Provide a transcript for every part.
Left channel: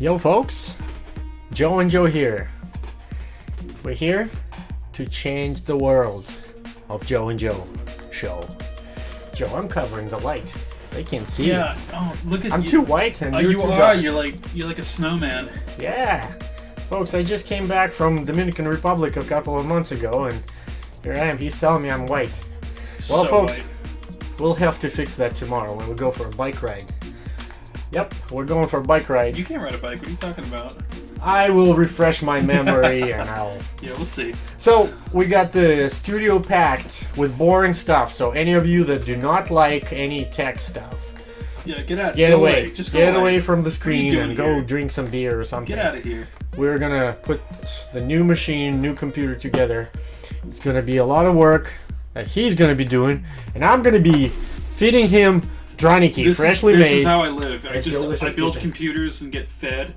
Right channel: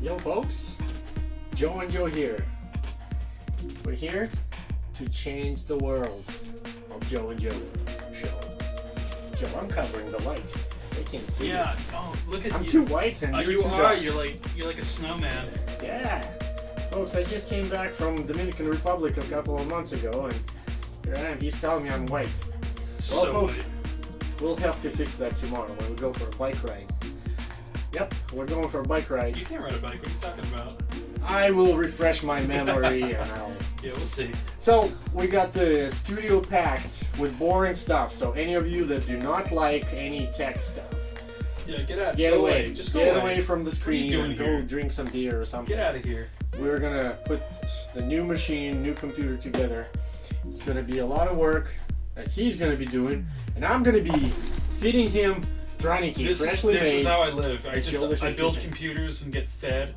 Yo folks, Joe and Joe here. We're here to change the world of Joe and Joe show. Joe, I'm covering the light. They can't see. Yeah. Oh, look at you. I'm too white and you're you too are. dark. You're like a snowman. Yeah. Folks, I just came back from Dominican Republic a couple of months ago and here I am. He's telling me I'm white. Well, So folks, white. we'll have to fix that tomorrow when we go for a bike ride. Yep, we're going for a bike ride. You can't ride a bike. What are you talking about? I will refresh my memory and I'll... Yeah, we'll see. So, we got the studio packed with boring stuff, so any of you that do not like any tech stuff, Yeah, get out. get go away. Just go Get away. away from the What are you screen doing and go here? drink some beer or something. Get out of here. We're gonna put the new machine, new computer together. It's gonna be a lot of work that he's gonna be doing, and I'm gonna be feeding him Draniki, freshly this made. is how I live. I delicious build pizza. computers and get fed.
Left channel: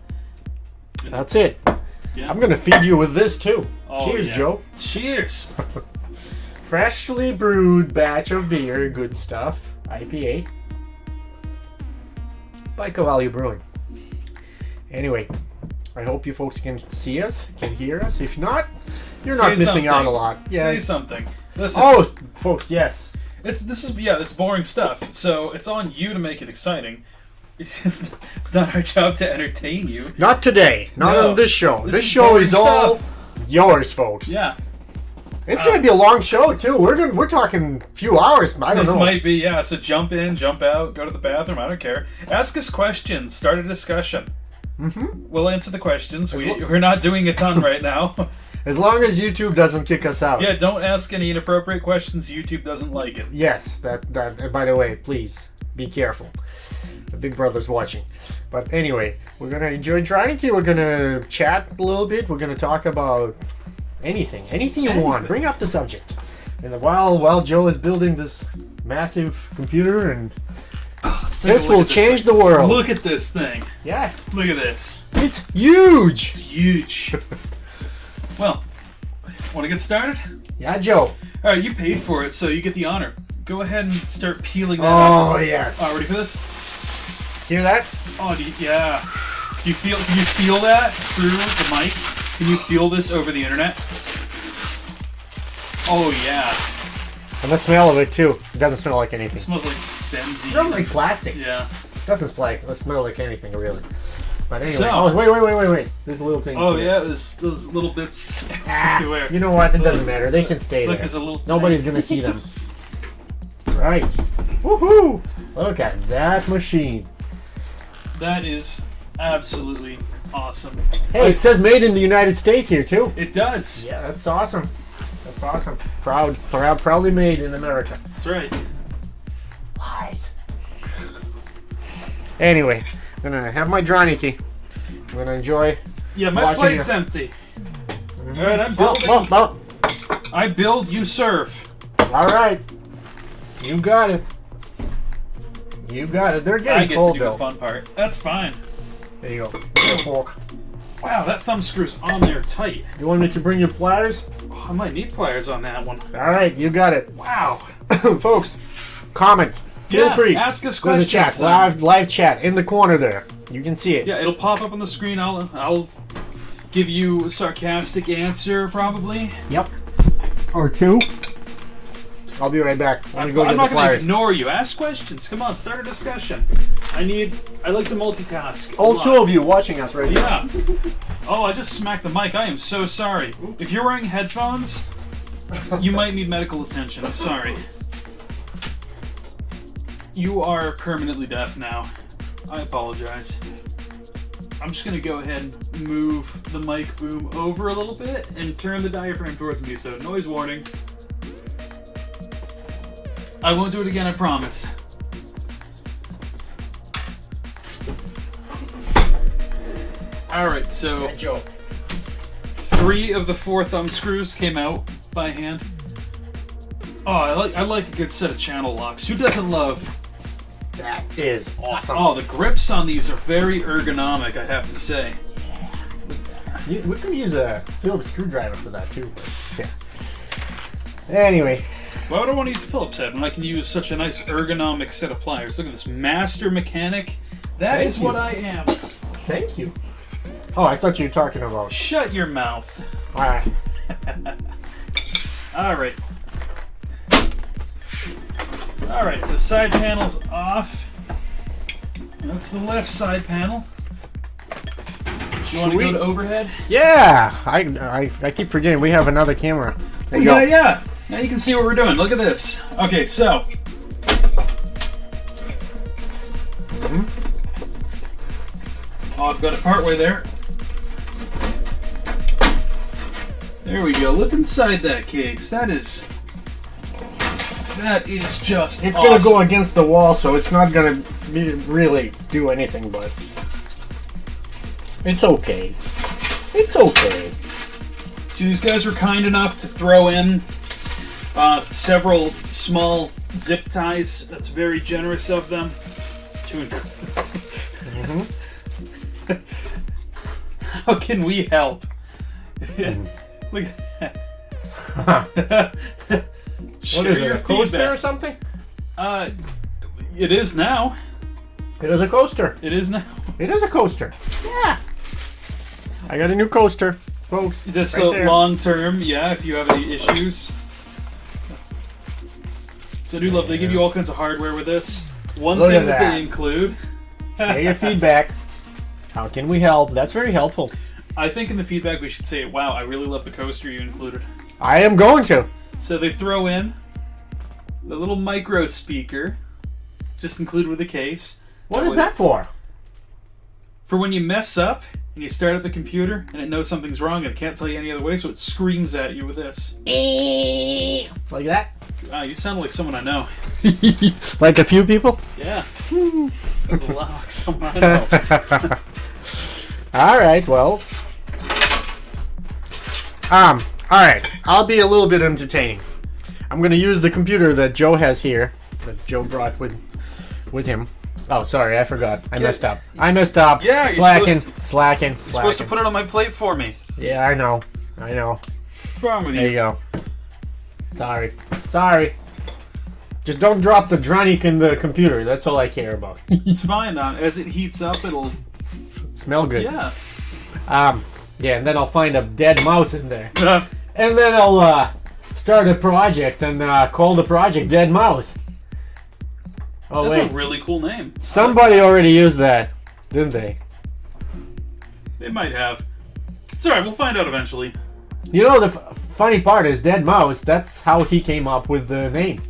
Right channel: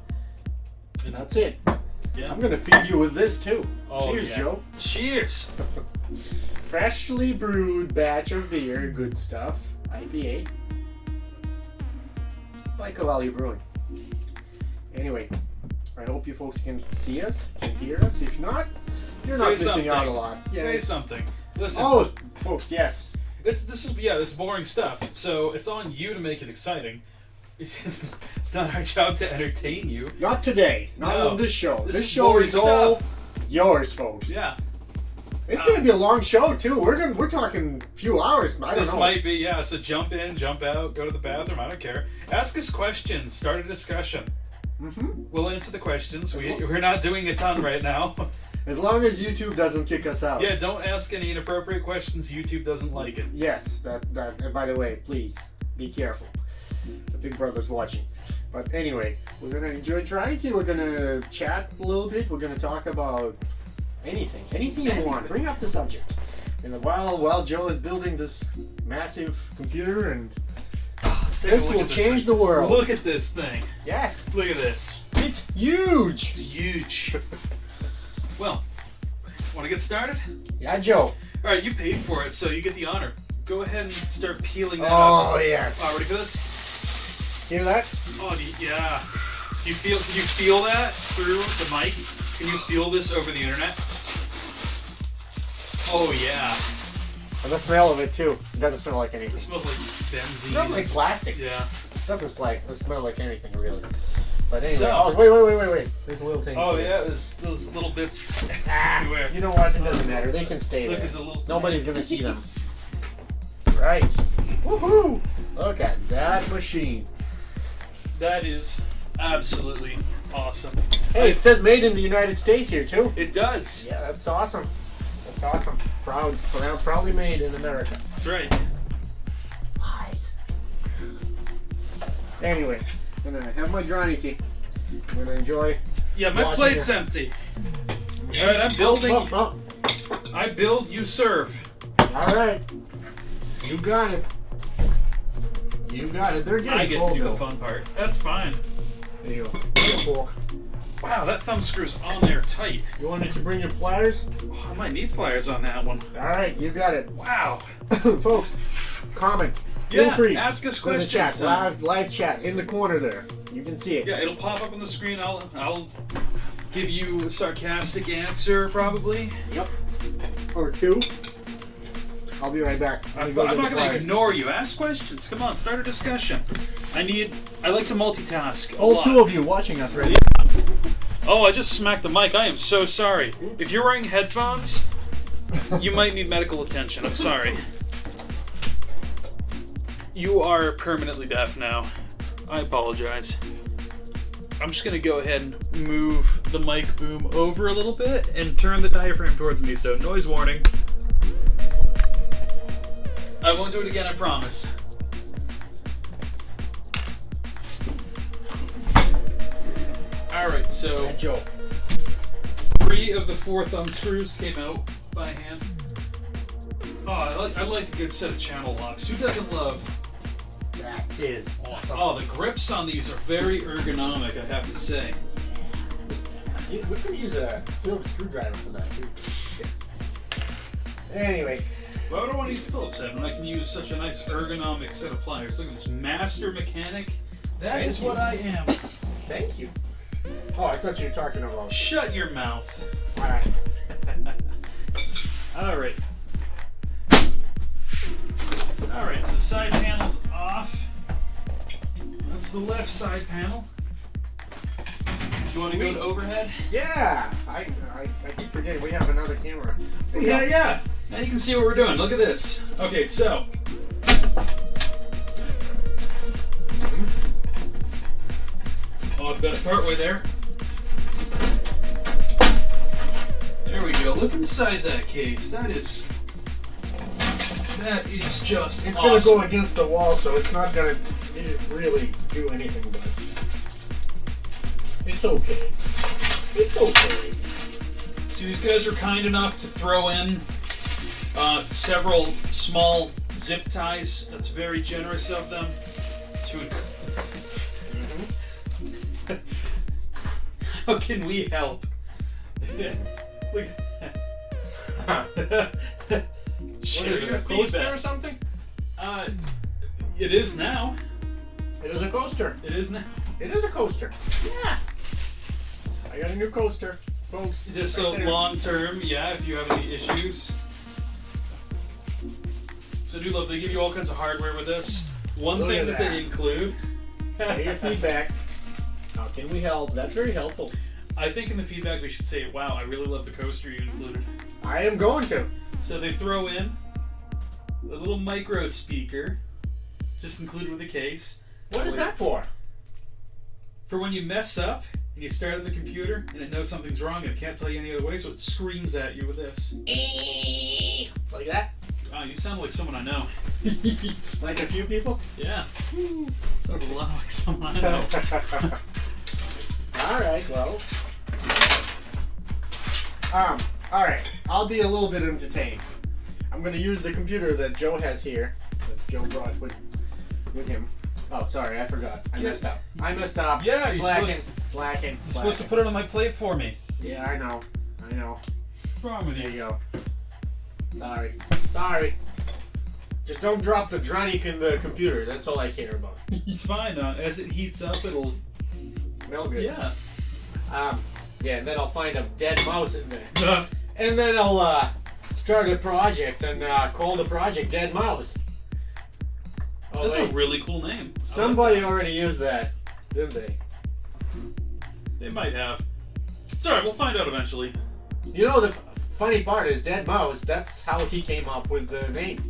That's it. Yeah. I'm gonna feed you with this too. Oh, Cheers, yeah. Joe. Cheers. Freshly brewed batch of beer, good stuff. IPA. By Cavalli Brewing. Anyway, I hope you folks can see us, can hear us. If not, you're Say not missing something. out a lot. Say something. Listen. Oh, folks, yes. It's boring stuff. So it's on you to make it exciting. It's not our job to entertain you. Not today. Not No. on this show. This This is show boring is all stuff. yours, folks. Yeah. It's gonna be a long show too. We're talking a few hours. I don't This know. might be, yeah. So jump in, jump out, go to the bathroom. I don't care. Ask us questions. Start a discussion. Mm-hmm. We'll answer the questions. As We're not doing a ton right now. As long as YouTube doesn't kick us out. Yeah, don't ask any inappropriate questions. YouTube doesn't like it. Yes, that. And by the way, please be careful. The Big Brother's watching. But anyway, we're gonna enjoy Draniki. We're gonna chat a little bit. We're gonna talk about anything you want. Bring up the subject. And while Joe is building this massive computer, and Let's take a this look will at change thing. the world. Look at this thing. Yeah, Look at this. it's huge. It's huge. Well, want to get started? Yeah, Joe. All right, you paid for it, so you get the honor. Go ahead and start peeling that Oh off. yes. Oh, ready for this? Hear that? Oh, yeah. Can you feel that through the mic? Can you feel this over the internet? Oh yeah. And the smell of it too. It doesn't smell like It anything. smells like It benzene. smells like plastic. Yeah. It doesn't smell like anything really. But anyway. So- Oh wait. There's little things. Oh here. yeah, there's those little bits Ah, everywhere. you know what? It doesn't matter. They can stay Look, there. there's a little. Nobody's gonna see them. Right. Woohoo! Look at that machine. That is absolutely awesome. Hey, it says made in the United States here too. It does. Yeah, that's awesome. That's awesome. Proudly made in America. That's right. Lies. Anyway, I'm gonna have my Draniki. I'm gonna enjoy. Yeah, my Watching plate's you. empty. All right, I'm building. Oh. I build, you serve. All right. You got it. You got it. They're I getting get cold to do though. the fun part. That's fine. There you go. Get a fork. Wow, that thumb screw's on there tight. You want me to bring you pliers? Oh, I might need pliers on that one. All right, you got it. Wow. Folks, comment. Feel Yeah, free. ask us Go to the questions. chat. Live chat in the corner there. You can see it. Yeah, it'll pop up on the screen. I'll give you a sarcastic answer probably. Yep. Or two. I'll be right back. I'm gonna go I'm get the not going to pliers. ignore you. Ask questions. Come on, start a discussion. I like to multitask. a All lot. two of you watching us right now. Yeah. Oh, I just smacked the mic. I am so sorry. If you're wearing headphones, you might need medical attention. I'm sorry. You are permanently deaf now. I apologize. I'm just gonna go ahead and move the mic boom over a little bit and turn the diaphragm towards me, so noise warning. I won't do it again, I promise. Alright, so Joe. 3 of the 4 thumb screws came out by hand. Oh, I like a good set of channel locks. Who doesn't love? That is awesome. Oh, the grips on these are very ergonomic, I have to say. We could use a Phillips screwdriver for that too. Anyway, Why would I want to use a Phillips head when I can use such a nice ergonomic set of pliers? Look at this, master mechanic. That Thank is you. what I am. thank you. Oh, I thought you were talking about. Shut your mouth. All right. Alright. Alright, so side panel's off. That's the left side panel. Do you want to go to overhead? Yeah. I keep forgetting we have another camera. There you go. Yeah. Now you can see what we're doing. Look at this. Okay, so. Oh, I've got it partway there. There we go. Look inside that case. That is just It's awesome. gonna go against the wall, so it's not gonna really do anything. But it's okay. It's okay. So these guys were kind enough to throw in several small zip ties. That's very generous of them. How can we help? Look at that. What is it, a coaster or something? It is now. It is a coaster. It is now. It is a coaster. Yeah. I got a new coaster, folks. This right there. long term, yeah, if you have any issues. So I do love, they give you all kinds of hardware with this. One Look thing at that that. they include. Share your feedback. How can we help? That's very helpful. I think in the feedback we should say, wow, I really love the coaster you included. I am going to. So they throw in the little micro speaker, just included with the case. What is that for? For when you mess up and you start at the computer and it knows something's wrong and it can't tell you any other way, so it screams at you with this. Like that? You sound like someone I know. Like a few people? Yeah. Sounds a lot like someone I know. All right, well. All right. I'll be a little bit entertaining. I'm going to use the computer that Joe has here, that Joe brought with him. Oh, sorry, I forgot. I messed up. Yeah, you're slacking. You're supposed to put it on my plate for me. Yeah, I know. What's wrong with There you you? go. Sorry. Just don't drop the Dronic in the computer. That's all I care about. It's fine. As it heats up, it'll... Smell good. Yeah. Yeah, and then I'll find a dead mouse in there. And then I'll start a project and call the project Dead Mouse. Oh, That's wait. a really cool name. Somebody already used that, didn't they? They might have. It's alright, we'll find out eventually. You know, the funny part is Dead Mouse, that's how he came up with the name.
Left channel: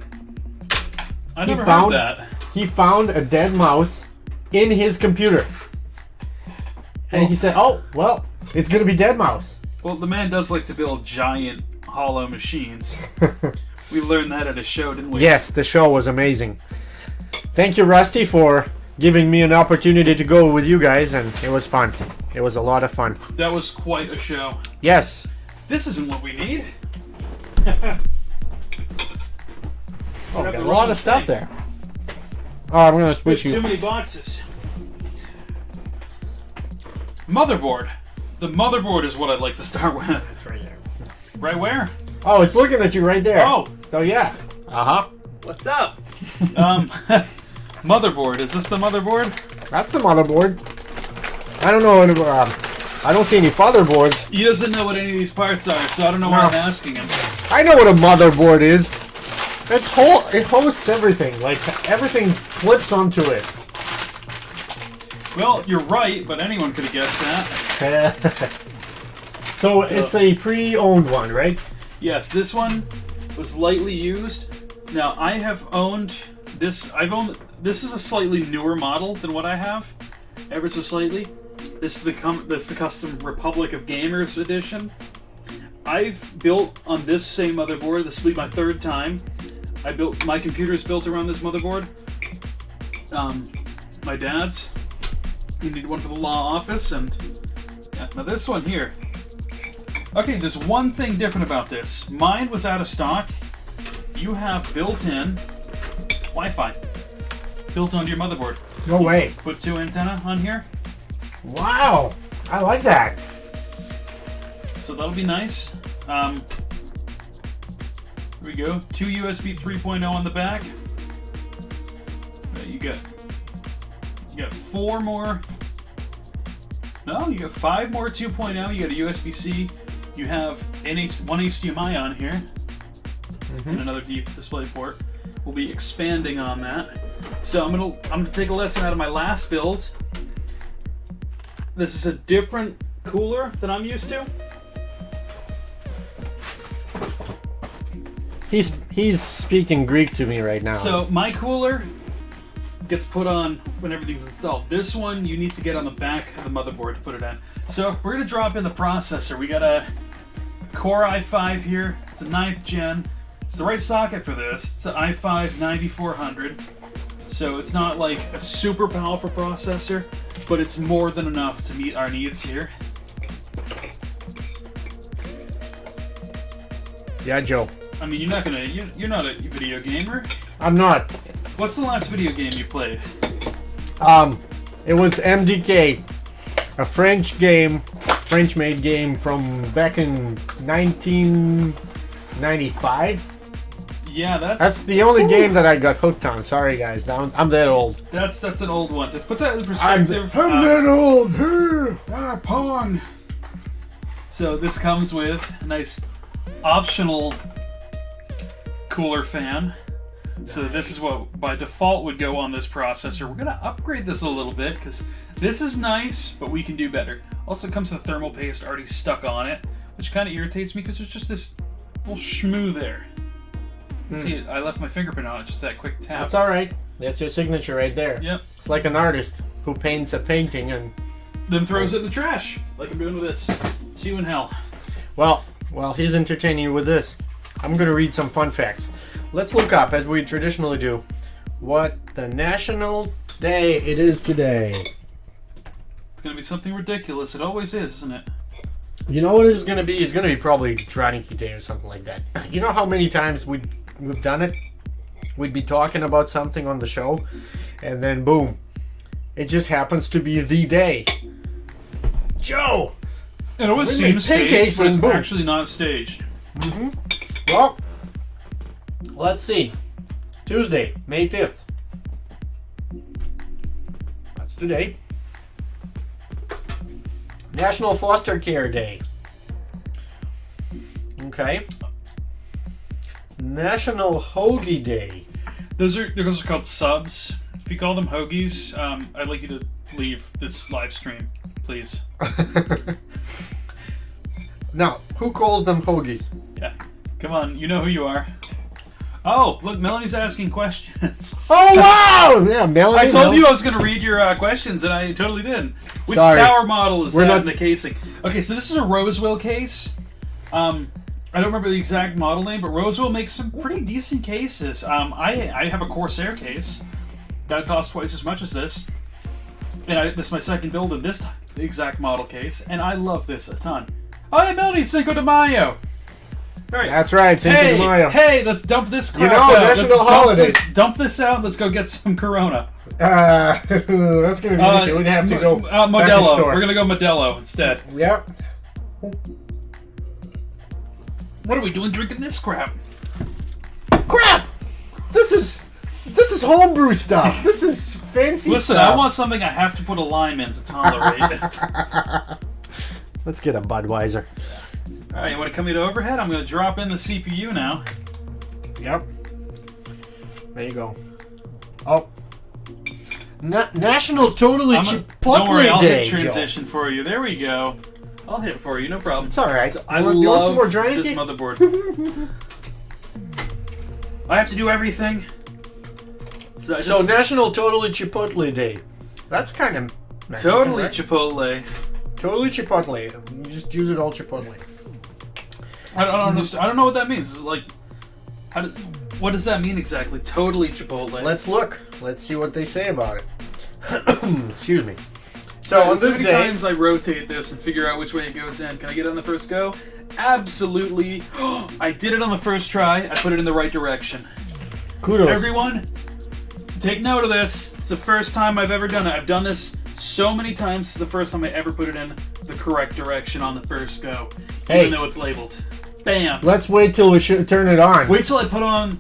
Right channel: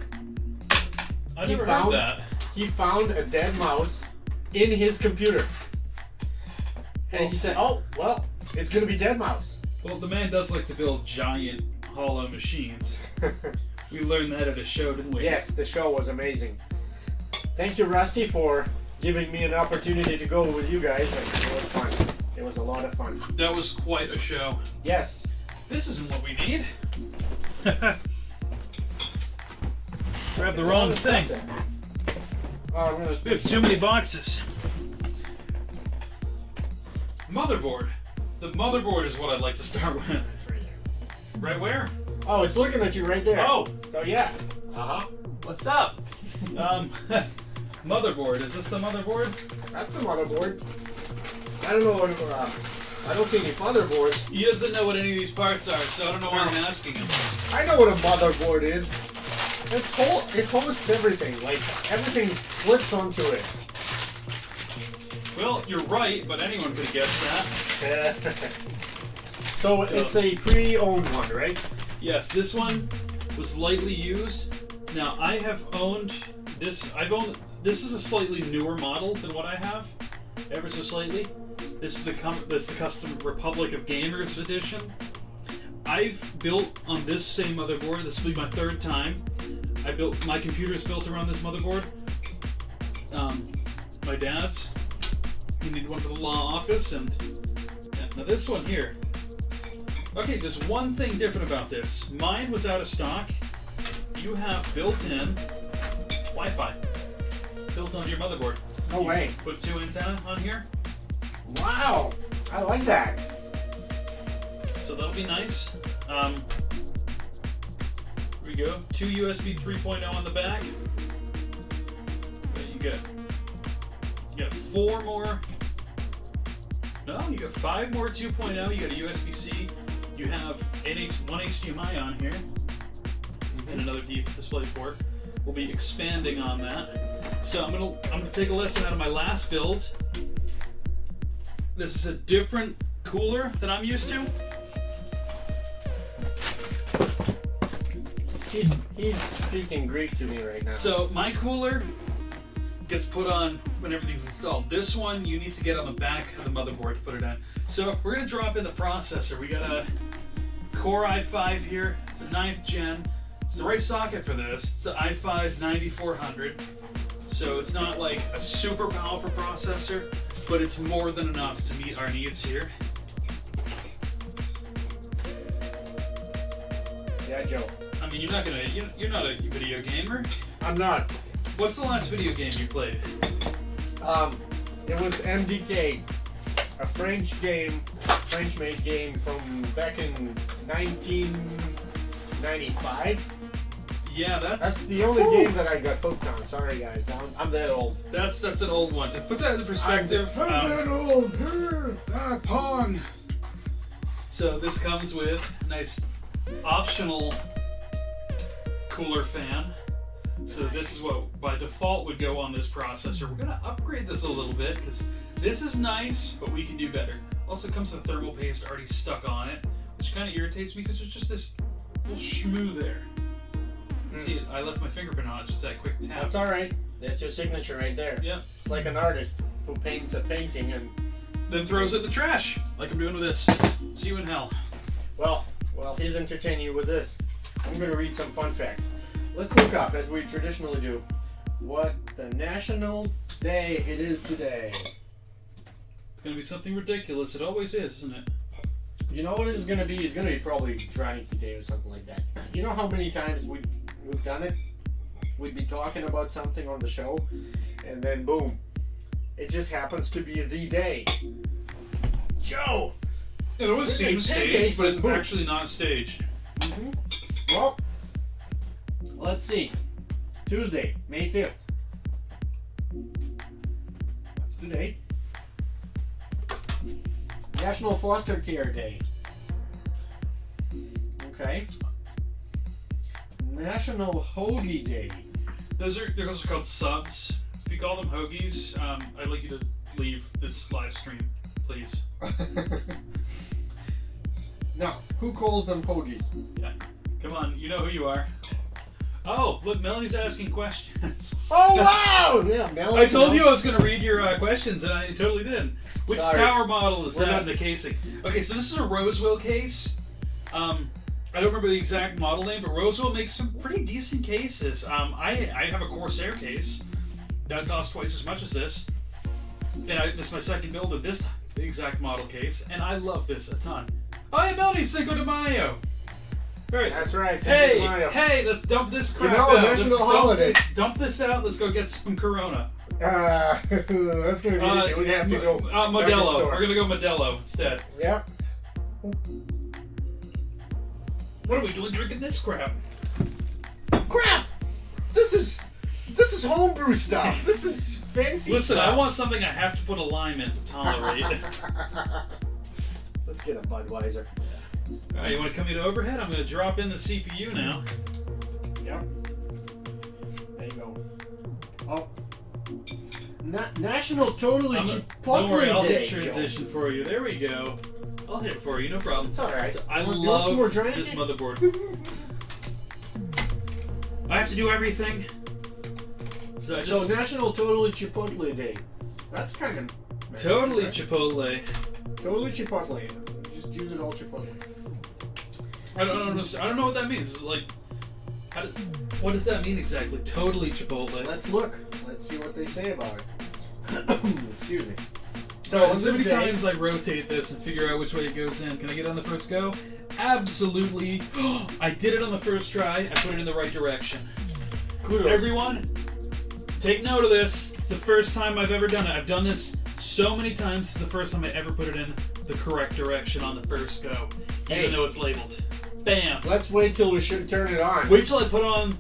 I He never found- heard that. He found a dead mouse in his computer. And he said, oh, well, it's going to be Dead Mouse. Well, the man does like to build giant hollow machines. We learned that at a show, didn't we? Yes, the show was amazing. Thank you, Rusty, for giving me an opportunity to go with you guys, and it was fun. It was a lot of fun. That was quite a show. Yes. This isn't what we need. Oh, Grab got the a lot wrong of stuff thing. there. Oh, I'm going to There's switch too you. many boxes. Motherboard. The motherboard is what I'd like to start with. It's right there. Right where? Oh, it's looking at you right there. Oh, Oh, yeah. Uh-huh. what's up? Motherboard. Is this the motherboard? That's the motherboard. I don't know. I don't see any fatherboards. He doesn't know what any of these parts are, so I don't know why No. I'm asking him. I know what a motherboard is. It hosts everything. Like, everything flips onto it. Well, you're right, but anyone could have guessed that. So it's a pre-owned one, right? Yes, this one was lightly used. Now, I have owned this. This is a slightly newer model than what I have, ever so slightly. This is the custom Republic of Gamers edition. I've built on this same motherboard. This will be my third time. My computer's built around this motherboard. My dad's. We need one for the law office, and yeah, now this one here. Okay, there's one thing different about this. Mine was out of stock. You have built-in Wi-Fi built onto your motherboard. No way. Put 2 antenna on here, Wow. I like that. so that'll be nice. Here we go. 2 USB 3.0 on the back. You got 4 more No, you got 5 more 2.0. You got a USB-C. You have one HDMI on here. And another display port. We'll be expanding on that. So I'm gonna take a lesson out of my last build. This is a different cooler than I'm used to. He's speaking Greek to me right now. So my cooler gets put on when everything's installed. This one you need to get on the back of the motherboard to put it in. So we're gonna drop in the processor. We got a Core i5 here. It's a 9th gen. It's the right socket for this. It's an i5 9400. So it's not like a super powerful processor, but it's more than enough to meet our needs here. Yeah, Joe. I mean, you're not a video gamer. I'm not. What's the last video game you played? It was MDK, a French-made game from back in 1995. Yeah, That's the only game that I got hooked on. Sorry, guys. I'm that old. That's an old one. To put that in perspective, I'm that old. Pong. So this comes with a nice optional cooler fan. So this is what by default would go on this processor. We're gonna upgrade this a little bit because this is nice, but we can do better. Also comes with thermal paste already stuck on it, which kind of irritates me because there's just this little schmoo there. See, I left my fingerprint on it, just that quick tap. That's all right. That's your signature right there. Yep. It's like an artist who paints a painting and then throws it in the trash, like I'm doing with this. See you in hell. Well, he's entertaining you with this. I'm gonna read some fun facts. Let's look up, as we traditionally do, what the national day it is today. It's gonna be something ridiculous. It always is, isn't it? You know what it's gonna be? It's gonna be probably Draniki Day or something like that. You know how many times we've done it? We'd be talking about something on the show, and then boom, it just happens to be the day. Joe! It always We seems make pancakes staged, but it's and boom. actually not staged. Well, let's see. Tuesday, May 5th. That's today. National Foster Care Day. Okay. National Hoagie Day. Those are called subs. If you call them hoagies, I'd like you to leave this live stream, please. Now, who calls them hoagies? Yeah. Come on, you know who you are. Oh, look, Melanie's asking questions. Oh, wow! Yeah, Melanie. I told you I was going to read your questions, and I totally did. Which Sorry. tower model is We're that not- in the casing? Okay, so this is a Rosewell case. I don't remember the exact model name, but Rosewell makes some pretty decent cases. I have a Corsair case that costs twice as much as this, and this is my second build of this exact model case, and I love this a ton. Oh, yeah, Melanie, it's Cinco de Mayo. Right. That's right, Cinco de Mayo. Hey, let's dump this crap know, out. national Let's holiday. Dump this out. Let's go get some Corona. That's going to be an issue. We'd have to go back to Modelo. store. We're gonna go Modelo instead. Yep. What are we doing drinking this crap? Crap! This is homebrew stuff. This is fancy Listen, stuff. I want something I have to put a lime in to tolerate. Let's get a Budweiser. Alright, you want to come to overhead? I'm gonna drop in the CPU now. Yep. There you go. Oh. National Totally Don't worry, I'll Chipotle Day. hit transition for you. There we go. I'll hit it for you, no problem. It's alright. So I You want love some more this Draniki? motherboard. I have to do everything. So National Totally Chipotle Day. That's kind of Mexican, Totally right? Chipotle. Totally Chipotle. You just use it all Chipotle. I don't understand. I don't know what that means. It's like, what does that mean exactly? Totally Chipotle. Let's look. Let's see what they say about it. Excuse me. So on so this many day, times I rotate this and figure out which way it goes in. Can I get it on the first go? Absolutely. I did it on the first try. I put it in the right direction. kudos. Everyone, take note of this. It's the first time I've ever done it. I've done this so many times. It's the first time I ever put it in the correct direction on the first go, even though it's labeled. Bam. Let's wait till we turn it on. Wait till I put in one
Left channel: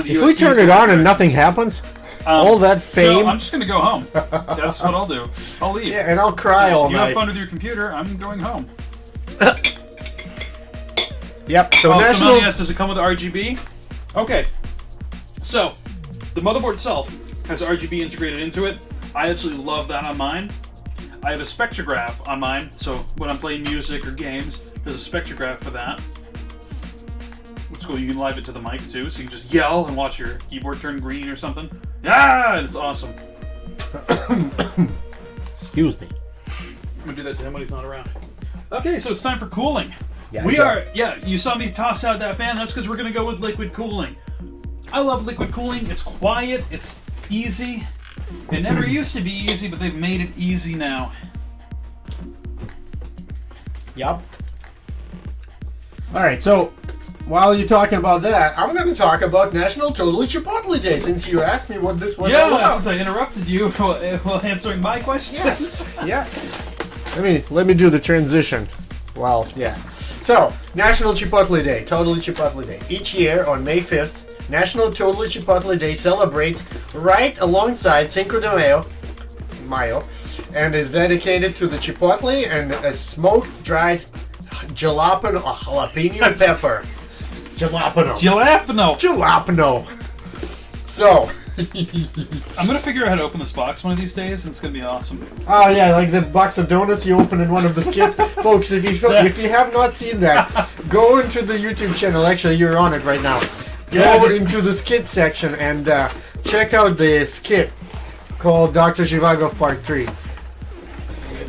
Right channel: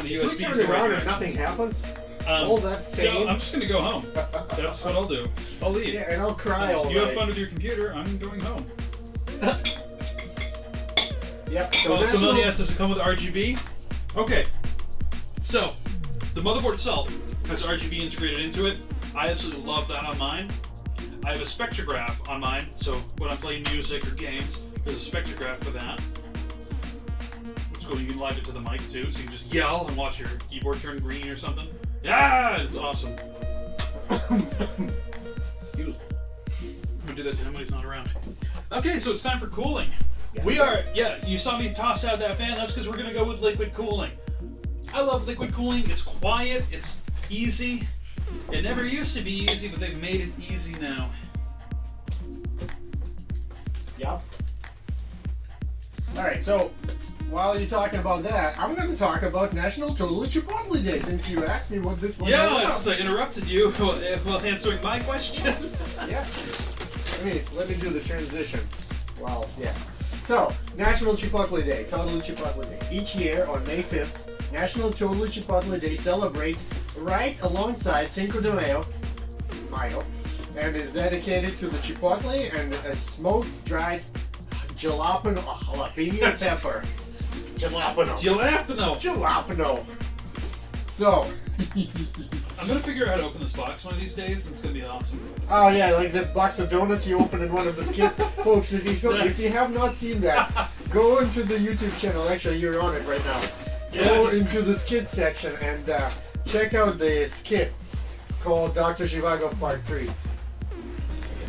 of the If USB we turn it on and selectors. nothing happens, All that fame. So I'm just gonna go home. That's what I'll do. I'll leave. Yeah, and I'll cry all You night. have fun with your computer. I'm going home. Yep. So Somebody national. asked, does it come with RGB? Okay. So the motherboard itself has RGB integrated into it. I absolutely love that on mine. I have a spectrograph on mine, so when I'm playing music or games, there's a spectrograph for that. It's cool. You can live it to the mic too, so you can just yell and watch your keyboard turn green or something. Yeah, it's awesome. Excuse me. I'm gonna do that to him when he's not around. Okay, so it's time for cooling. Yeah, You saw me toss out that fan. That's because we're gonna go with liquid cooling. I love liquid cooling. It's quiet. It's easy. It never used to be easy, but they've made it easy now. Yep. All right. So while you're talking about that, I'm going to talk about National Totally Chipotle Day. Since you asked me what this was all Yeah, about. since I interrupted you while answering my questions. Yes. Yes. Let me do the transition. Well, yeah. So, National Chipotle Day, Totally Chipotle Day. Each year on May 5th, National Totally Chipotle Day celebrates right alongside Cinco de Mayo, and is dedicated to the chipotle and a smoked-dried jalapeno pepper. Jalapeno. So, I'm gonna figure out how to open this box one of these days, and it's gonna be awesome. oh yeah, like the box of donuts you open in one of the skits. Folks, if you have not seen that, go into the YouTube channel. Actually, you're on it right now. Go into the skit section and check out the skit called Dr. Zhivagov Part 3.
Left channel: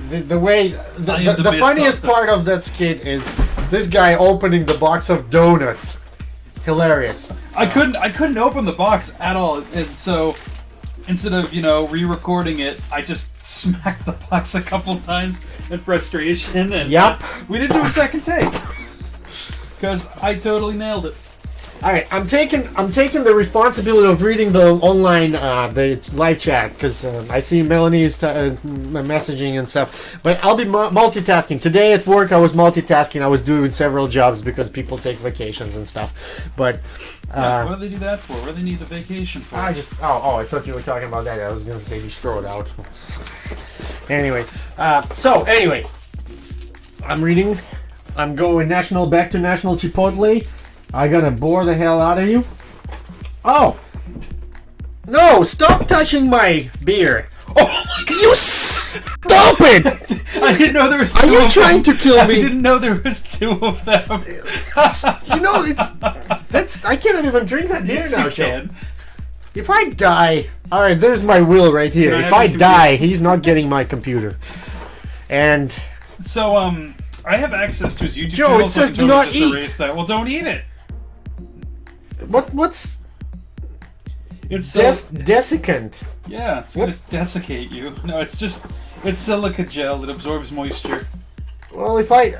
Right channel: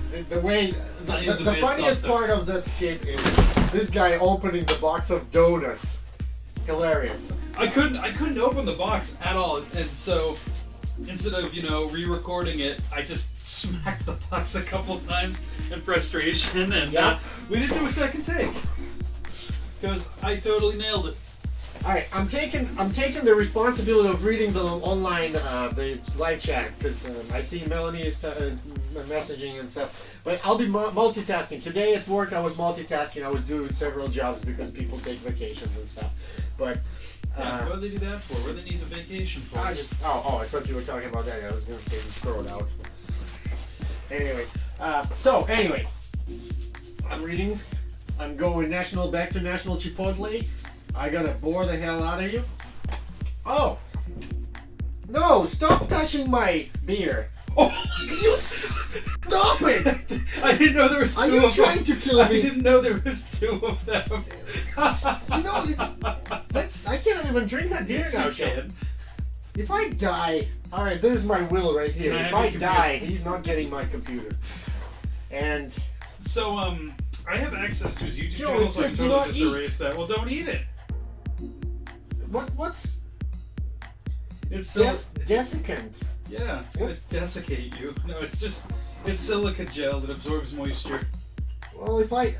The funniest part of that skit is this guy opening the box of donuts. Hilarious. I couldn't open the box at all, and so instead of re-recording it, I just smacked the box a couple times in frustration, and Yep. we didn't do a second take because I totally nailed it. All right, I'm taking the responsibility of reading the online the live chat because I see Melanie's messaging and stuff. But I'll be multitasking today at work. I was multitasking. I was doing several jobs because people take vacations and stuff. But What do they do that for? What do they need the vacation for? I thought you were talking about that. I was gonna say just throw it out. Anyway, I'm reading. I'm going back to National Chipotle. I'm gonna bore the hell out of you. Oh! No! Stop touching my beer! Oh my god! You stop it! I didn't know there was two Are you of trying them. to kill me? I didn't know there was two of them. I can't even drink that beer Yes, now, you Joe. can. If I die... Alright, there's my will right here. Can I If have I your die, he's not getting my computer. And... So, I have access to his YouTube Joe, channel, it so I says can do totally not just eat. erase that. Well, don't eat it. What's... It's desiccant. yeah, it's gonna desiccate you. No, it's silica gel that absorbs moisture. Well,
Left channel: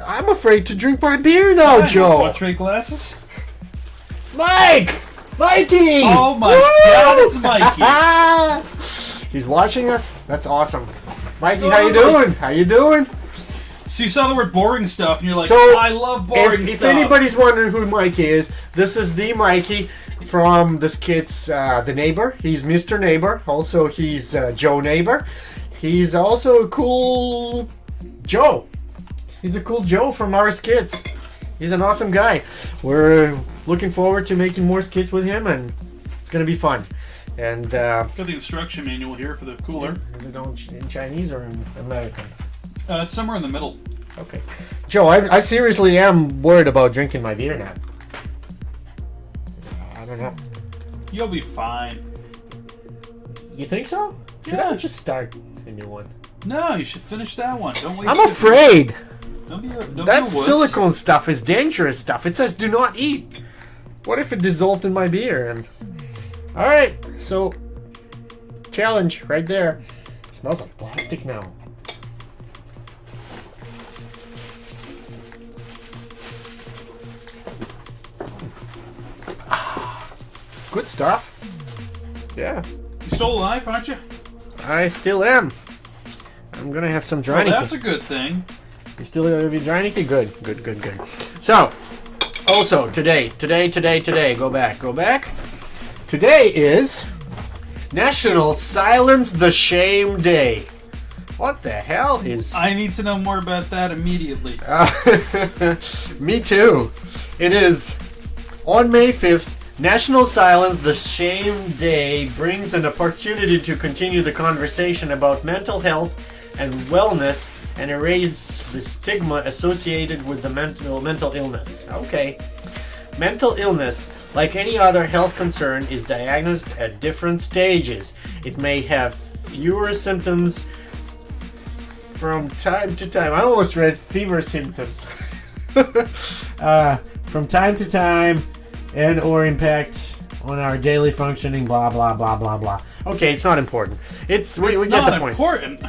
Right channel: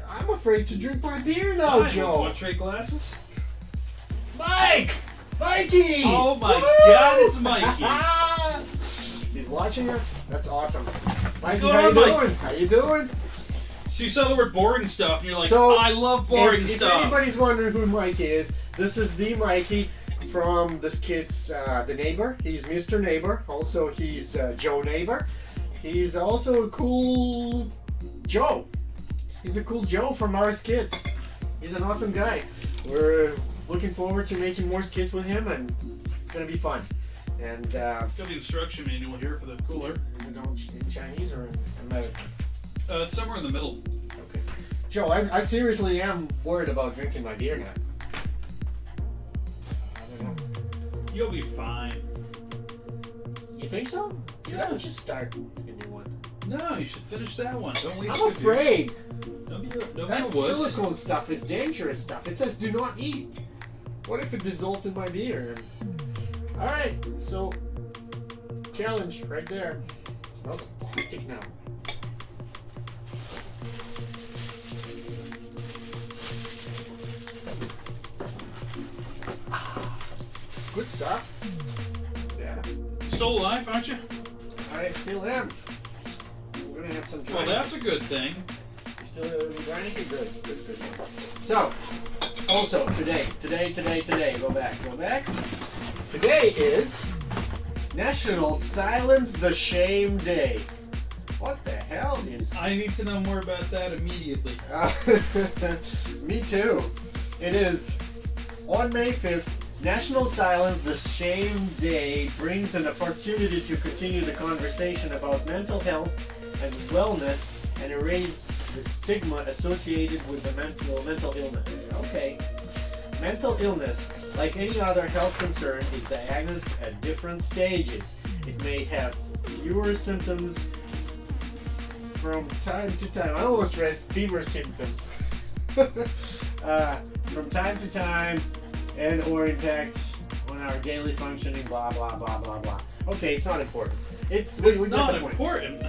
I'm afraid to drink my beer now, Fine, Joe. want trade glasses? Mikey! Oh my God, it's Mikey. He's watching us? That's awesome. Mikey, So how you am I. doing? How you doing? So you saw the word boring stuff, and you're like, So, I love boring if stuff. anybody's wondering who Mikey is, this is the Mikey from the skits The Neighbor. He's Mr. Neighbor. Also, he's Joe Neighbor. He's also a cool Joe. He's a cool Joe from our skits. He's an awesome guy. We're looking forward to making more skits with him, and it's going to be fun. And Got the instruction manual here for the cooler. is it all in Chinese or in American? It's somewhere in the middle. Okay. Joe, I seriously am worried about drinking my beer now. I don't know. You'll be fine. You think so? Should Yeah. I just start a new one? No, you should finish that one. Don't waste I'm your- afraid. Don't be a That wuss. silicone stuff is dangerous stuff. It says do not eat. What if it dissolved in my beer? And all right, so challenge right there. Smells like plastic now. Good stuff. Yeah, You're still alive, aren't you? I still am. I'm gonna have some dry. Well, that's a good thing. You still gonna be dry? Good. So, also today. Go back. Today is National Silence the Shame Day. What the hell is... I need to know more about that immediately. Me too. It is on May 5th. National Silence the Shame Day brings an opportunity to continue the conversation about mental health and wellness and erase the stigma associated with the mental illness. Okay. Mental illness, like any other health concern, is diagnosed at different stages. It may have fewer symptoms from time to time. I almost read fever symptoms. From time to time, and or impact on our daily functioning, blah blah blah blah blah. Okay, it's not important. We get the point. Important.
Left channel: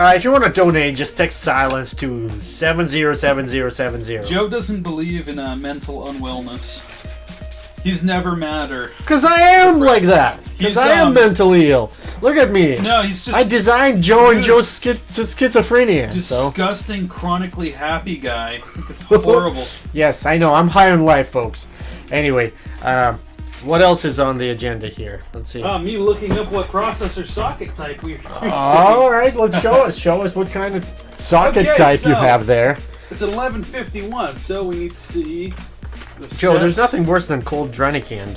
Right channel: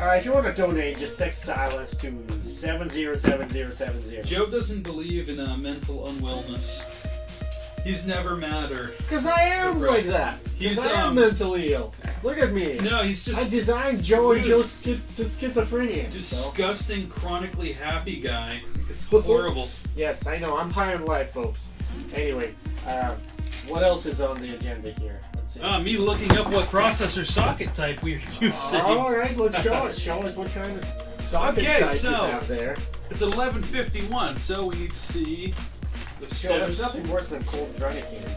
If you want to donate, just text silence to 707070. Joe doesn't believe in mental unwellness. He's never madder. Because I am like that. Because I am mentally ill. Look at me. No, he's just... I designed Joe and Joe's schizophrenia. Disgusting, chronically happy guy. It's horrible. Yes, I know. I'm high on life, folks. Anyway, what else is on the agenda here? Let's see. Me looking up what processor socket type we're using. All right, let's show us. Show us what kind of socket type you have there. It's 1151, so we need to see the Joe, steps. there's nothing worse than cold Drennicand.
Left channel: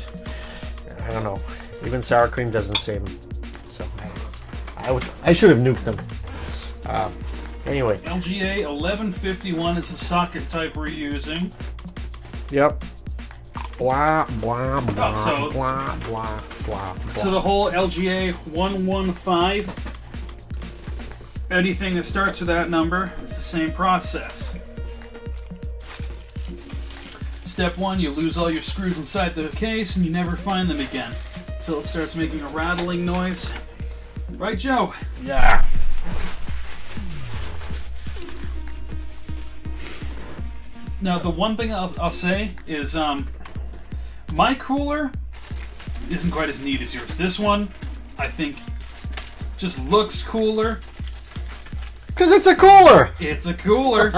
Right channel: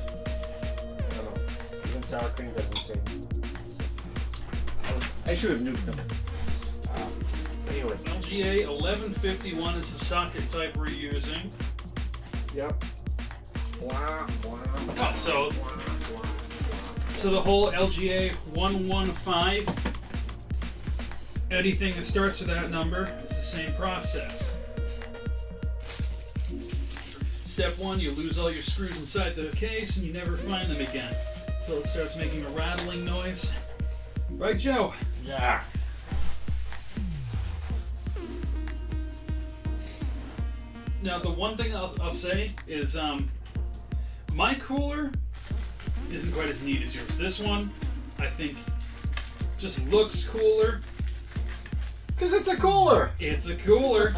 I don't know. Even sour cream doesn't save me. So I should have nuked them. Anyway. LGA 1151 is the socket type we're using. Yep. Blah, blah, blah, so, blah, blah, blah. So the whole LGA 115, anything that starts with that number is the same process. Step 1, you lose all your screws inside the case and you never find them again. So it starts making a rattling noise. Right, Joe? Yeah. Now, the one thing I'll say is my cooler isn't quite as neat as yours. This one, I think, just looks cooler. Because it's a cooler. It's a cooler.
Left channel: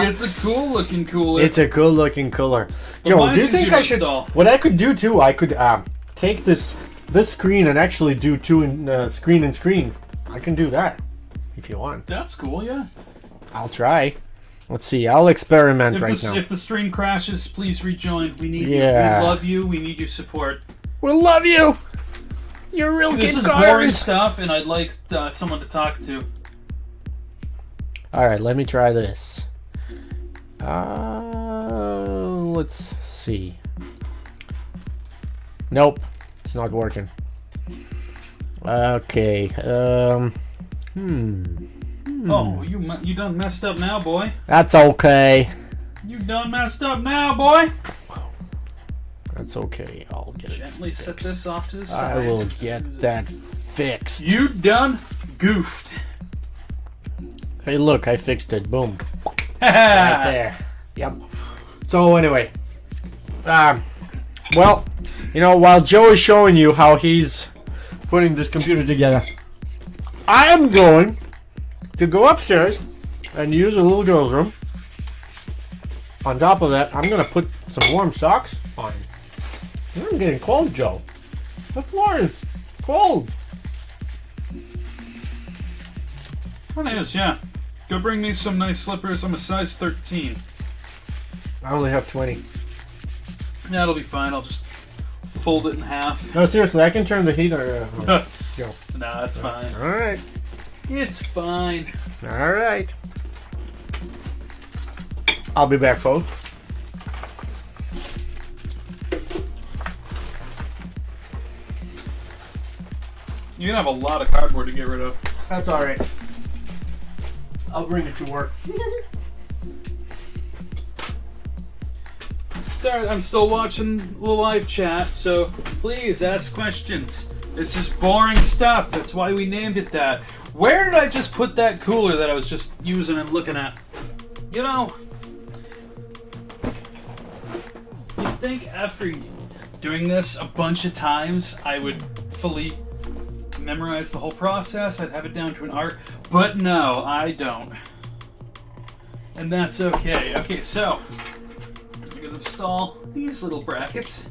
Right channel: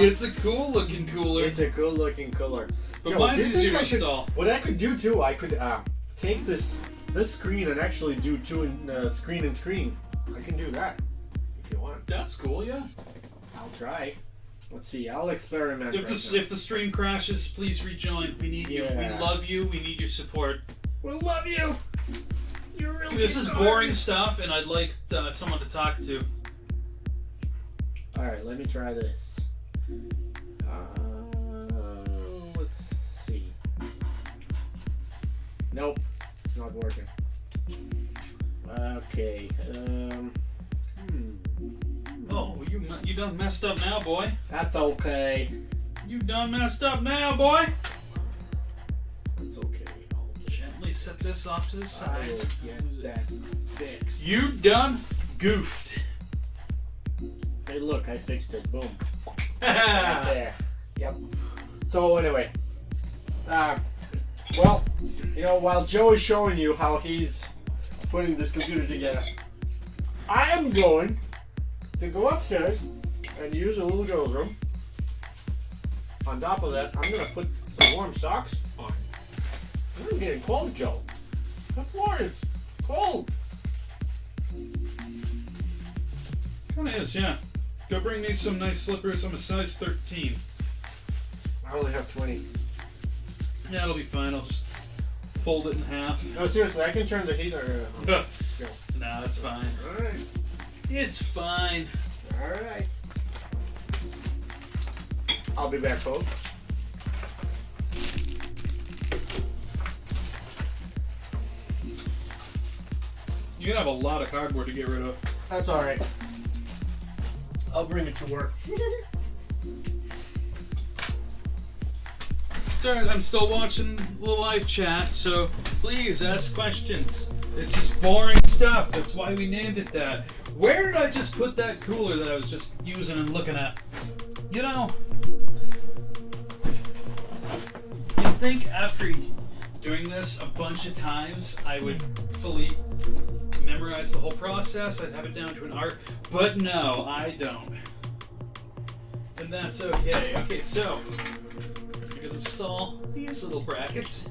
It's a cool looking cooler. It's a cool looking cooler. But Joe, mine's do you think easier I to should? install. What I could do too, I could take this screen and actually do two in screen and screen. I can do that if you want. That's cool, yeah. I'll try. Let's see. I'll experiment right now. If the stream crashes, please rejoin. We need you. Yeah. We love you. We need your support. We love you. You're real good. This is boring stuff, and I'd like someone to talk to. All right, let me try this. Let's see. Nope, it's not working. Okay. Oh, you done messed up now, boy. That's okay. You done messed up now, boy. That's okay. I'll get it. Gently set this off to the I side. will get that fixed. You done goofed. Hey, look, I fixed it. Boom. Right there. Yep. So anyway, well, while Joe is showing you how he's putting this computer together, I am going to go upstairs and use a little girl's room. On top of that, I'm going to put some warm socks on. I'm getting cold, Joe. The floor is cold. It is, yeah. Go bring me some nice slippers. I'm a size 13. I only have 20. Yeah, it'll be fine. I'll just fold it in half. No, seriously, I can turn the heater. No, that's fine. All right. It's fine. All right. I'll be back, folks. You're gonna have a lot of cardboard to get rid of. That's all right. I'll bring it to work. Sorry, I'm still watching the live chat, so please ask questions. This is boring stuff. That's why we named it that. Where did I just put that cooler that I was just using and looking at? You'd think after doing this a bunch of times, I would fully memorize the whole process. I'd have it down to an art. But no, I don't. And that's okay. Okay, so I'm going to install these little brackets.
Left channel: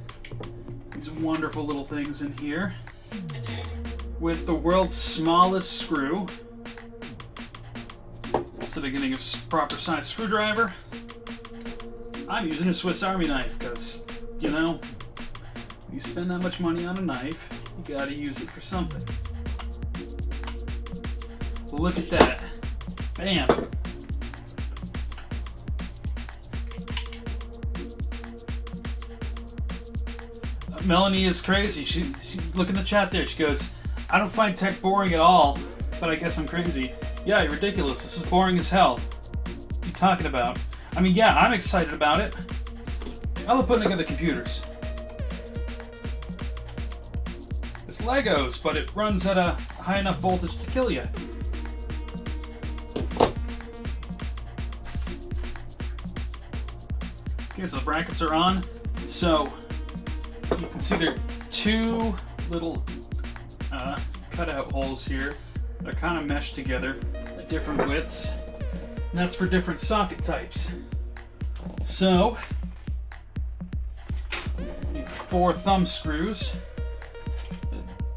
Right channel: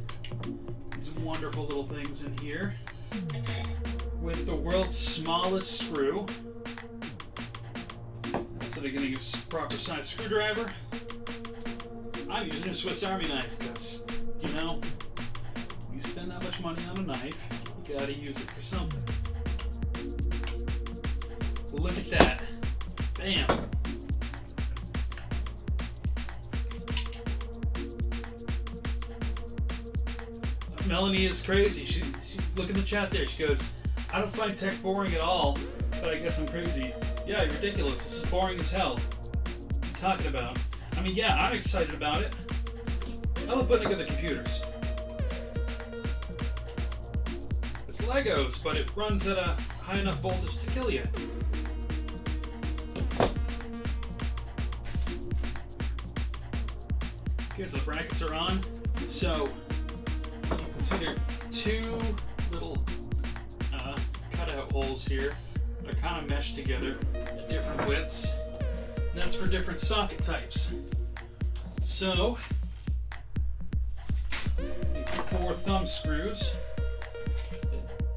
These wonderful little things in here. with the world's smallest screw. Instead of getting a proper size screwdriver, I'm using a Swiss Army knife because, you know, you spend that much money on a knife, you gotta use it for something. Look at that. Bam. Melanie is crazy. She look in the chat there. She goes, I don't find tech boring at all, but I guess I'm crazy. Yeah, you're ridiculous. This is boring as hell. What are you talking about? I mean, yeah, I'm excited about it. I love putting together computers. It's Legos, but it runs at a high enough voltage to kill you. Okay, so the brackets are on. So you can see there are two little cutout holes here. They're kind of meshed together at different widths. And that's for different socket types. So, 4 thumb screws.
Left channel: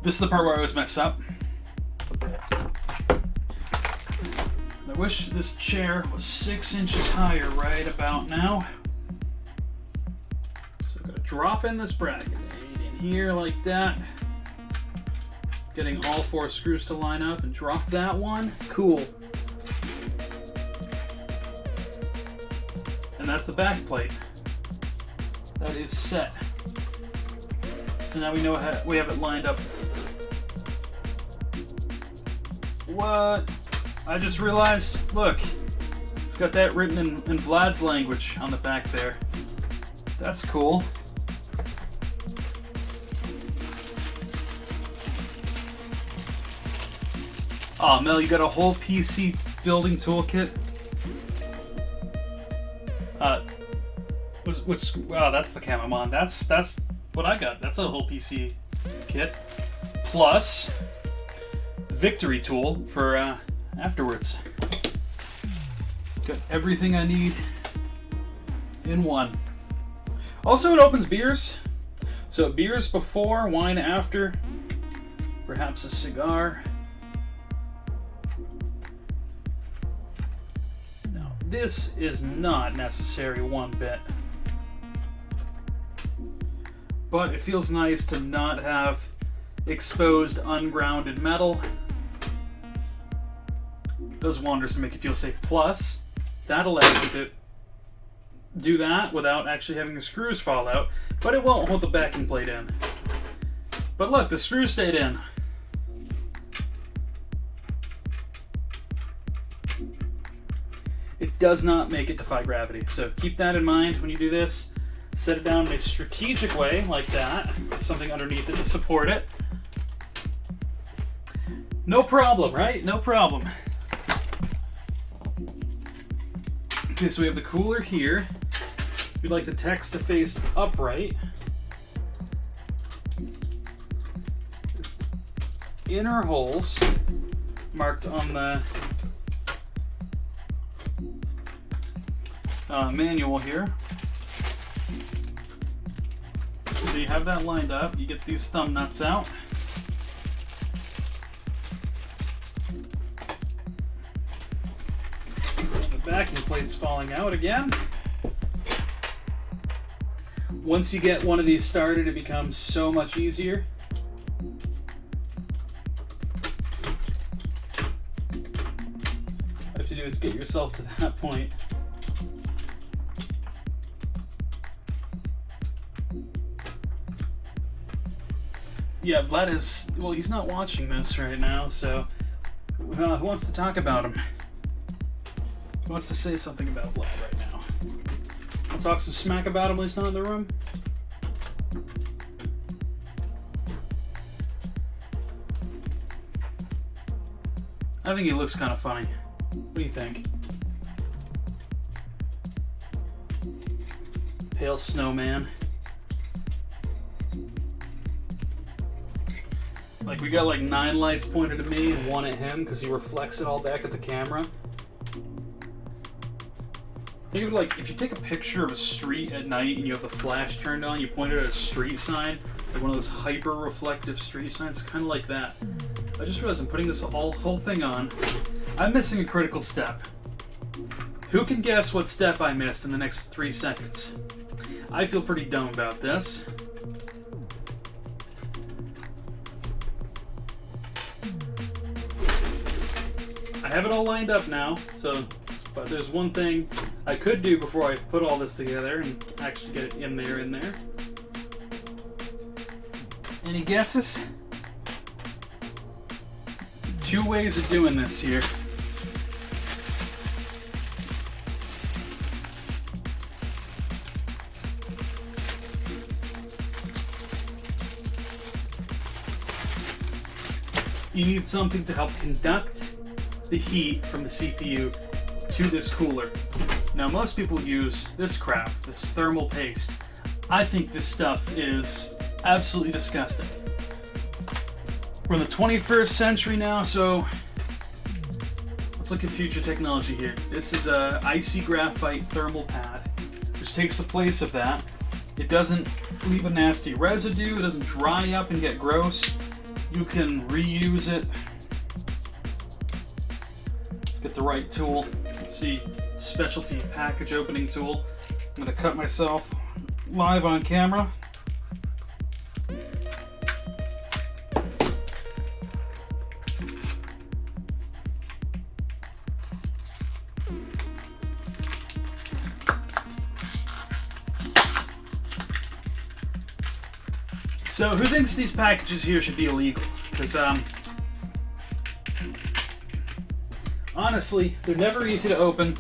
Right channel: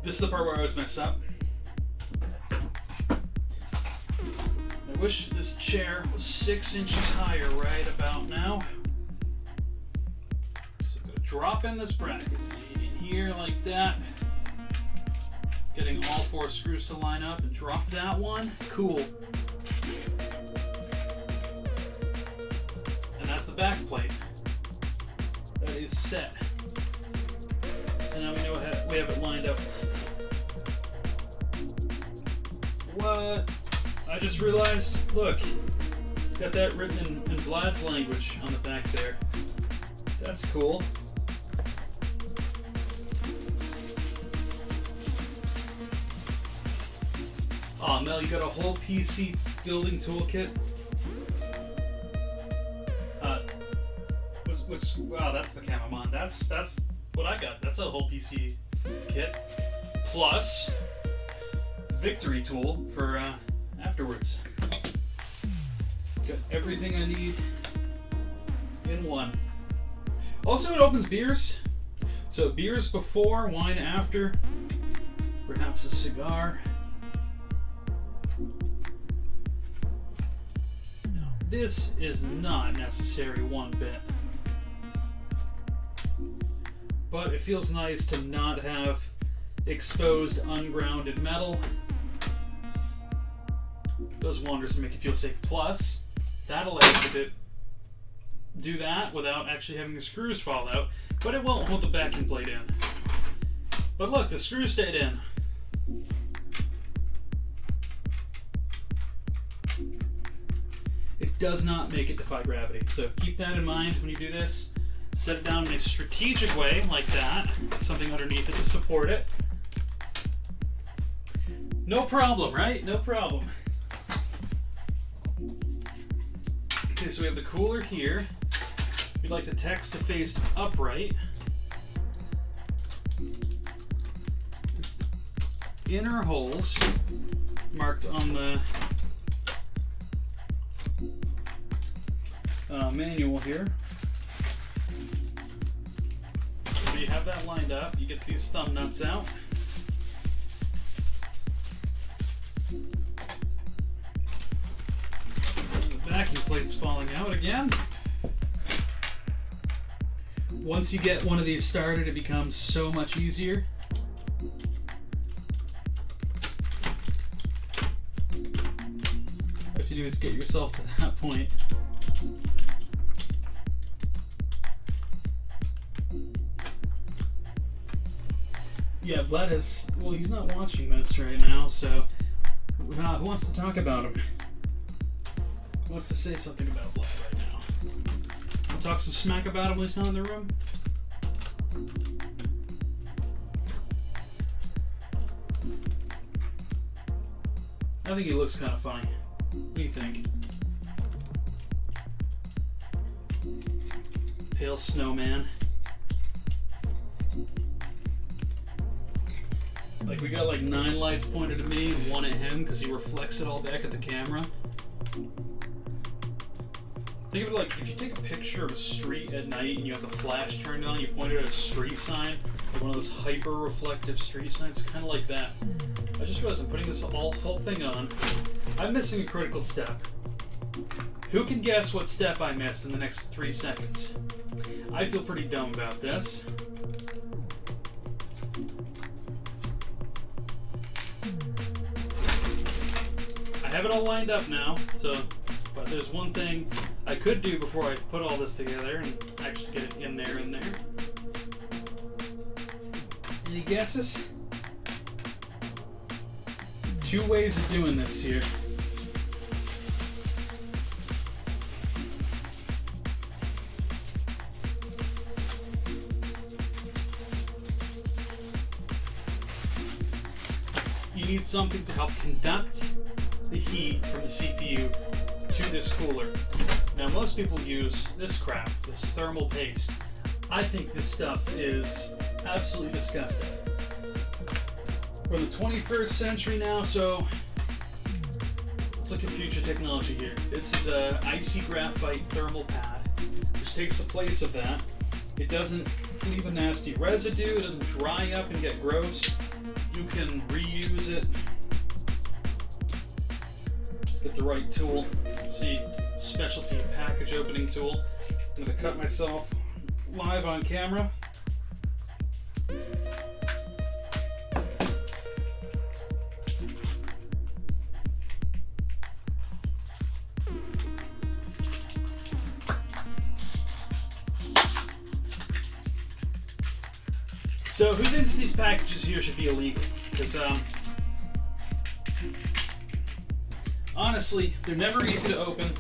This is the part where I always mess up. I wish this chair was 6 inches higher right about now. So I'm going to drop in this bracket in here like that. Getting all 4 screws to line up and drop that one. Cool. And that's the back plate. That is set. So now we know how we have it lined up. What? I just realized, look, it's got that written in Vlad's language on the back there. That's cool. Oh, Mel, you got a whole PC building toolkit? Wow, that's the cam I'm on. That's what I got. That's a whole PC kit. Plus, Victory tool for afterwards. Got everything I need in one. Also, it opens beers. So beers before, wine after, perhaps a cigar. Now, this is not necessary one bit. But it feels nice to not have exposed, ungrounded metal. Does wonders to make you feel safe. Plus, that allows you to do that without actually having the screws fall out, but it won't hold the backing plate in. But look, the screws stayed in. It does not make it defy gravity, so keep that in mind when you do this. Set it down in a strategic way, like that, with something underneath it to support it. No problem, right? No problem. Okay, so we have the cooler here. We'd like the text to face upright. It's the inner holes marked on the manual here. So you have that lined up. You get these thumb nuts out. The backing plate's falling out again. Once you get one of these started, it becomes so much easier. All you have to do is get yourself to that point. Yeah, Vlad is, well, he's not watching this right now, so who wants to talk about him? Who wants to say something about Vlad right now? Want to talk some smack about him when he's not in the room? I think he looks kind of funny. What do you think? Pale snowman. Like, we got like 9 lights pointed at me and 1 at him because he reflects it all back at the camera. Think of it like if you take a picture of a street at night and you have the flash turned on, you point it at a street sign, like one of those hyper reflective street signs, kind of like that. I just realized I'm putting this whole thing on. I'm missing a critical step. Who can guess what step I missed in the next 3 seconds? I feel pretty dumb about this. I have it all lined up now, but there's one thing I could do before I put all this together and actually get it in there. Any guesses? 2 ways of doing this here. You need something to help conduct the heat from the CPU to this cooler. Now, most people use this crap, this thermal paste. I think this stuff is absolutely disgusting. We're in the 21st century now, so let's look at future technology here. This is a icy graphite thermal pad, which takes the place of that. It doesn't leave a nasty residue, it doesn't dry up and get gross. You can reuse it. Let's get the right tool. Let's see, specialty package opening tool. I'm gonna cut myself live on camera. So who thinks these packages here should be illegal? Because honestly, they're never easy to open.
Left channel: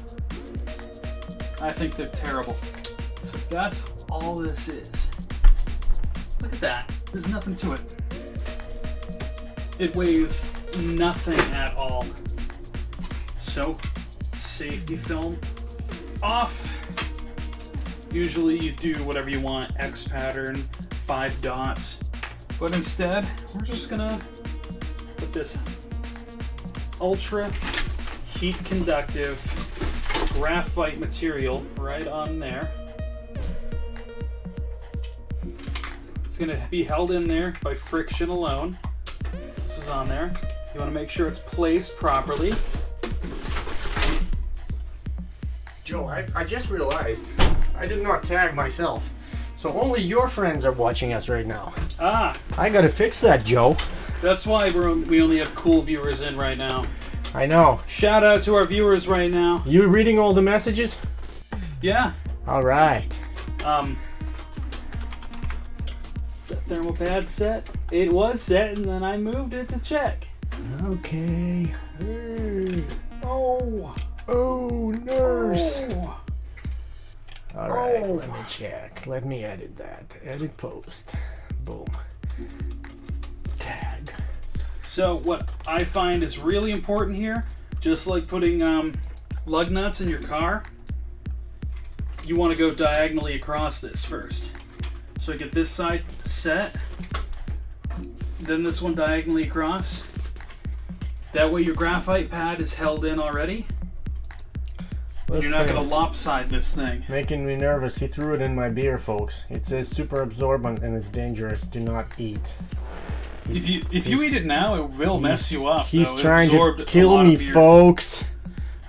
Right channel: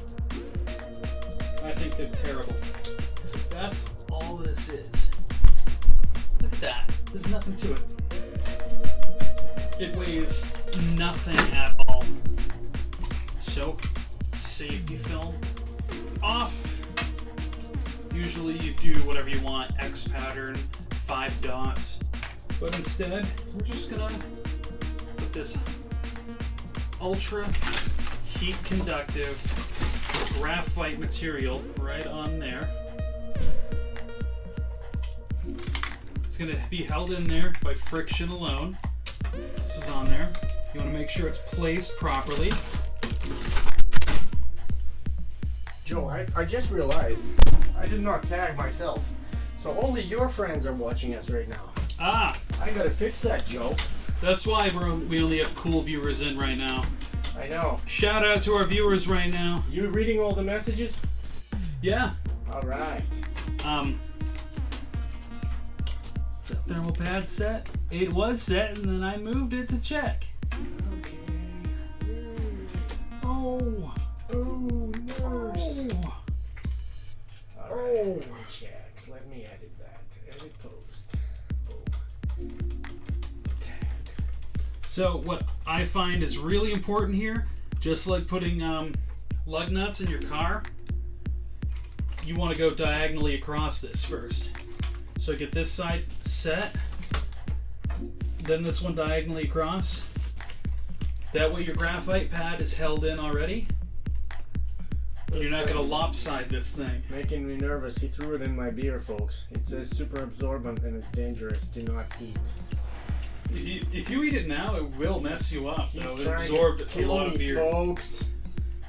I think they're terrible. So that's all this is. Look at that. There's nothing to it. It weighs nothing at all. So, safety film off. Usually you do whatever you want, X pattern, 5 dots. But instead, we're just gonna put this ultra heat conductive graphite material right on there. It's gonna be held in there by friction alone. This is on there. You wanna make sure it's placed properly. Joe, I just realized I did not tag myself. So only your friends are watching us right now. Ah, I gotta fix that, Joe. that's why we only have cool viewers in right now. I know. Shout out to our viewers right now. You reading all the messages? Yeah. All right. Is that thermal pad set? It was set, and then I moved it to check. Okay. Oh. Oh, nurse. Oh. All right, let me check. Let me edit that. Edit post. Boom. Tag. So what I find is really important here, just like putting lug nuts in your car, you want to go diagonally across this first. So I get this side set, then this one diagonally across. That way your graphite pad is held in already. You're not going to lopside this thing. Making me nervous. He threw it in my beer, folks. It says super absorbent and it's dangerous. Do not eat. If you eat it now, it will mess you up. He's though. It trying to absorbed a kill lot me, of beer. folks.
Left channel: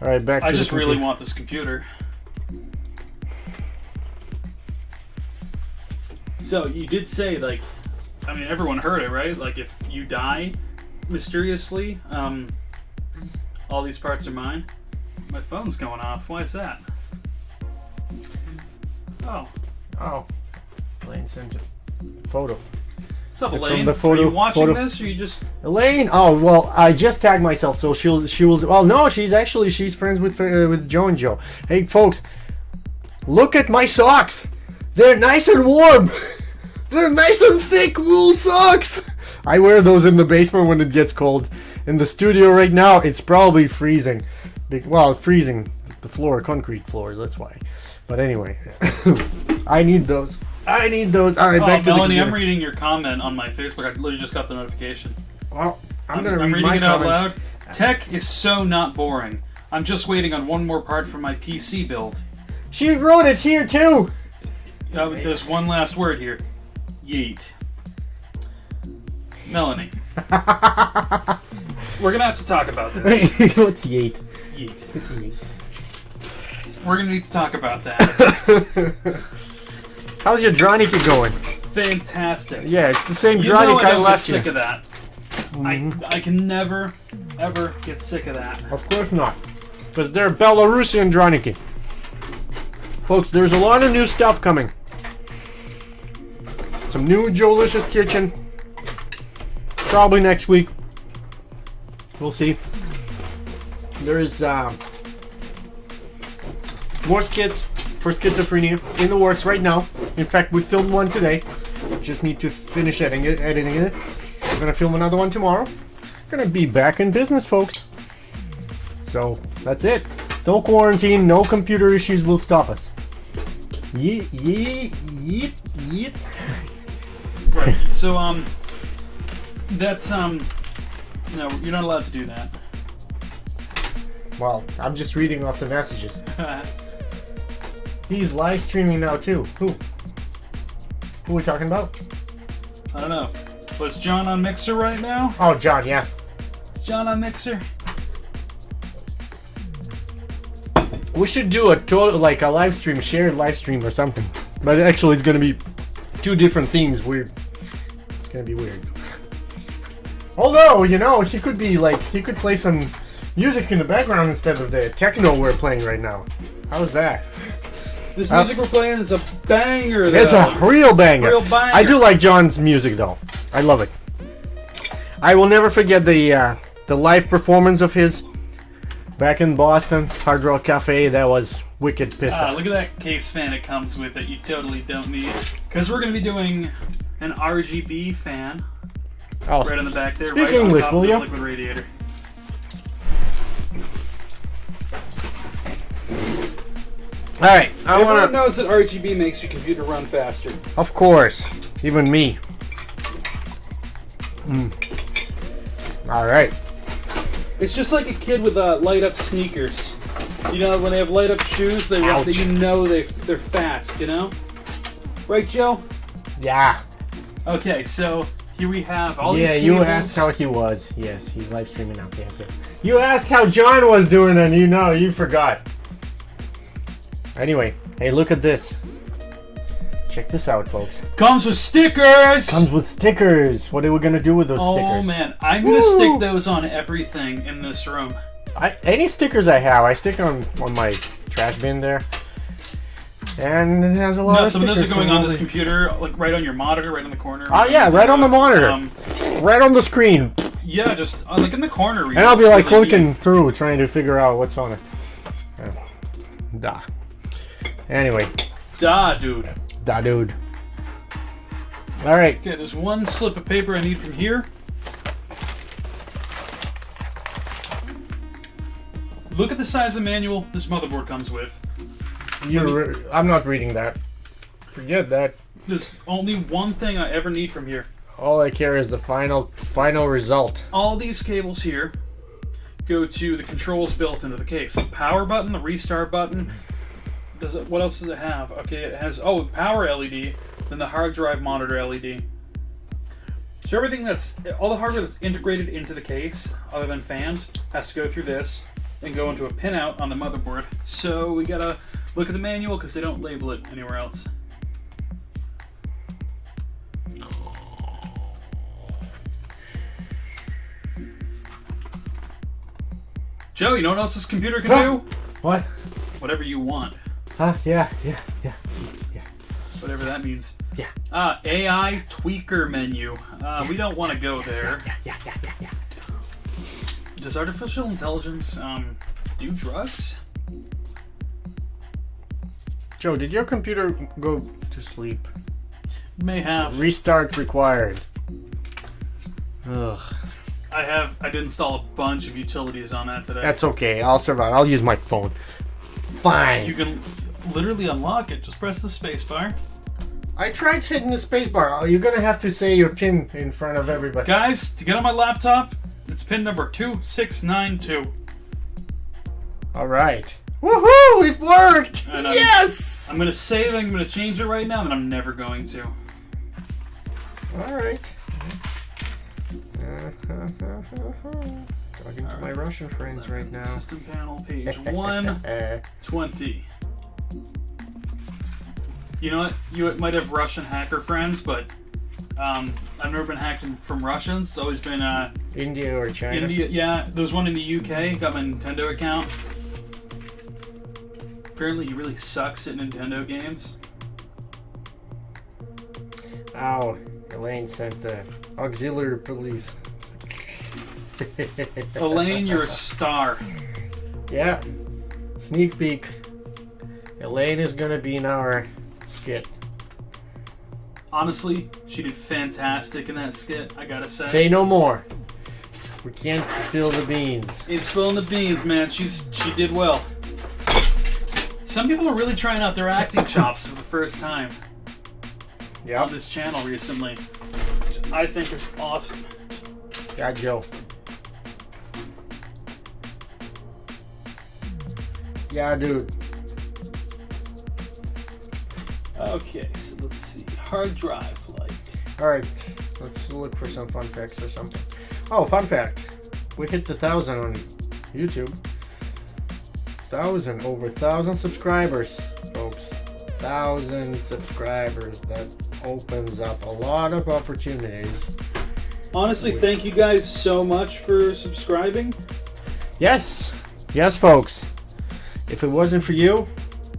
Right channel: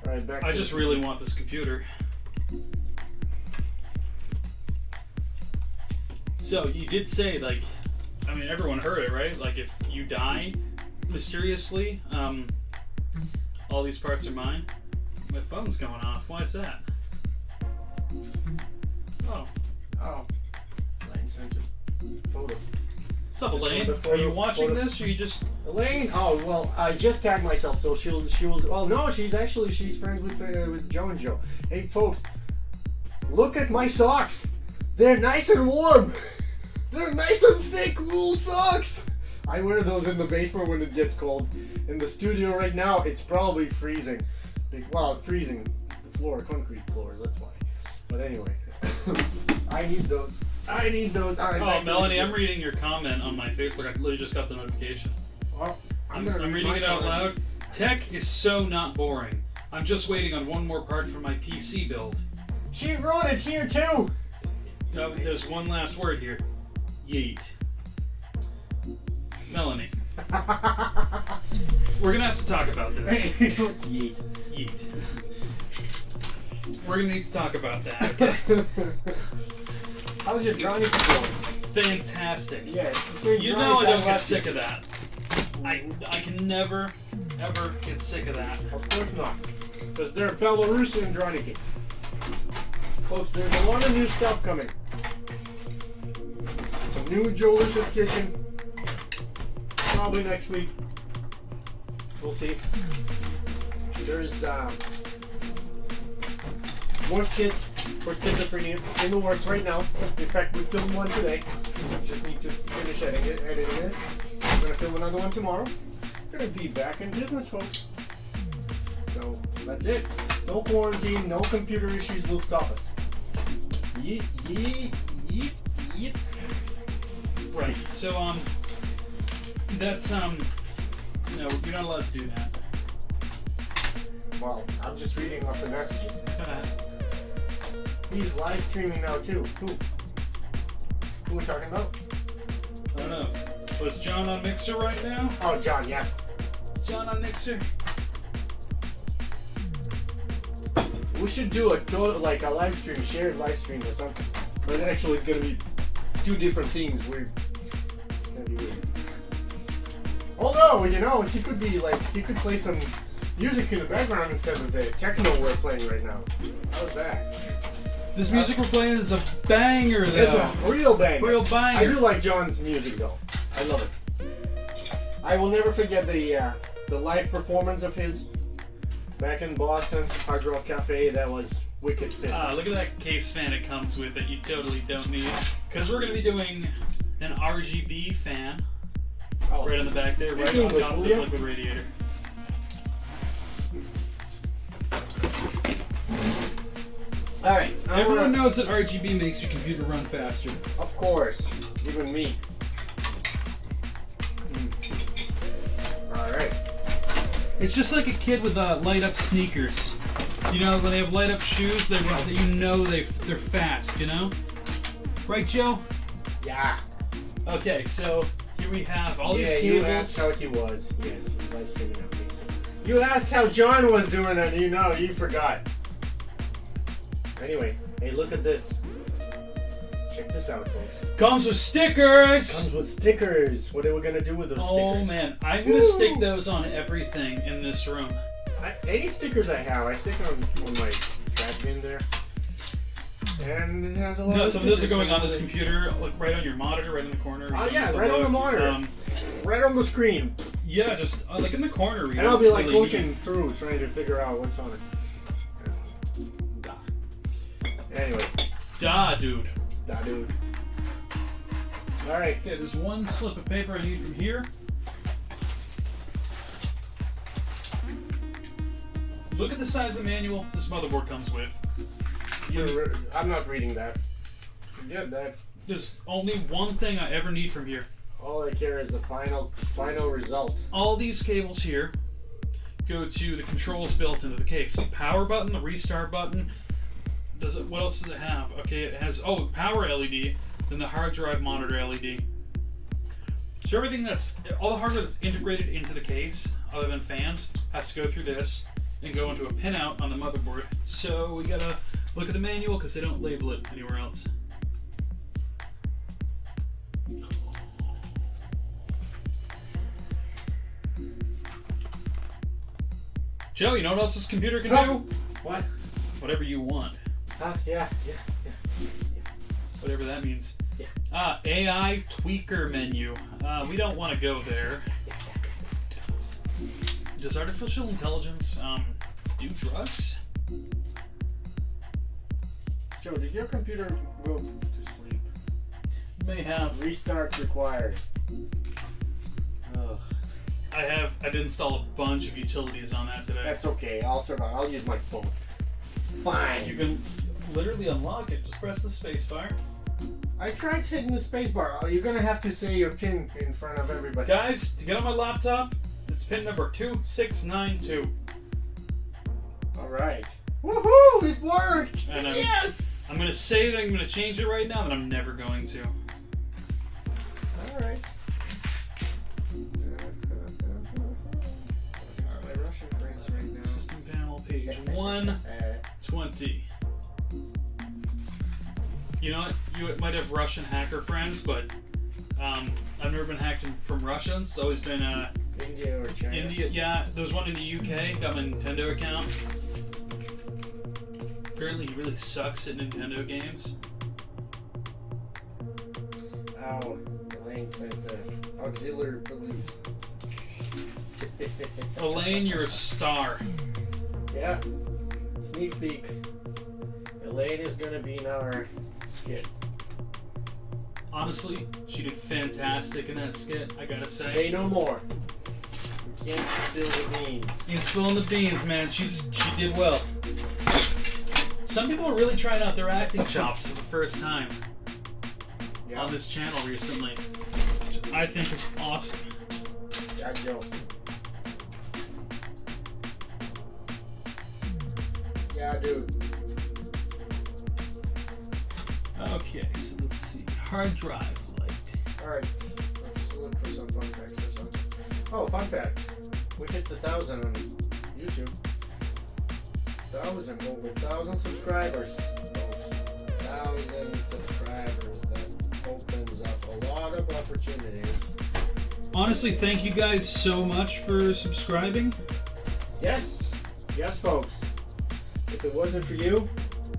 All right, back to I the just really computer. want this computer. So you did say, like, I mean, everyone heard it, right? Like, if you die mysteriously, all these parts are mine. My phone's going off. Why is that? Oh. Oh. Elaine sent a photo. What's up, From Elaine? the photo- Are you watching photo- this, or you just... Elaine? Oh, well, I just tagged myself, so she was. Well, no, she's friends with Joe and Joe. Hey, folks, look at my socks. They're nice and warm. They're nice and thick wool socks. I wear those in the basement when it gets cold. In the studio right now, it's probably freezing. Well, it's freezing. The floor, concrete floor. That's why. But anyway, I need those. All right, back to Melanie, the I'm reading your comment on my Facebook. I literally just got the notification. Well, I'm gonna read reading my it out comments. loud. Tech is so not boring. I'm just waiting on one more part for my PC build. She wrote it here too. There's one last word here. Yeet. Melanie, we're gonna have to talk about this. Let's yeet. Yeet. We're gonna need to talk about that. How's your Draniki going? Fantastic. Yeah, it's the same You know Dranik I I don't get left you. sick of that. I can never, ever get sick of that. Of course not. Because they're Belarusian Draniki. Folks, there's a lot of new stuff coming. Some new Joelicious Kitchen. Probably next week. We'll see. There's more skits for schizophrenia in the works right now. In fact, we filmed one today. Just need to finish editing it. We're gonna film another one tomorrow. We're gonna be back in business, folks. So that's it. No quarantine, no computer issues will stop us. Yeet, yeet, yeet, yeet. Right. So that's no, you're not allowed to do that. Well, I'm just reading off the messages. He's live streaming now too. Who are we talking about? I don't know. Was John on Mixer right now? Oh, John, yeah. Is John on Mixer? We should do a like a live stream, shared live stream or something. But actually, it's gonna be two different themes. Weird. It's gonna be weird. Although, he could be like, he could play some music in the background instead of the techno we're playing right now. How's that? This music we're playing is a banger, though. It's a real banger. Real banger. I do like John's music though. I love it. I will never forget the live performance of his back in Boston, Hard Rock Cafe. That was wicked piss. Look at that case fan it comes with that you totally don't need. Because we're going to be doing an RGB fan Oh, right on the back there, speak right English, on top of will this ya? liquid radiator. All right, I Everyone want to. knows that RGB makes your computer run faster. Of course, even me. All right. It's just like a kid with light up sneakers. You know, when they have light up shoes, they run, Ouch. they're fast. You know, right, Joe? Yeah. Okay, so here we have all these Yeah, cables. you asked how he was. Yes, he's live streaming now. Okay, so you asked how John was doing, and you forgot. Anyway, hey, look at this. Check this out, folks. Comes with stickers. Comes with stickers. What are we gonna do with those stickers? Oh man, I'm gonna stick those on everything in this room. Any stickers I have, I stick on my trash bin there. And it has a lot No, of some of those are stickers going for on all this the- computer, like right on your monitor, right in the corner. Oh yeah, right on the monitor. Right on the screen. Yeah, just like in the corner. And I'll be like really looking through, trying to figure out what's on it. Da. Anyway, Da, dude. da dude. Alright. Okay, there's one slip of paper I need from here. Look at the size of the manual this motherboard comes with. I'm not reading that. Forget that. There's only one thing I ever need from here. All I care is the final result. All these cables here go to the controls built into the case. The power button, the restart button. What else does it have? Okay, it has power LED, then the hard drive monitor LED. So everything all the hardware that's integrated into the case, other than fans, has to go through this and go into a pinout on the motherboard. So we gotta look at the manual because they don't label it anywhere else. Joe, you know what else this computer can do? What? Whatever you want. Yeah. Whatever that means. Yeah. AI tweaker menu. We don't want to go there. Yeah. Does artificial intelligence do drugs? Joe, did your computer go to sleep? May have. Restart required. Ugh. I did install a bunch of utilities on that today. That's okay. I'll survive. I'll use my phone. Fine. You can literally unlock it. Just press the space bar. I tried hitting the spacebar. You're gonna have to say your pin in front of everybody. Guys, to get on my laptop, it's pin number 2692. All right. Woohoo! It worked. And Yes. I'm gonna save. I'm gonna change it right now, and I'm never going to. All right. Talking to my Russian friends right now. System panel, page 120. You know what? You might have Russian hacker friends, but I've never been hacked from Russians. It's always been India or China? India. Yeah, there was one in the UK. Got my Nintendo account. Apparently, he really sucks at Nintendo games. Ow. Elaine sent the auxiliary police. Elaine, you're a star. Yeah. Sneak peek. Elaine is gonna be in our skit. Honestly, she did fantastic in that skit, I gotta say. Say no more. We can't spill the beans. Ain't spilling the beans, man. She did well. Some people are really trying out their acting chops for the first time on this channel recently, which I think is awesome. Yeah, Joe. Yeah, dude. Okay, so let's see. Hard drive light. Alright, let's look for some fun facts or something. Oh, fun fact. We hit the 1,000 on YouTube. Over 1,000 subscribers, folks. 1,000 subscribers. That opens up a lot of opportunities. Honestly, thank you guys so much for subscribing. Yes. Yes, folks. If it wasn't for you,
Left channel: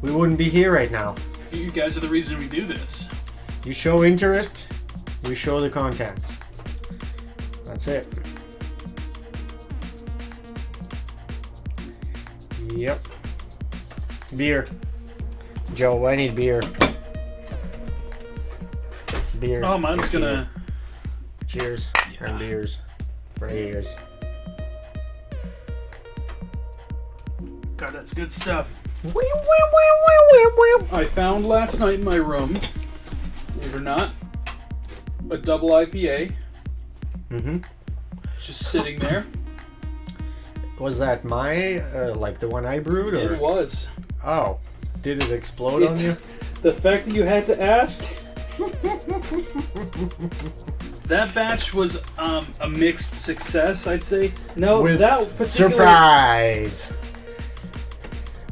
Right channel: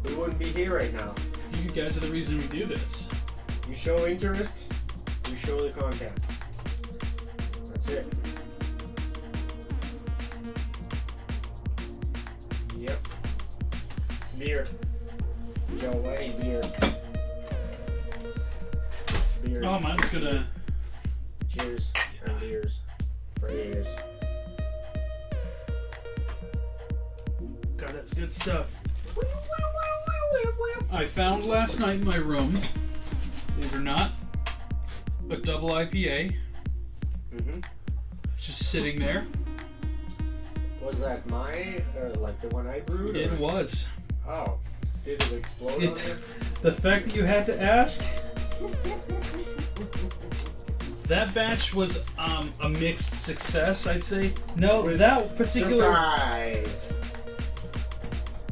we wouldn't be here right now. You guys are the reason we do this. You show interest, we show the content. That's it. Yep. Beer. Joe, I need beer. Beer. Oh, mine's gonna... Cheers. Yeah. And beers. Right ears. God, that's good stuff. I found last night in my room, believe it or not, a double IPA. Mm-hmm. Just sitting there. Was that my, like the one I brewed? Or? It was. Oh. Did it explode on you? The fact that you had to ask. That batch was a mixed success, I'd say. No, With that particular... surprise!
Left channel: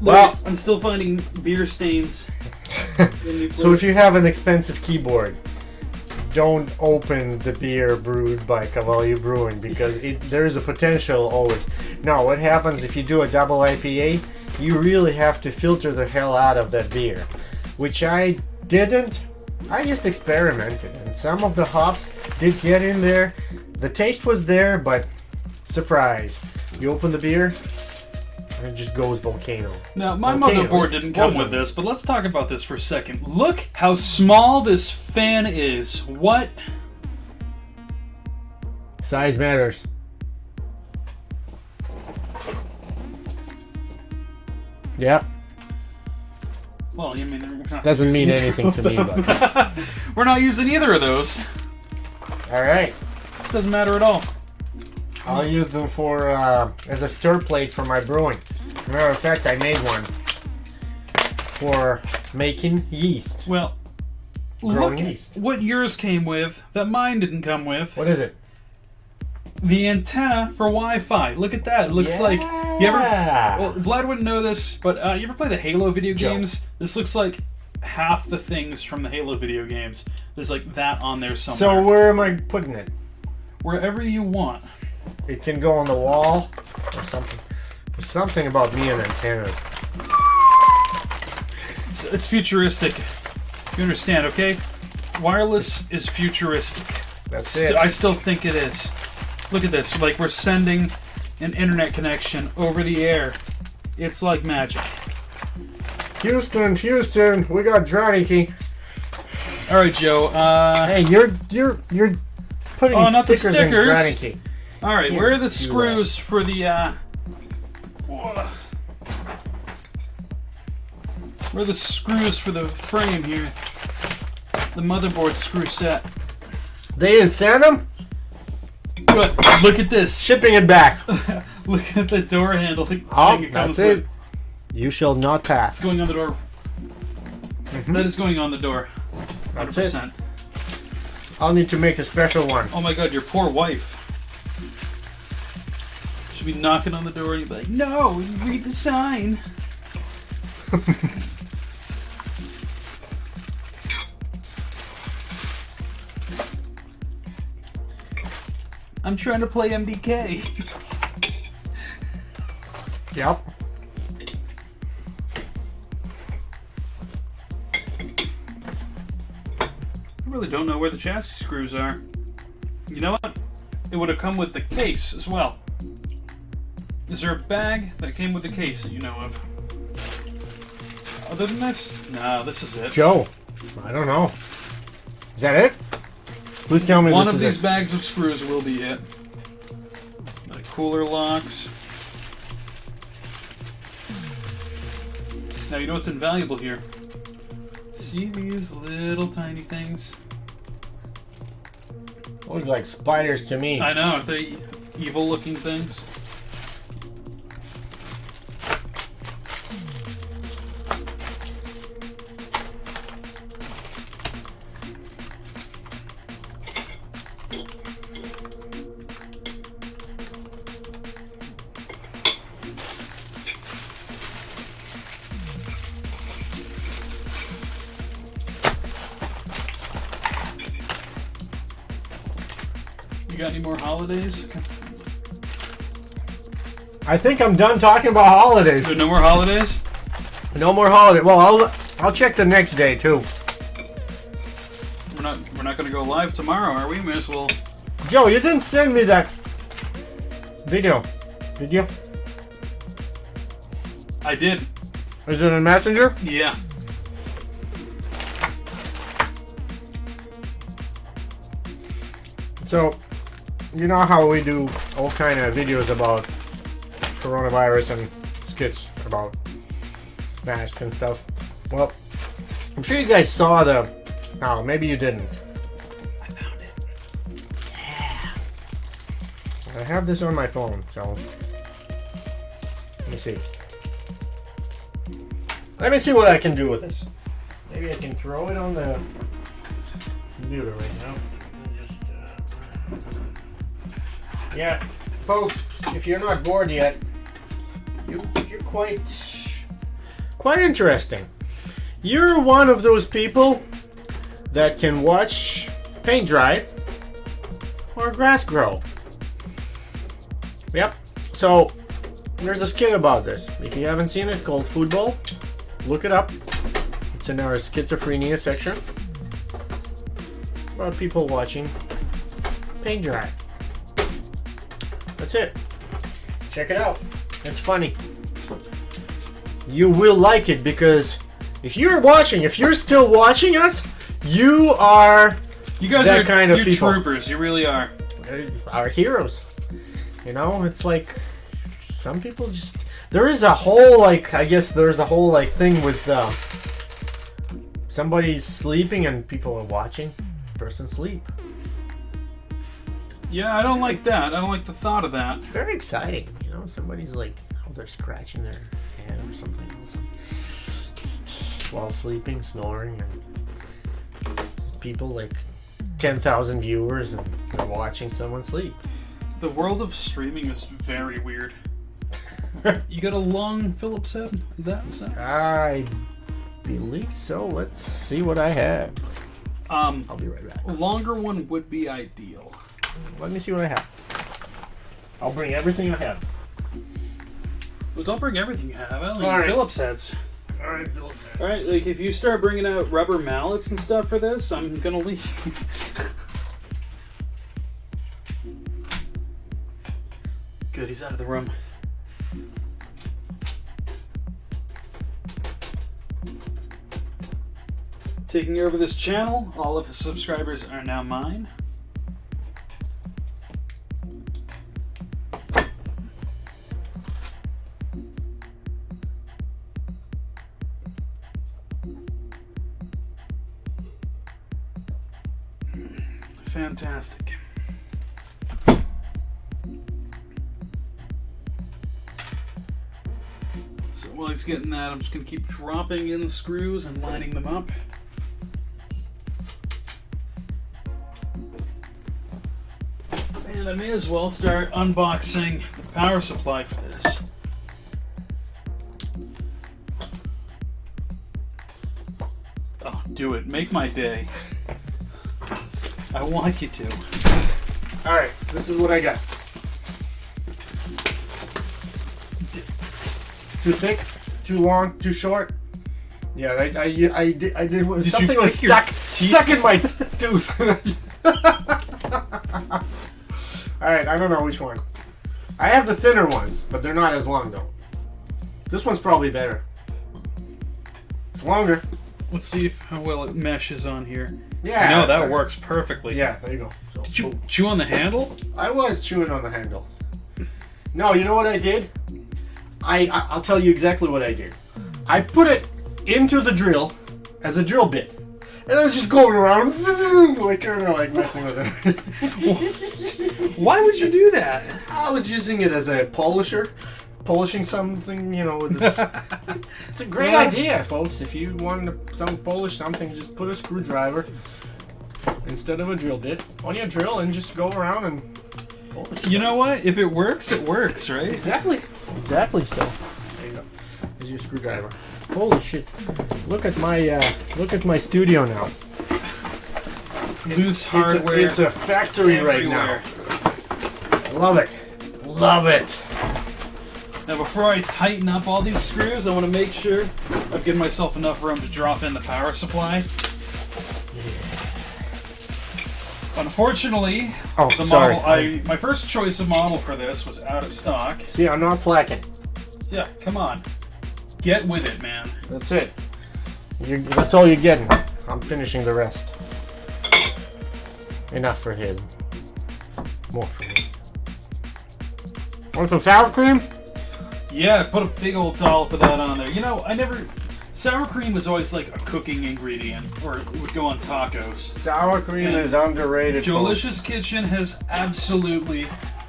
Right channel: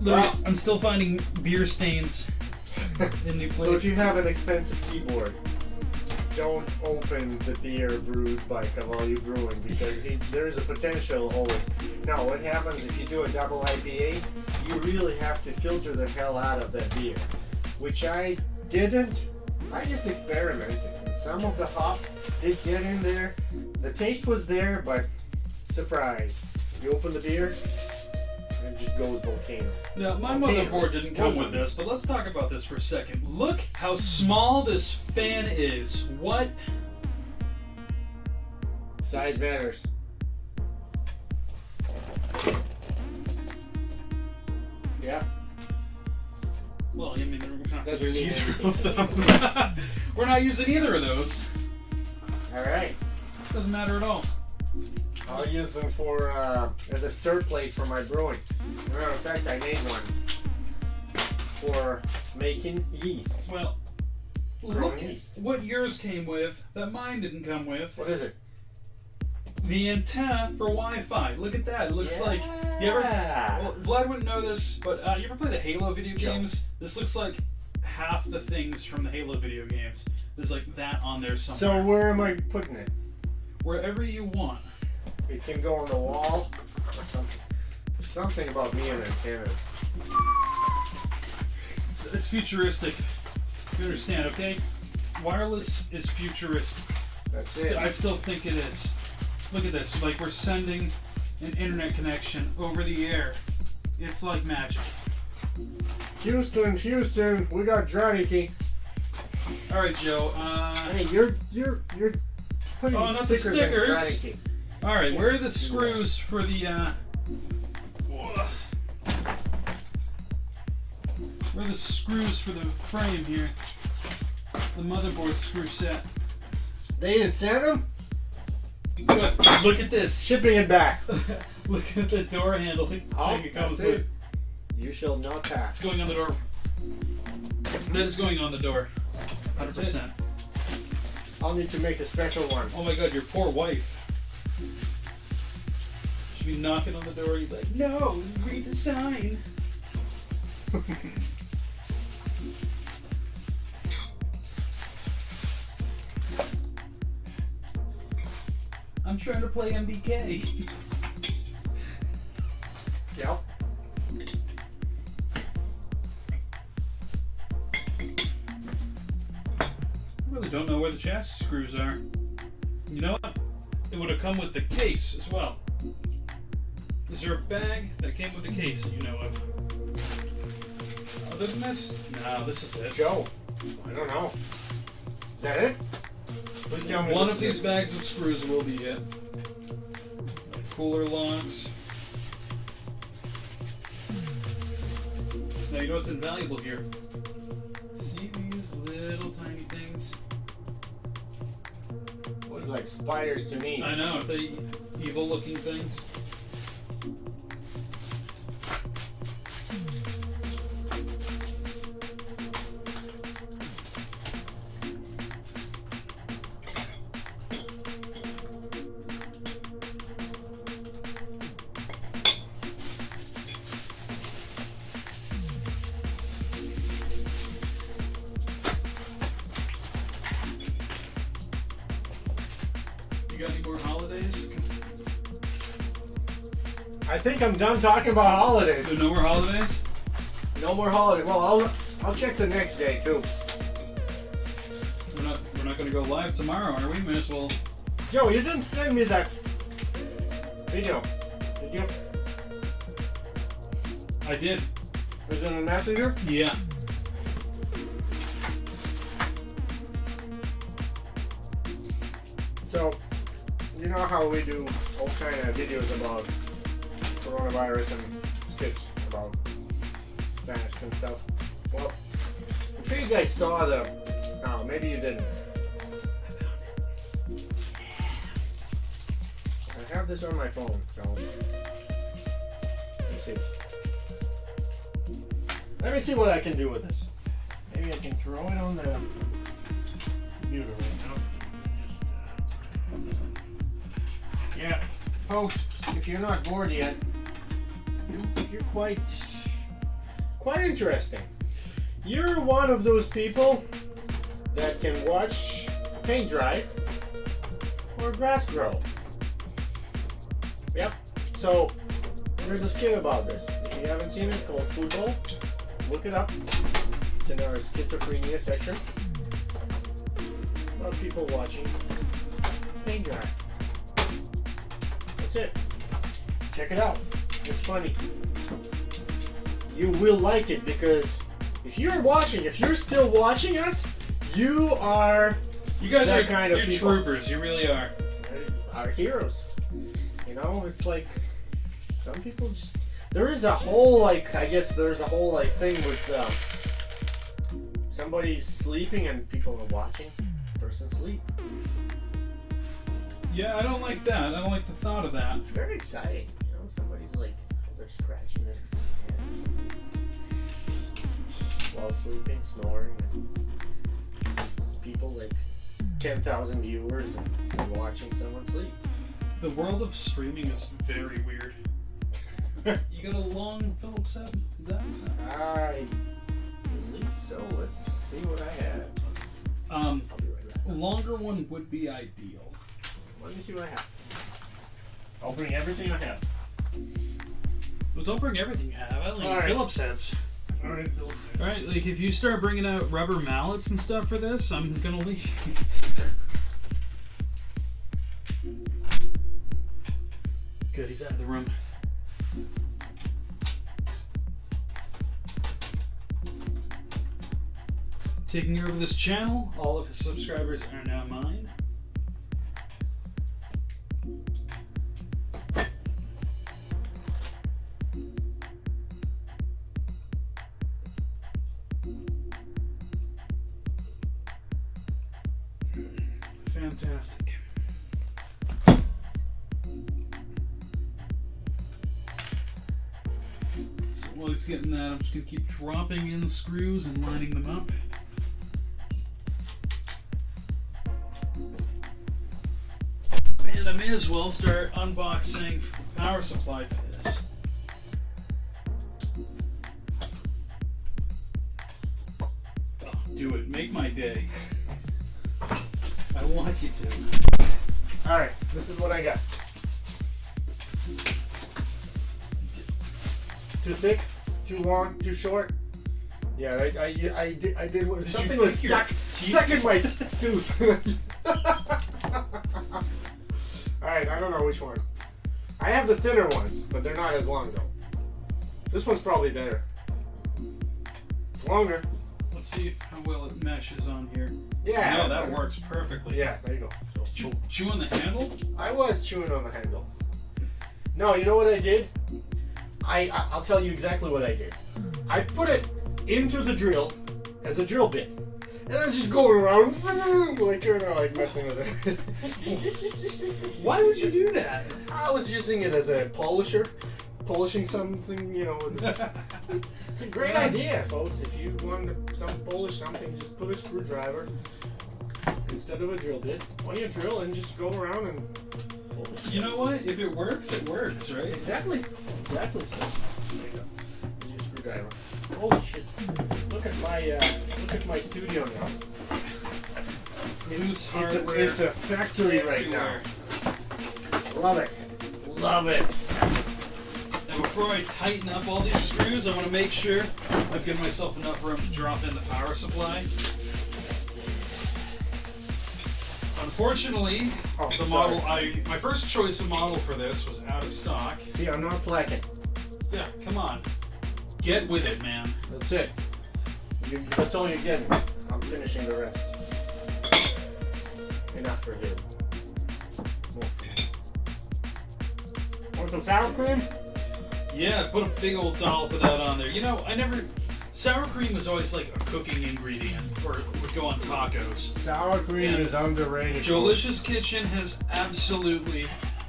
Look, Well- I'm still finding beer stains. So if you have an expensive keyboard, don't open the beer brewed by Cavalli Brewing because there is a potential always. Now, what happens if you do a double IPA? You really have to filter the hell out of that beer, which I didn't. I just experimented, and some of the hops did get in there. The taste was there, but surprise! You open the beer, and it just goes volcano. Now, my Volcano, motherboard it's didn't come with explosion. this, but let's talk about this for a second. Look how small this fan is. What? Size matters. Yep. Well, I mean, we're not Doesn't mean using anything to me, but We're not using either of those. all right. This doesn't matter at all. I'll use them for as a stir plate for my brewing. Matter of fact, I made one for making yeast. Well, Growing look yeast. what yours came with that mine didn't come with. What is it? The antenna for Wi-Fi. Look at that. It looks like... You ever... Yeah. Well, Vlad wouldn't know this, but you ever play the Halo video Joe. games? This looks like half the things from the Halo video games. There's like that on there somewhere. So where am I putting it? Wherever you want. It can go on the wall or something. There's something about me and antennas. It's futuristic. You understand, okay? Wireless is futuristic. That's it. I still think it is. Look at this. Like, we're sending an internet connection over the air. It's like magic. Houston, we got Draniki. All right, Joe. Hey, you're putting Oh, not the stickers in stickers. Draniki. All right, Here, where are the you, screws for the, where are the screws for the frame here? The motherboard screw set. They didn't send them? Good. Look at this. Shipping it back. Look at the door handle. Oh, thing it that's comes it. with. You shall not It's pass. going on the door. That is going on the door. That's 100%. I'll need to make a special one. Oh my god, your poor wife. be knocking on the door and you'd be like, no, read the sign. I'm trying to play MDK. Yep. I really don't know where the chassis screws are. You know what? It would have come with the case as well. Is there a bag that came with the case that you know of? Other than this? No, this is it. Joe, I don't know. Is that it? Please tell me One this of is these it. bags of screws will be it. The cooler locks. Now you know what's invaluable here. See these little tiny things? Looks like spiders to me. I know, aren't they evil looking things? You got any more holidays? I think I'm done talking about holidays. So no more holidays? No more holiday. Well, I'll check the next day too. We're not gonna go live tomorrow, are we? May as well. Joe, you didn't send me that video, did you? I did. Is it in Messenger? Yeah. So, you know how we do all kind of videos about coronavirus and skits about masks and stuff. Well, I'm sure you guys saw the. No, maybe you didn't. I found it. I have this on my phone, so let me see. Let me see what I can do with this. Maybe I can throw it on the computer right now. Yeah, folks, if you're not bored yet, you're quite interesting. You're one of those people that can watch paint dry or grass grow. Yep. So there's a skit about this. If you haven't seen it, called Football, look it up. It's in our schizophrenia section about people watching paint dry. That's it. Check it out. It's funny. You will like it because if you're still watching us, you are You guys that are kind of you're people. troopers. You really are. Our heroes. You know, it's like some people just. There is a whole there's a whole thing with somebody's sleeping and people are watching the person sleep. Yeah, I don't like that. I don't like the thought of that. It's very exciting, you know. Somebody's like, they're scratching their head or something while sleeping, snoring. And people like 10,000 viewers and they're watching someone sleep. The world of streaming is very weird. You got a long Phillips head? That sounds. I believe so. Let's see what I have. I'll be right back. A longer one would be ideal. Let me see what I have. I'll bring everything I have. Well, don't bring everything you have. I only All need right. Phillips heads. Alright, Alright, like if you start bringing out rubber mallets and stuff for this, I'm gonna leave. Good, he's out of the room. Taking over this channel, all of his subscribers are now mine. Fantastic. So while he's getting that, I'm just going to keep dropping in the screws and lining them up. And I may as well start unboxing power supply for this. Oh, do it. Make my day. I want you to. Alright, this is what I got. Too thick? Too long? Too short? Yeah, I did something was stuck in my tooth. Alright, I don't know which one. I have the thinner ones, but they're not as long though. This one's probably better. It's longer. Let's see how well it meshes on here. Yeah. No, that works perfectly. Yeah, there you go. So, Did you chew on the handle? I was chewing on the handle. No, you know what I did? I'll tell you exactly what I did. I put it into the drill as a drill bit. And I was just going around like messing with it. Why would you do that? I was using it as a polisher. Polishing something, you know. It's a great idea, folks. If you want to polish something, just put a screwdriver instead of a drill bit on your drill and just go around and polish. You know what? If it works, right? Exactly so. There you go. Here's your screwdriver. Holy shit! Look at my studio now. Loose hardware. It's a factory everywhere. right now. Love it. Now, before I tighten up all these screws, I want to make sure I've given myself enough room to drop in the power supply. Unfortunately, my first choice of model for this was out of stock. See, I'm not slacking. Yeah, come on. Get with it, man. That's it. That's all you're getting. I'm finishing the rest. Enough for him. More for him. Want some sour cream? Yeah, put a big old dollop of that on there. You know, sour cream was always like a cooking ingredient, or it would go on tacos. Sour cream is underrated. Jolicious Kitchen has absolutely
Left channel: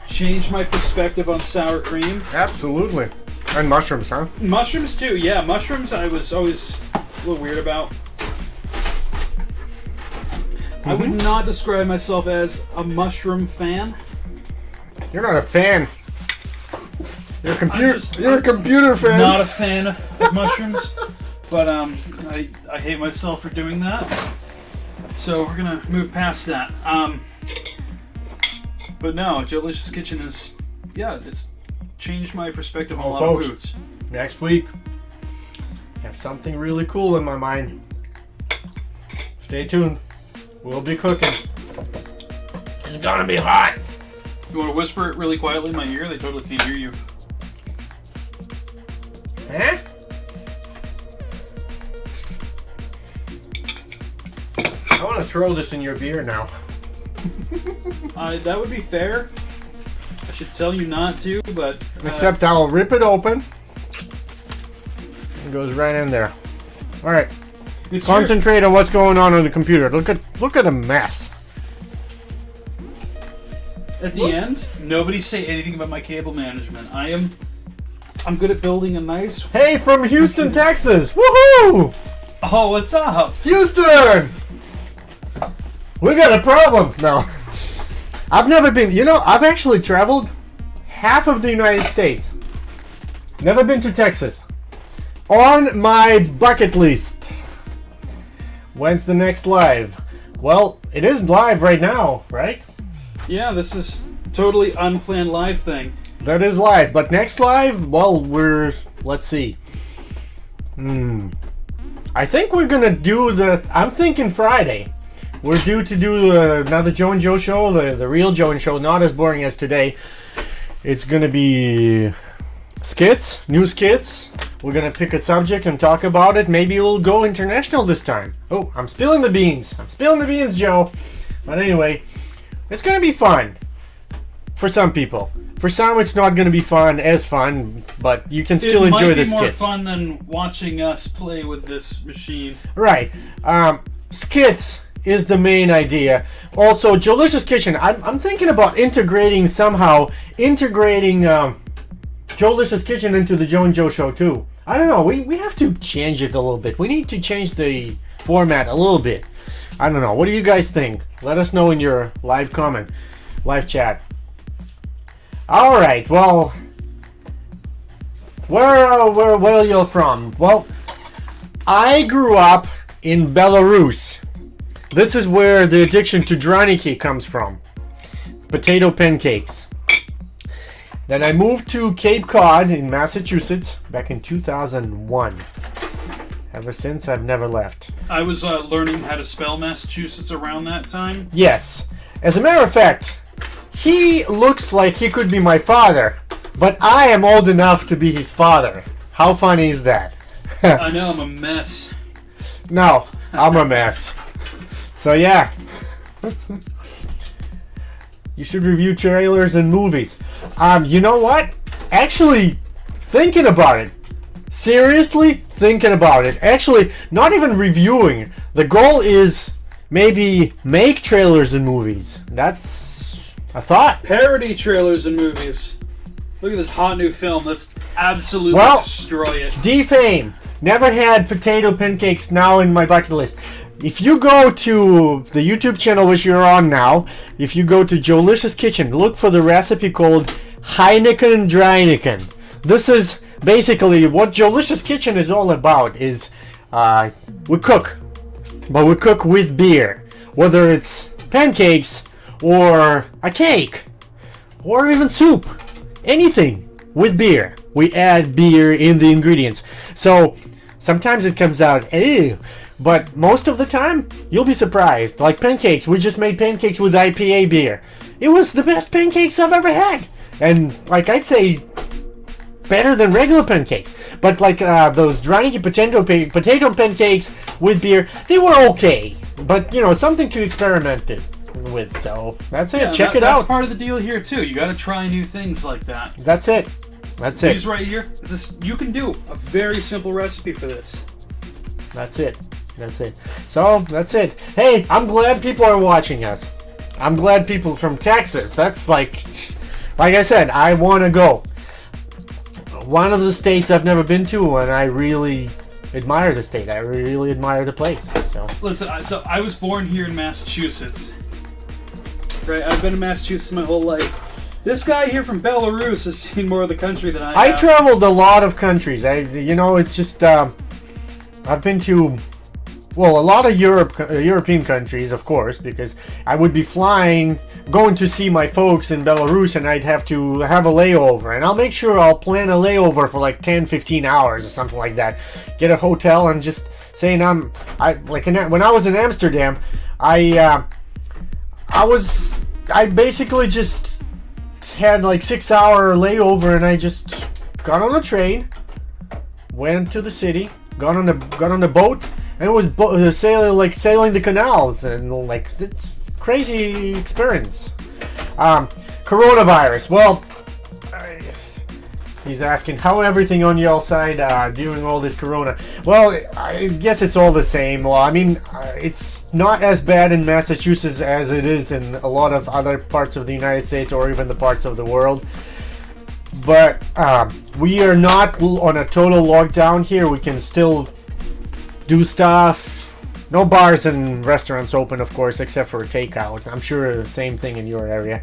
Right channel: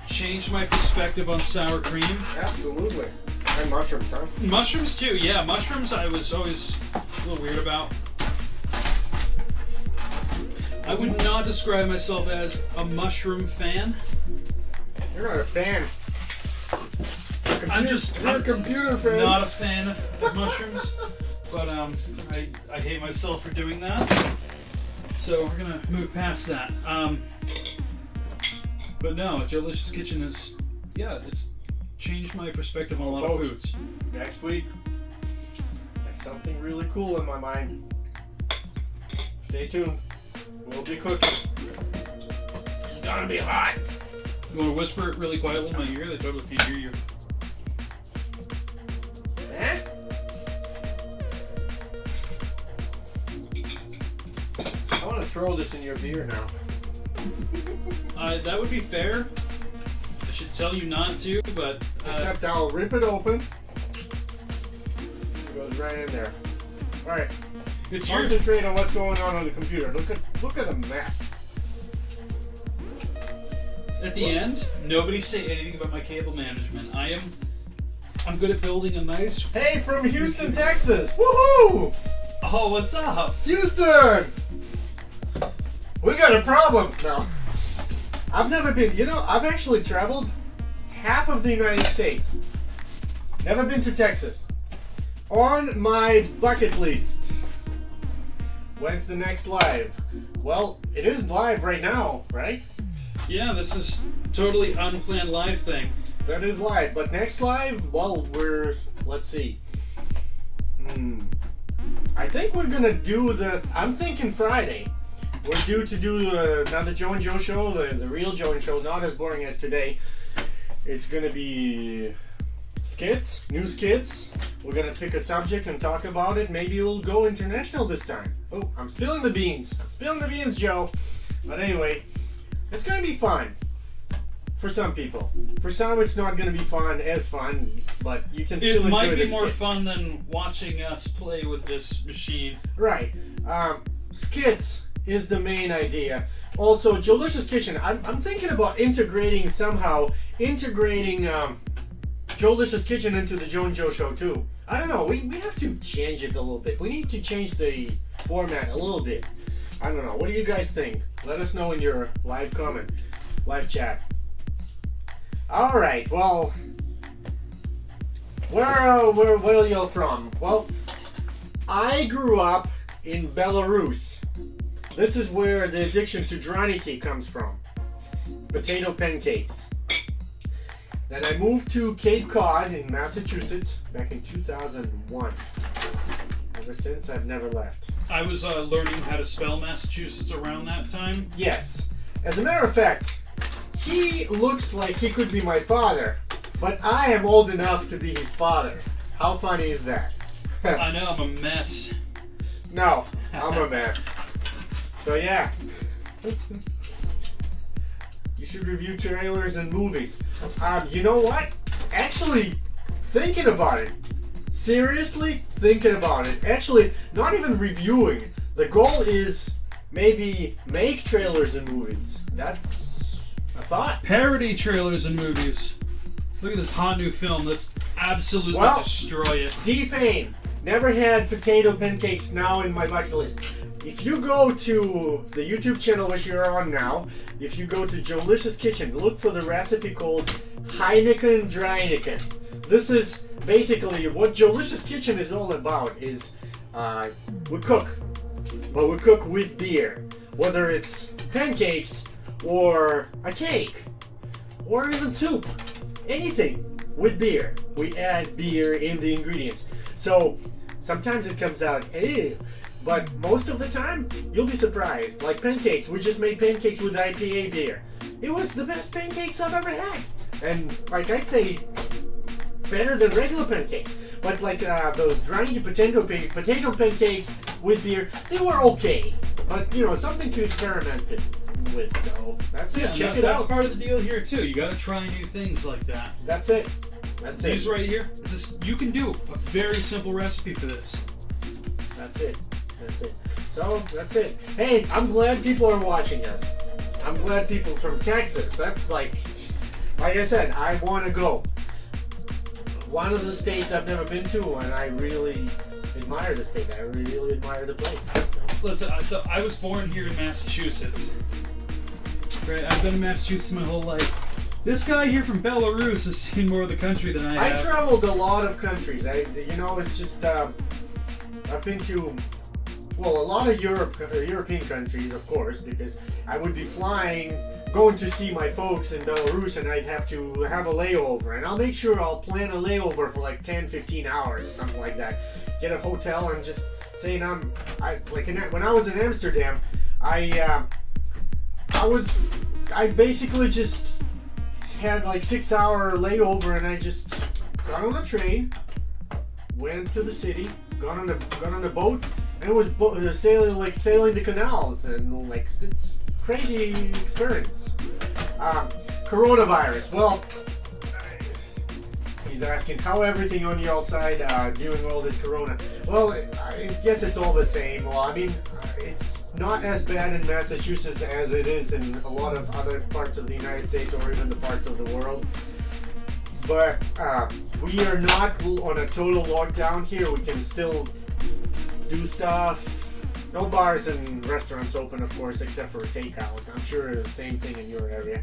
changed my perspective on sour cream. Absolutely. And mushrooms, huh? Mushrooms too, yeah. Mushrooms I was always a little weird about. I would not describe myself as a mushroom fan. You're not a fan. You're a computer fan. Not a fan of mushrooms, but I hate myself for doing that. So we're gonna move past that. But no, Jolicious Kitchen is, it's changed my perspective on a lot of foods. Next week, I have something really cool in my mind. Stay tuned. We'll be cooking. It's gonna be hot. You want to whisper it really quietly in my ear? They totally can't hear you. Huh? I want to throw this in your beer now. That would be fair. I should tell you not to, but... Except I'll rip it open. It goes right in there. Alright. Concentrate on what's going on the computer. Look at a mess. At the end, nobody say anything about my cable management. I'm good at building a nice... Hey, from Houston, Texas! Woohoo! Oh, what's up? Houston! We got a problem! No. I've never been... I've actually traveled half of the United States. Never been to Texas. On my bucket list. When's the next live? Well, it is live right now, right? Yeah, this is totally unplanned live thing. That is live, but next live, well, let's see. I think we're gonna do I'm thinking Friday. We're due to do another Joe and Joe show, the real Joe and Show, not as boring as today. It's gonna be skits, new skits. We're gonna pick a subject and talk about it. Maybe we'll go international this time. Oh, I'm spilling the beans. Joe. But anyway, it's gonna be fun. For some people. For some, it's not gonna be as fun, but you can still enjoy the skits. It might be more fun than watching us play with this machine. Right. Skits is the main idea. Also, Jolicious Kitchen. I'm thinking about integrating Jolicious Kitchen into the Joe and Joe show too. I don't know. We have to change it a little bit. We need to change the format a little bit. I don't know. What do you guys think? Let us know in your live chat. All right. Well, where are you from? Well, I grew up in Belarus. This is where the addiction to draniki comes from. Potato pancakes. Then I moved to Cape Cod in Massachusetts back in 2001. Ever since, I've never left. I was learning how to spell Massachusetts around that time. Yes. As a matter of fact, he looks like he could be my father, but I am old enough to be his father. How funny is that? I know, I'm a mess. No, I'm a mess. So yeah. You should review trailers and movies. You know what? Actually, thinking about it. Seriously thinking about it. Actually, not even reviewing. The goal is maybe make trailers and movies. That's a thought. Parody trailers and movies. Look at this hot new film. Let's absolutely destroy it. Defame. Never had potato pancakes, now in my bucket list. If you go to the YouTube channel which you're on now, if you go to Jolicious Kitchen, look for the recipe called Heineken Dryniken. This is basically what Jolicious Kitchen is all about. Is we cook, but we cook with beer. Whether it's pancakes or a cake or even soup, anything with beer. We add beer in the ingredients. So sometimes it comes out, ew. But most of the time, you'll be surprised. Like pancakes, we just made pancakes with IPA beer. It was the best pancakes I've ever had. And like I'd say, better than regular pancakes. But like those Draniki potato pancakes with beer, they were okay. But you know, something to experiment with. So that's it. Check it out. That's part of the deal here too. You got to try new things like that. That's it. That's it. These right here. You can do a very simple recipe for this. That's it. That's it. So, that's it. Hey, I'm glad people are watching us. I'm glad people from Texas. That's like I said, I want to go. One of the states I've never been to, and I really admire the state. I really admire the place. So. Listen, so I was born here in Massachusetts. Right, I've been in Massachusetts my whole life. This guy here from Belarus has seen more of the country than I have. I traveled a lot of countries. It's just I've been to. Well, a lot of European countries, of course, because I would be going to see my folks in Belarus, and I'd have to have a layover. And I'll make sure I'll plan a layover for like 10, 15 hours or something like that. Get a hotel and just saying when I was in Amsterdam, I basically just had like 6-hour layover, and I just got on a train, went to the city, got on the boat. And it was sailing the canals, and like it's crazy experience. Coronavirus. Well, he's asking how everything on your side during all this corona. Well, I guess it's all the same. Well, I mean, it's not as bad in Massachusetts as it is in a lot of other parts of the United States or even the parts of the world. But we are not on a total lockdown here. We can still do stuff. No bars and restaurants open, of course, except for takeout. I'm sure the same thing in your area.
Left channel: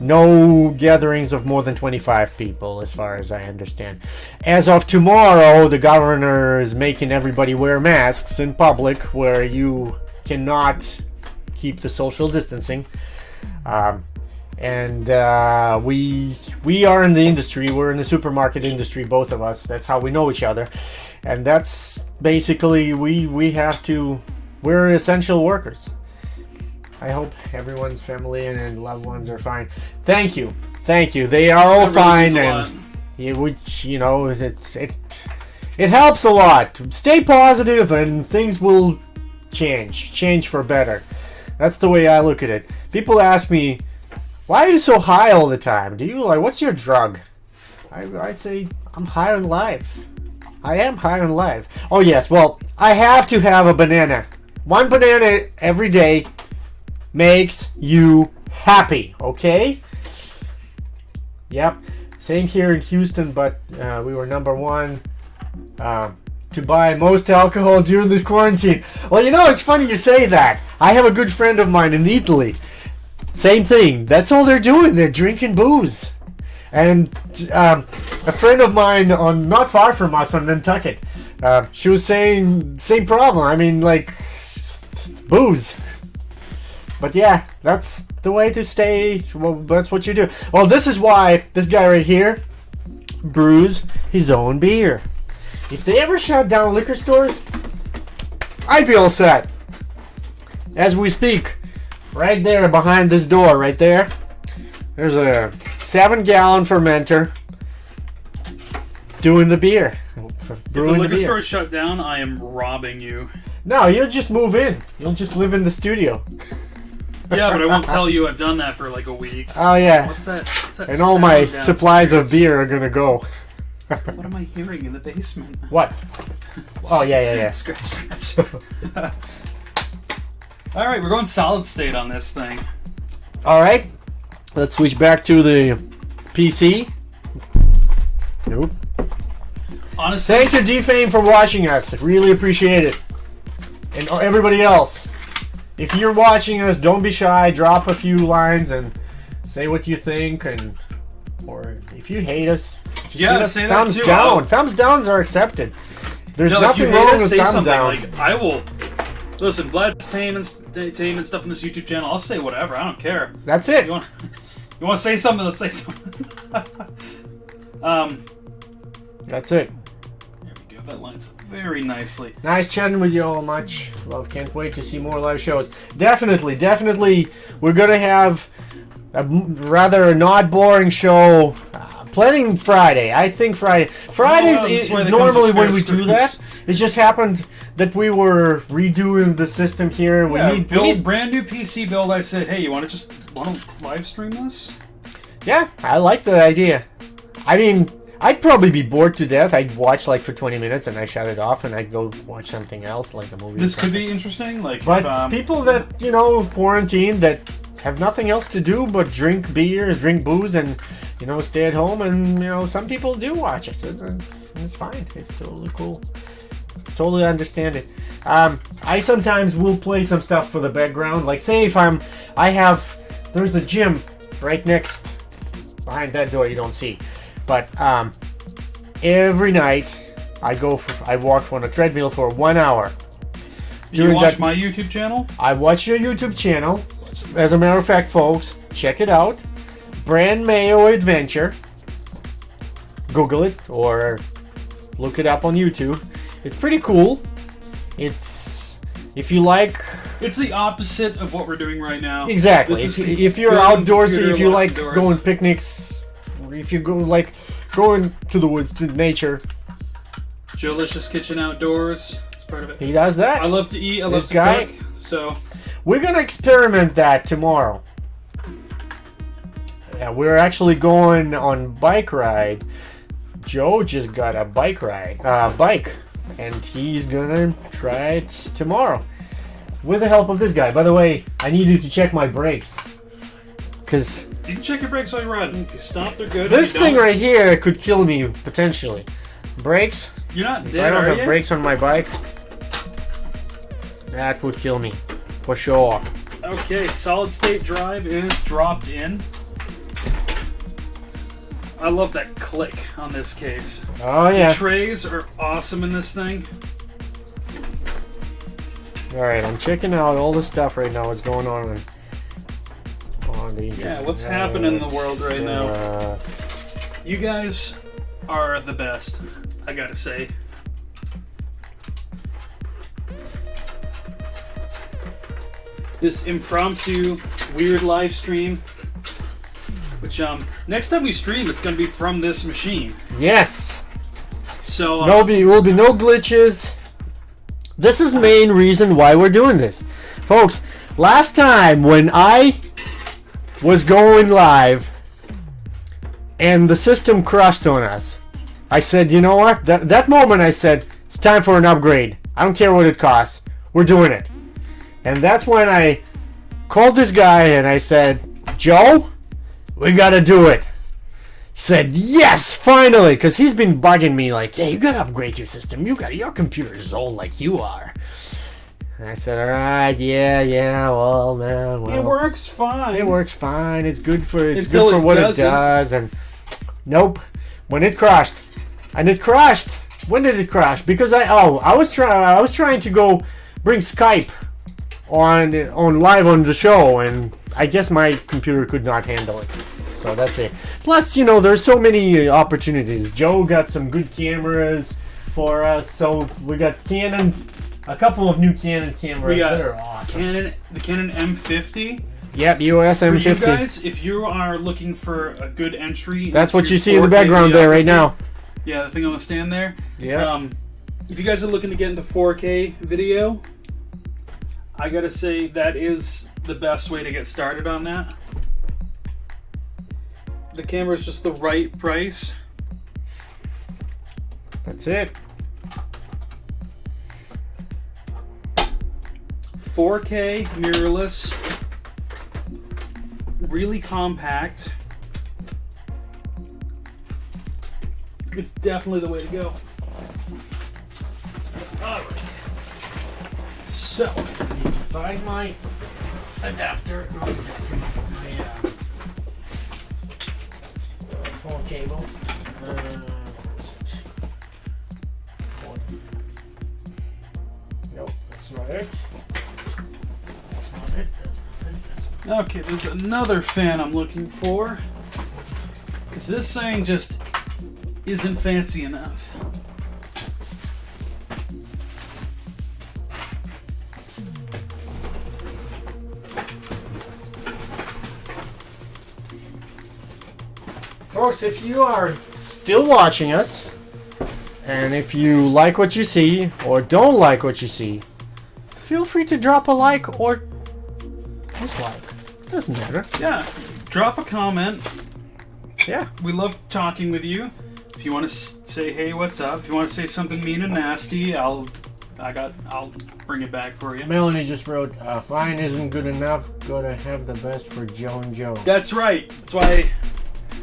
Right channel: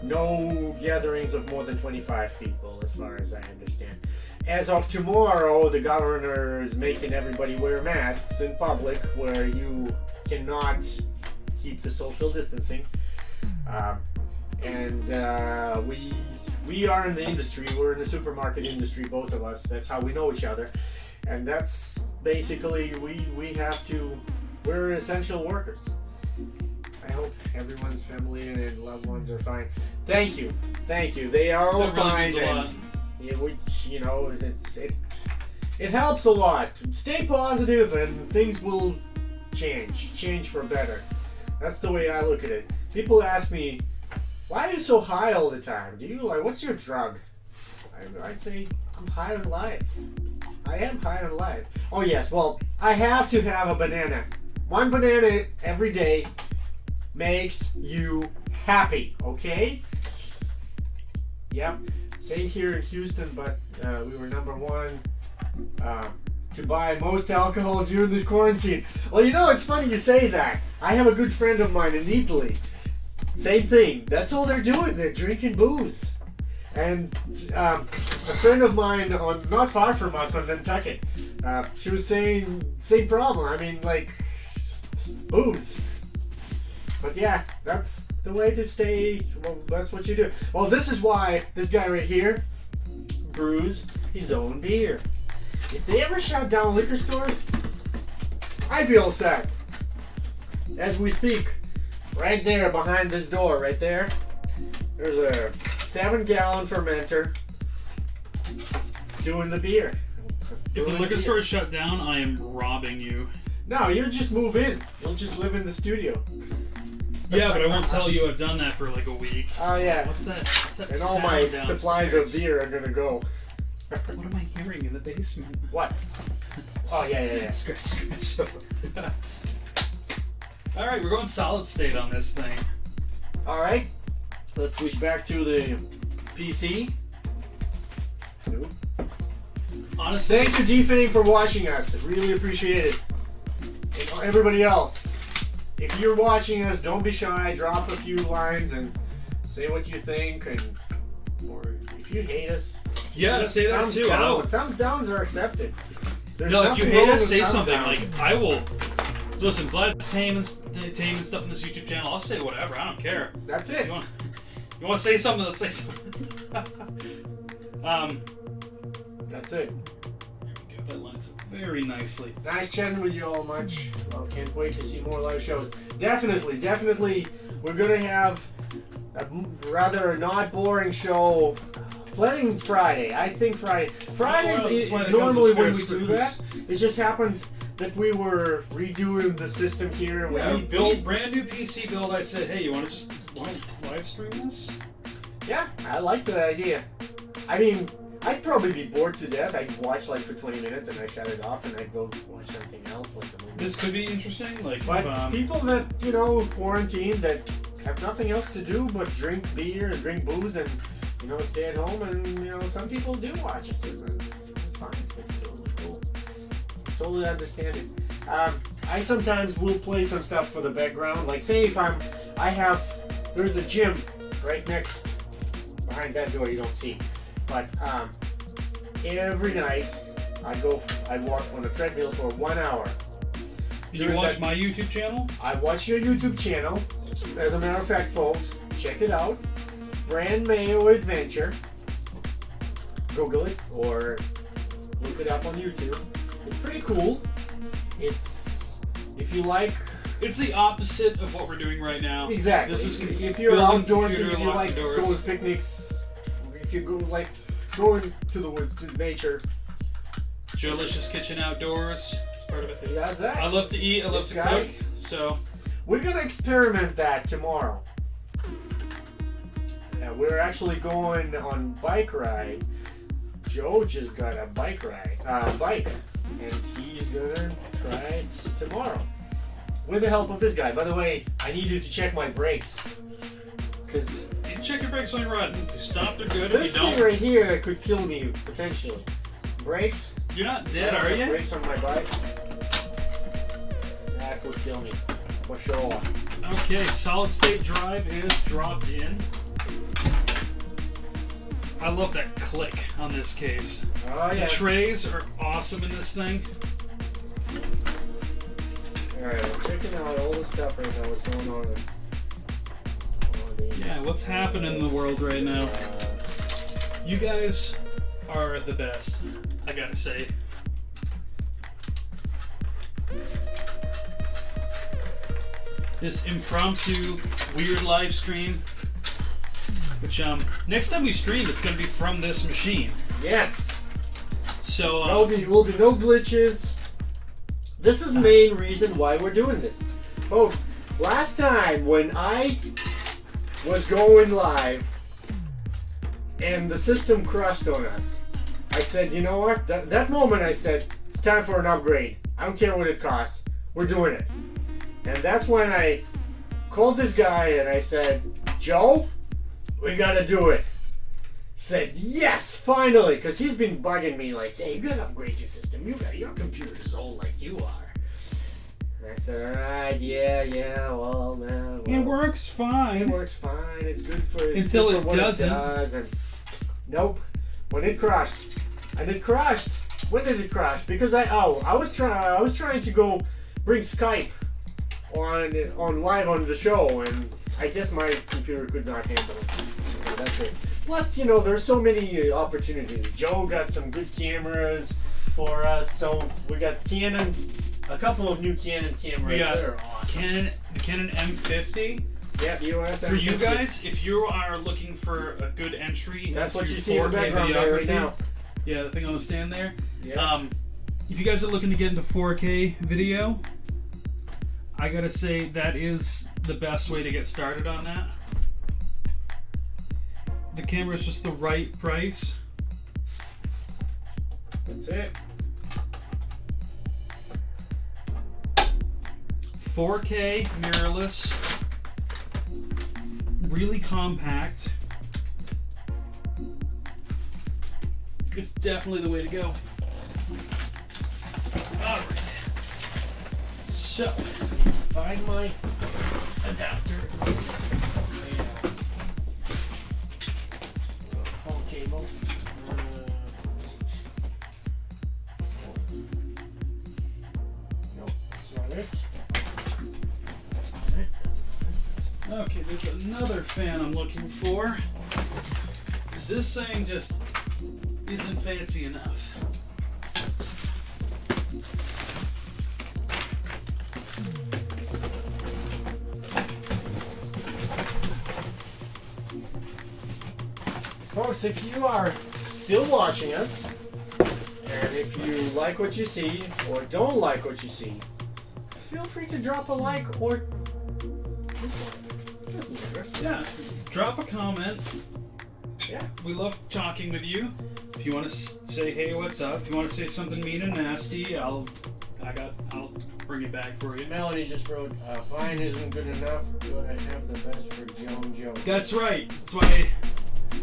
No gatherings of more than 25 people, as far as I understand. As of tomorrow, the governor is making everybody wear masks in public, where you cannot keep the social distancing. And we are in the industry. We're in the supermarket industry, both of us. That's how we know each other. And that's basically, we're essential workers. I hope everyone's family and loved ones are fine. Thank you. They are all fine, and which, you know, it helps a lot. Stay positive, and things will change for better. That's the way I look at it. People ask me, why are you so high all the time? What's your drug? I say, I'm high on life. I am high on life. Oh yes, well, I have to have a banana. One banana every day makes you happy, okay? Yep. Same here in Houston, but we were number one to buy most alcohol during this quarantine. Well, you know, it's funny you say that. I have a good friend of mine in Italy. Same thing. That's all they're doing. They're drinking booze. And a friend of mine on not far from us on Nantucket, she was saying same problem. I mean, like, booze. But yeah, that's the way to stay. Well, that's what you do. Well, this is why this guy right here brews his own beer. If they ever shut down liquor stores, I'd be all set. As we speak, right there behind this door, right there, there's a 7-gallon fermenter doing the beer. If the liquor store is shut down, I am robbing you. No, you'll just move in. You'll just live in the studio. Yeah, but I won't tell you I've done that for like a week. Oh, yeah. What's that And all my sound supplies downstairs? of beer are gonna go. What am I hearing in the basement? What? Oh, yeah. Scratch. All right, we're going solid state on this thing. All right. Let's switch back to the PC. Nope. Honestly, Thank you, D-Fame, for watching us. Really appreciate it. And everybody else, if you're watching us, don't be shy. Drop a few lines and say what you think. Or if you hate us, just Yeah, give us say that thumbs too. down. Thumbs downs are accepted. There's no, if nothing you wrong hate with us, say thumbs something. down. Like, I will. Listen, Vlad's taming stuff on this YouTube channel. I'll say whatever. I don't care. That's it. You want to say something? Let's say something. That's it. There we go. That lines up very nicely. Nice chatting with you all. Much love. Can't wait to see more live shows. Definitely. We're gonna have a rather not boring show. Planning Friday. I think Friday. Fridays is normally when we do that. It just happened that we were redoing the system here. Yeah, We need brand new PC build. I said, hey, you want to live stream this? Yeah, I like that idea. I mean, I'd probably be bored to death. I'd watch like for 20 minutes and I shut it off and I'd go watch something else, like a movie. This could be interesting. Like, But people that, quarantine, that have nothing else to do but drink beer, drink booze, and, stay at home, and, some people do watch it. It's fine. It's totally cool. Totally understand it. I sometimes will play some stuff for the background. Like, say if there's a gym right next, behind that door you don't see. But every night I walk on a treadmill for 1 hour. Do you watch my YouTube channel? I watch your YouTube channel. As a matter of fact, folks, check it out. Brand Mayo Adventure. Google it or look it up on YouTube. It's pretty cool. It's, if you like... It's the opposite of what we're doing right now. Exactly. If you're outdoorsy, if you like indoors. going picnics, if you go like going to the woods, to nature. Joelicious Kitchen Outdoors. It's part of it. He does that. I love to eat. I love This to guy- cook. So We're gonna experiment that tomorrow. Yeah, we're actually going on bike ride. Joe just got a bike, and he's gonna try it tomorrow with the help of this guy. By the way, I need you to check my brakes, because you can check your brakes while you're riding. If you stop, they're good. this If you thing don't, right here could kill me potentially. Brakes. You're not If I dead, don't are have you? brakes on my bike, that would kill me for sure. Okay, solid state drive is dropped in. I love that click on this case. Oh yeah. The trays are awesome in this thing. All right, I'm checking out all the stuff right now. What's going on the Yeah, what's happening in the world right now? You guys are the best, I gotta say. This impromptu, weird live stream. Which, next time we stream, it's gonna be from this machine. Yes. So, Will be no glitches. This is the main reason why we're doing this, folks. Last time when I was going live and the system crashed on us, I said, you know what? That moment I said, it's time for an upgrade. I don't care what it costs. We're doing it. And that's when I called this guy and I said, Joe, we gotta do it. He said, yes, finally, because he's been bugging me like, hey, you gotta upgrade your system. Your computer is old like you are. And I said, all right, yeah, well, man, well. It works fine. It works fine. It's good for Until good for it what doesn't. it does. And nope, when it crashed, and it crashed. When did it crash? Because I was trying to go bring Skype on live on the show, and I guess my computer could not handle it. So that's it. Plus, there's so many opportunities. Joe got some good cameras for us, so we got Canon. A couple of new Canon cameras We got that are awesome. the Canon M50. Yep, EOS For M50. you guys, if you are looking for a good entry, That's what into you see in the 4K background there right videography, now. Yeah, the thing on the stand there. Yeah. If you guys are looking to get into 4K video, I gotta say that is the best way to get started on that. The camera is just the right price. That's it. 4K mirrorless, really compact. It's definitely the way to go. Alright. So, Find my adapter. Phone cable. Nope, that's not it. That's not it. okay, there's another fan I'm looking for. Because this thing just isn't fancy enough. Folks, if you are still watching us, and if you like what you see or don't like what you see, feel free to drop a like or dislike. Doesn't matter. Yeah, drop a comment. Yeah. We love talking with you. If you want to say, hey, what's up? If you want to say something mean and nasty, I'll bring it back for you. Melanie just wrote, fine isn't good enough. Gotta have the best for Joe and Joe. That's right.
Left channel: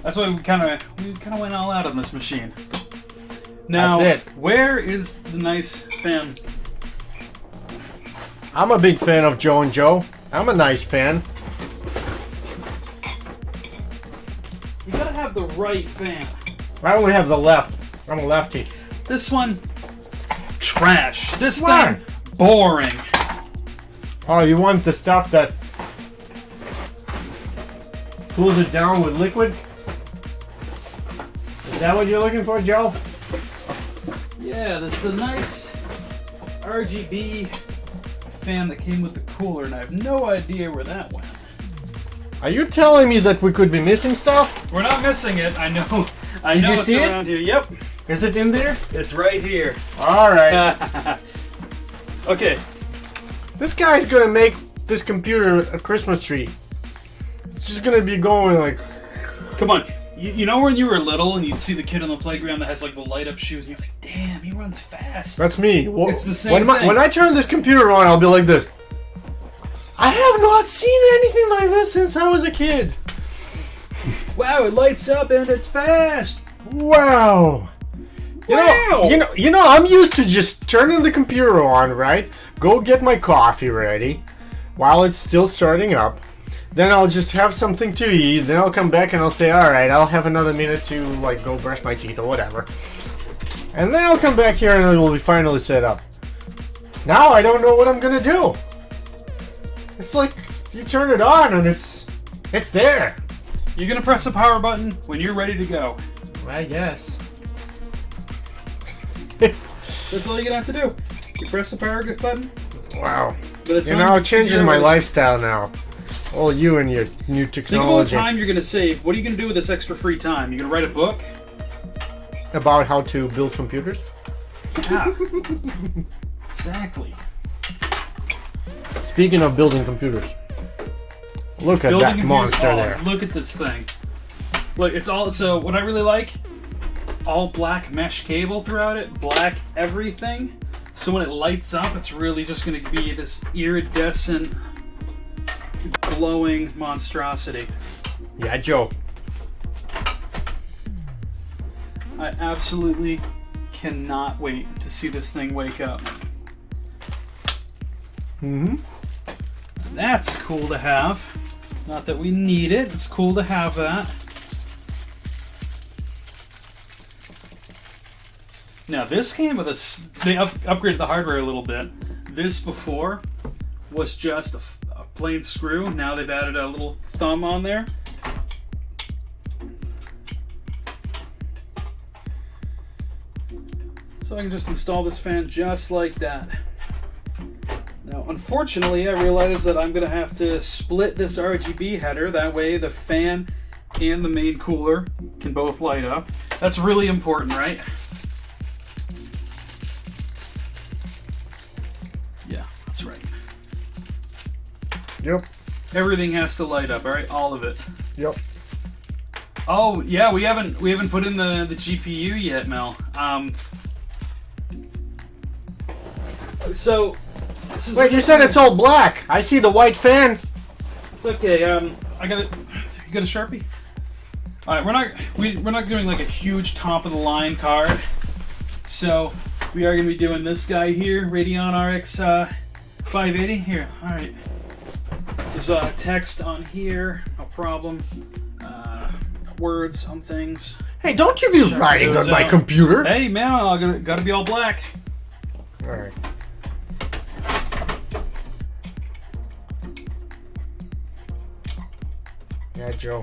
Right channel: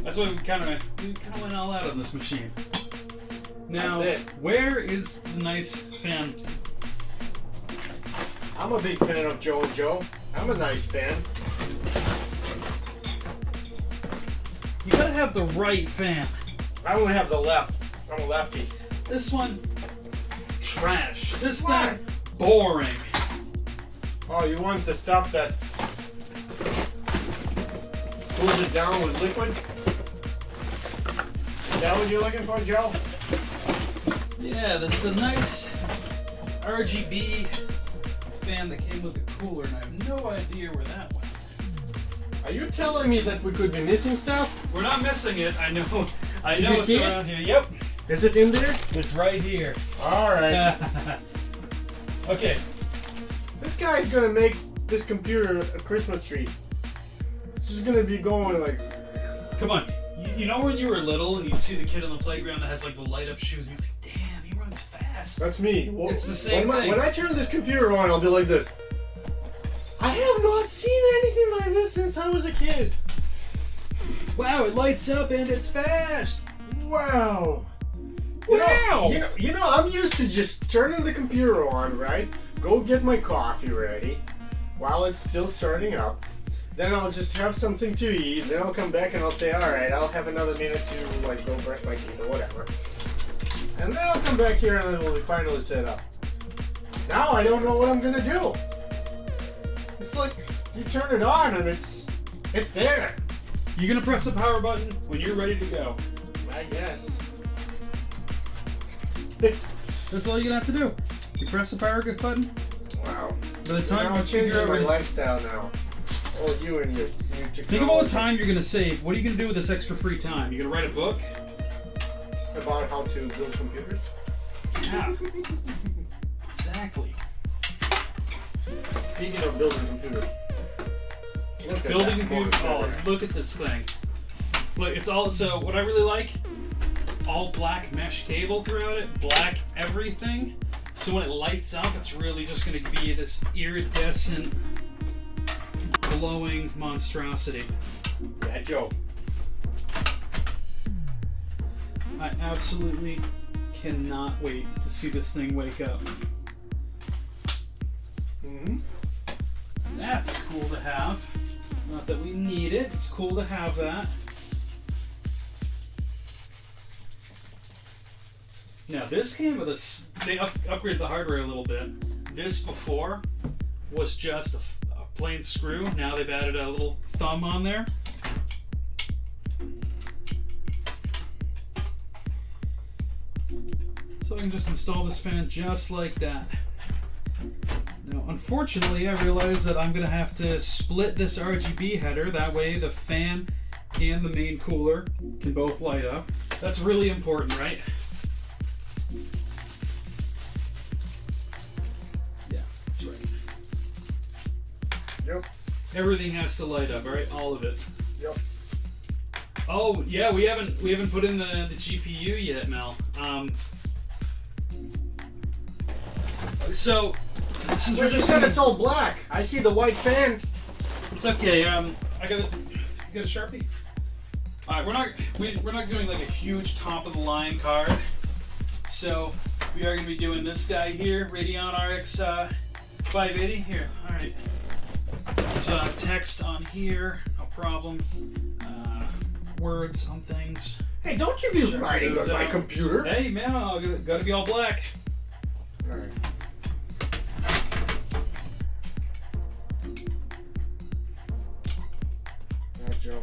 That's why we kind of went all out on this machine. Now, That's it. where is the nice fan? I'm a big fan of Joe and Joe. I'm a nice fan. You gotta have the right fan. I only have the left. I'm a lefty. This one, trash. This Why? thing, boring. Oh, you want the stuff that cools it down with liquid? Is that what you're looking for, Joe? Yeah, this the nice RGB fan that came with the cooler, and I have no idea where that went. Are you telling me that we could be missing stuff? We're not missing it. I know. I Did know you it's see it? around here. Yep, Is it in there? it's right here. All right. Okay. This guy's gonna make this computer a Christmas tree. It's just gonna be going like. Come on. You know when you were little and you'd see the kid on the playground that has like the light up shoes and you're like, damn, he runs fast. That's me. It's the same thing. When I turn this computer on, I'll be like this. I have not seen anything like this since I was a kid. Wow, it lights up and it's fast. Wow. Wow. You know, I'm used to just turning the computer on, right? Go get my coffee ready while it's still starting up. Then I'll just have something to eat. Then I'll come back and I'll say, all right, I'll have another minute to like go brush my teeth or whatever. And then I'll come back here and it will be finally set up. Now I don't know what I'm gonna do. It's like you turn it on and it's there. You're gonna press the power button when you're ready to go. I guess. That's all you're gonna have to do. You press the power button. Wow. By the You time know, it figure changes out my what- lifestyle now. All you and your new Think about the technology. time you're gonna save. What are you gonna do with this extra free time? You gonna write a book? About how to build computers. Yeah. Exactly. Speaking of building computers, look at Building that a monster oh, there. Look at this thing. Look, it's all so. What I really like, all black mesh cable throughout it, black everything. So when it lights up, it's really just gonna be this iridescent, glowing monstrosity. Yeah, Joe. I absolutely cannot wait to see this thing wake up. Mm-hmm. That's cool to have. Not that we need it. It's cool to have that. Now this came with a... They upgraded the hardware a little bit. This before was just a plain screw. Now they've added a little thumb on there. So I can just install this fan just like that. Now, unfortunately, I realize that I'm going to have to split this RGB header. That way the fan and the main cooler can both light up. That's really important, right? Yeah, that's right. Yep. Everything has to light up, all right? All of it. Yep. Oh, yeah, we haven't put in the GPU yet, Mel. So... Wait, you said it's all black. I see the white fan. It's okay. I got it. You got a Sharpie? All right, we're not doing like a huge top of the line card. So we are going to be doing this guy here, Radeon RX 580. Here, all right. There's text on here, no problem. Words on things. Hey, don't you be writing on my computer. Hey man, I gotta be all black. All right. Yeah, Joe.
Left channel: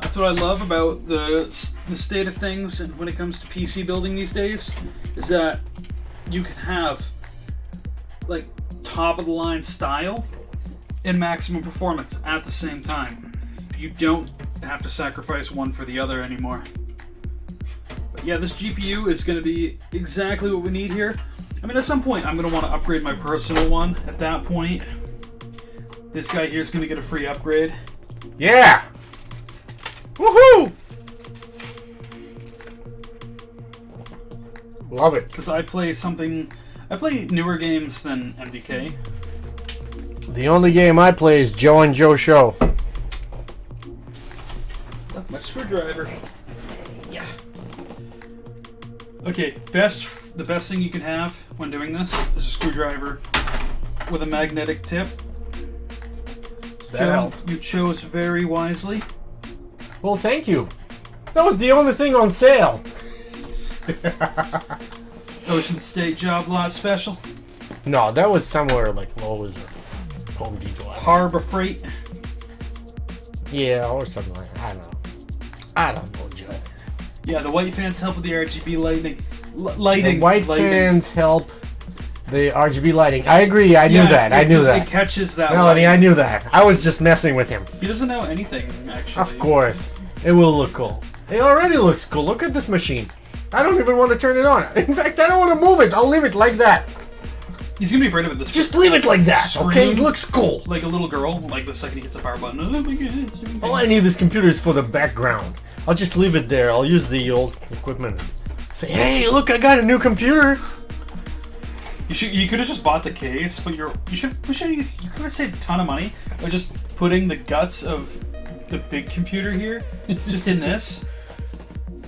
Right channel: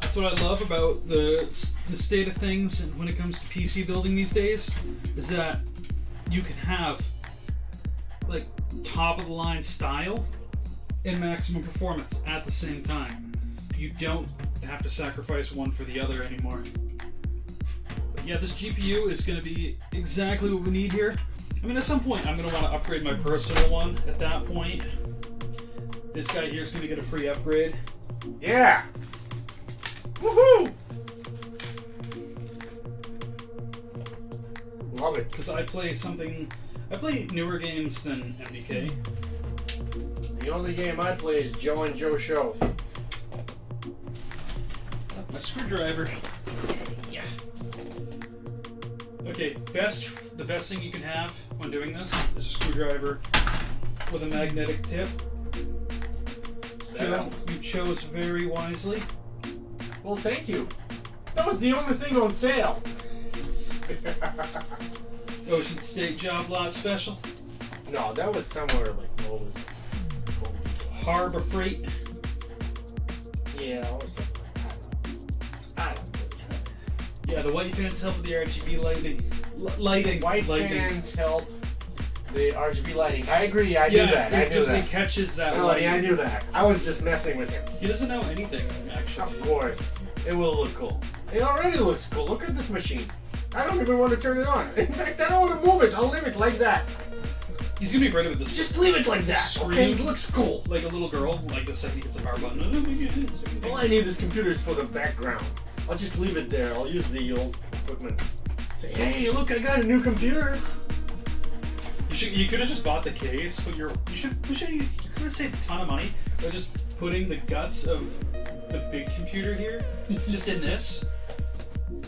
That's what I love about the state of things when it comes to PC building these days, is that you can have like top of the line style and maximum performance at the same time. You don't have to sacrifice one for the other anymore. But yeah, this GPU is going to be exactly what we need here. I mean, at some point I'm going to want to upgrade my personal one. At that point, this guy here is going to get a free upgrade. Yeah! Woohoo! Love it. Because I play newer games than MDK. The only game I play is Joe and Joe Show. My screwdriver. Yeah. Okay, the best thing you can have when doing this is a screwdriver with a magnetic tip. Joe, you chose very wisely. Well, thank you. That was the only thing on sale. Ocean State Job Lot Special. No, that was somewhere like Lowe's or Home Depot. Harbor Freight. Yeah, or something like that. I don't know, Joe. Yeah, the white fans help with the RGB lighting. Lighting. The white fans help the RGB lighting. I agree. I knew that. It catches that. Melanie, I knew that. I was just messing with him. He doesn't know anything, actually. Of course. It will look cool. It already looks cool. Look at this machine. I don't even want to turn it on. In fact, I don't want to move it. I'll leave it like that. He's gonna be afraid of it this Just leave it like that, okay? It looks cool. Like a little girl, like the second he hits the power button. All I need this computer is for the background. I'll just leave it there. I'll use the old equipment. Say, hey, look, I got a new computer. You could have just bought the case, but you could have saved a ton of money by just putting the guts of the big computer here just in this.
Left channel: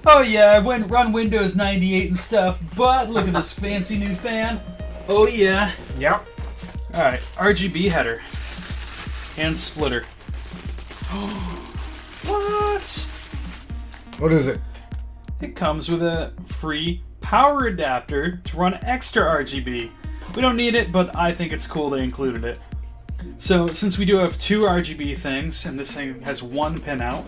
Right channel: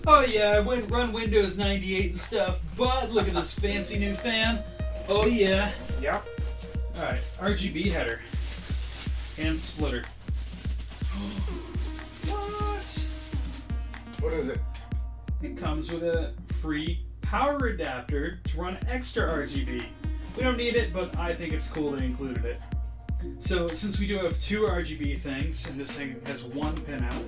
Oh yeah, I went run Windows 98 and stuff, but look at this fancy new fan. Oh yeah. Yep. Alright, RGB header. And splitter. What? What is it? It comes with a free power adapter to run extra RGB. We don't need it, but I think it's cool they included it. So since we do have two RGB things, and this thing has one pin out,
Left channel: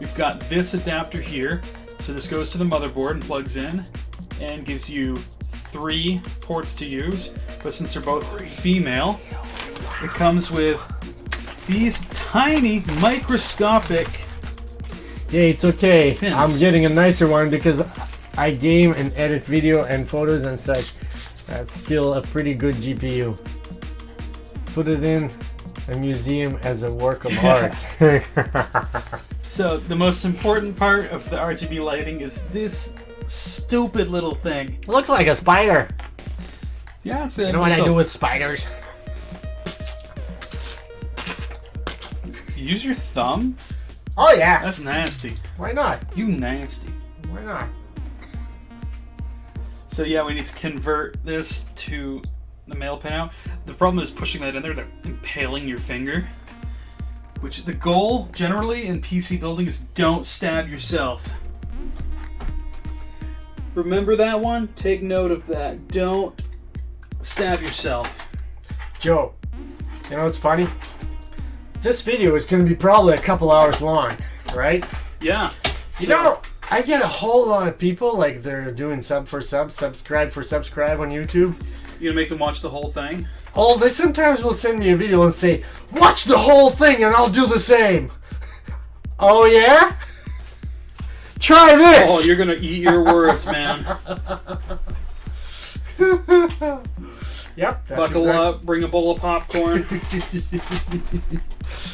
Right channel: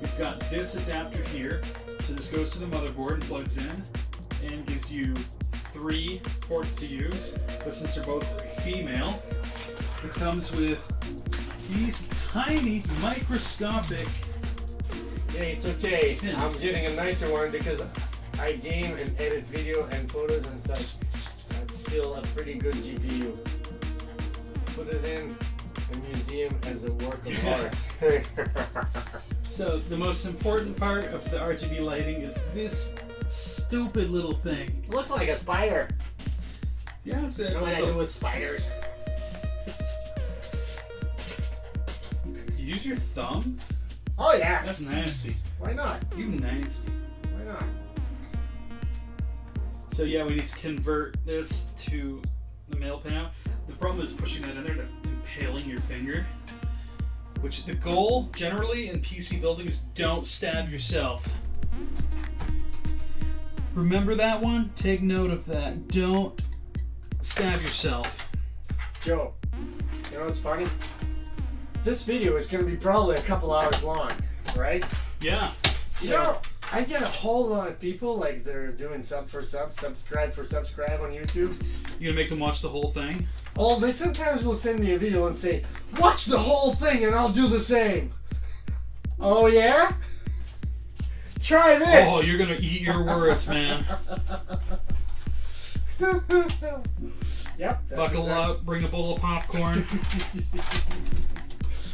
we've got this adapter here. So this goes to the motherboard and plugs in, and gives you 3 ports to use. But since they're both female, it comes with these tiny microscopic Yeah, it's okay. pins. I'm getting a nicer one because I game and edit video and photos and such. That's still a pretty good GPU. Put it in a museum as a work of art. So the most important part of the RGB lighting is this stupid little thing. It looks like a spider. Yeah, it's You know what I do with spiders? You use your thumb? Oh yeah. That's nasty. Why not? You nasty. Why not? So yeah, we need to convert this to the male pinout. The problem is pushing that in there and impaling your finger. Which the goal generally in PC building is don't stab yourself. Remember that one? Take note of that. Don't stab yourself. Joe, you know what's funny? This video is going to be probably a couple hours long, right? Yeah. You know, I get a whole lot of people, like they're doing sub for sub, subscribe for subscribe on YouTube. You gonna make them watch the whole thing? Oh, they sometimes will send me a video and say, watch the whole thing and I'll do the same. Oh, yeah? Try this! Oh, you're gonna eat your words, man. Yep. Buckle up, bring a bowl of popcorn.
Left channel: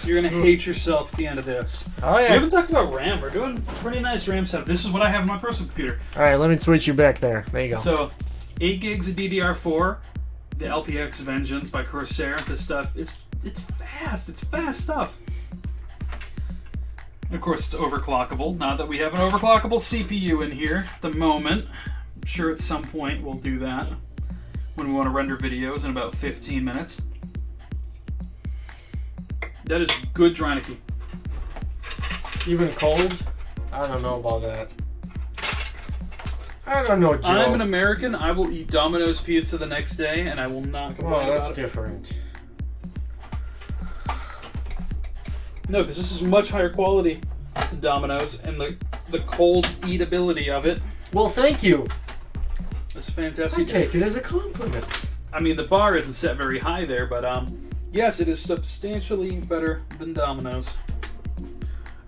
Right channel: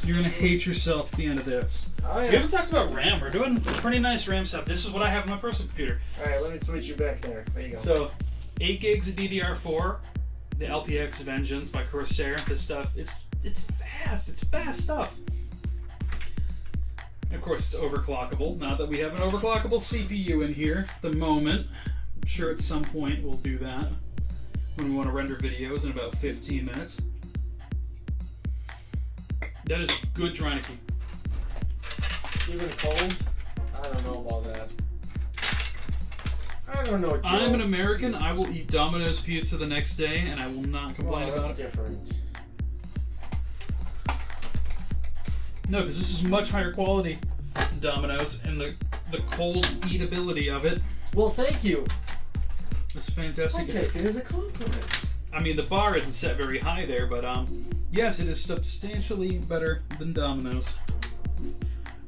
You're gonna hate yourself at the end of this. Oh, We yeah. haven't talked about RAM. We're doing a pretty nice RAM setup. This is what I have on my personal computer. Alright, let me switch you back there. There you go. So, 8 gigs of DDR4, the LPX Vengeance by Corsair. This stuff it's fast. It's fast stuff. And of course, it's overclockable. Not that we have an overclockable CPU in here at the moment. I'm sure at some point we'll do that when we want to render videos in about 15 minutes. That is good Draniki. Even cold? I don't know about that. I don't know, Joe. I'm an American. I will eat Domino's pizza the next day, and I will not complain Well, that's about it. different. No, because this is much higher quality than Domino's, and the cold eatability of it Well, thank you. is I fantastic. take it as a compliment. I mean, the bar isn't set very high there, but yes, it is substantially better than Domino's.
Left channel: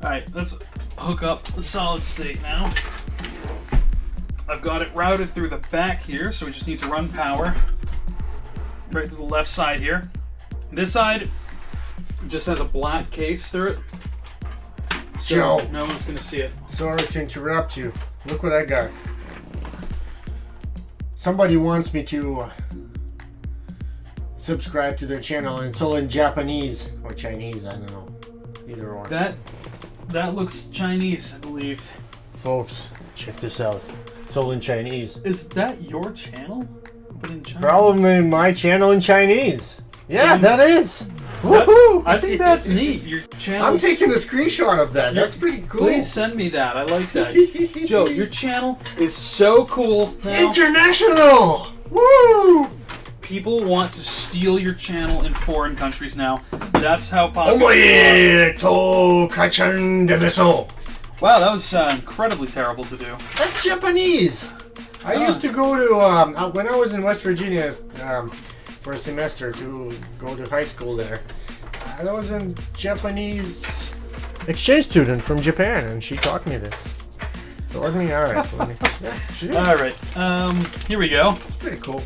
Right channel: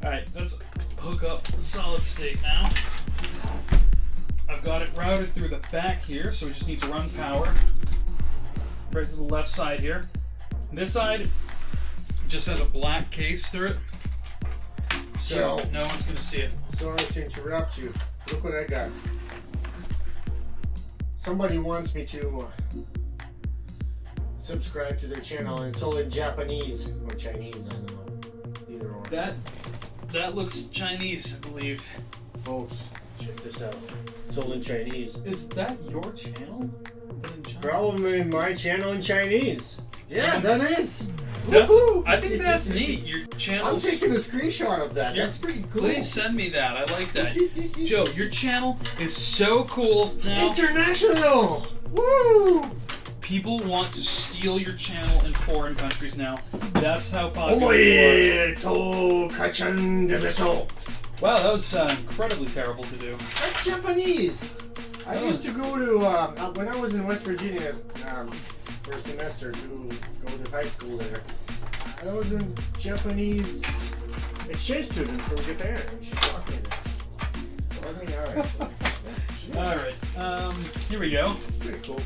All right, let's hook up the solid state now. I've got it routed through the back here, so we just need to run power right to the left side here. This side just has a black case through it, so Joe. no one's gonna see it. Sorry to interrupt you. Look what I got. Somebody wants me to subscribe to their channel, and it's all in Japanese or Chinese. I don't know. Either or. That looks Chinese, I believe. Folks, check this out. It's all in Chinese. Is that your channel? But in Chinese? Probably my channel in Chinese. Yeah, Some- that is. That's, Woohoo! I think that's neat. Your channel. I'm taking a screenshot of that. That's pretty cool. Please send me that. I like that. Joe, your channel is so cool now. International! Woo! People want to steal your channel in foreign countries now. That's how popular. Omoe to kachan demeso. Wow, that was incredibly terrible to do. That's Japanese. I used to go to when I was in West Virginia for a semester to go to high school there. I was a Japanese exchange student from Japan, and she taught me this. So I mean, all right, yeah, she did. All right, here we go. Pretty cool.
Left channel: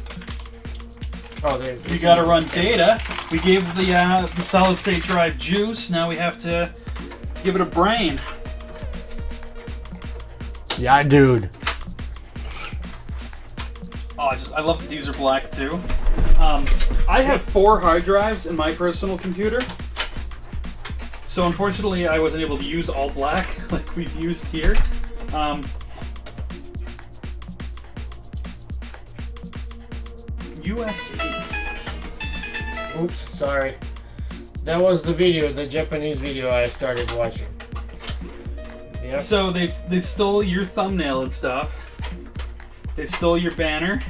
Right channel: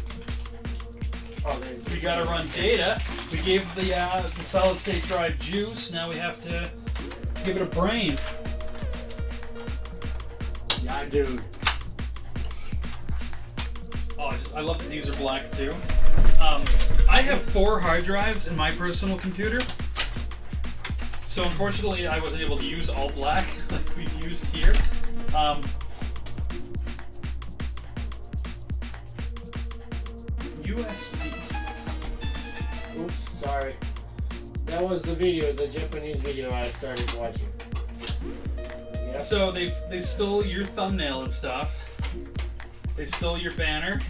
Oh, We got to run data. We gave the solid state drive juice. Now we have to give it a brain. Yeah, dude. Oh, I love that these are black too. I have 4 hard drives in my personal computer. So unfortunately I wasn't able to use all black like we've used here. USB. Oops, sorry. That was the video, the Japanese video I started watching. Yeah. So they stole your thumbnail and stuff. They stole your banner.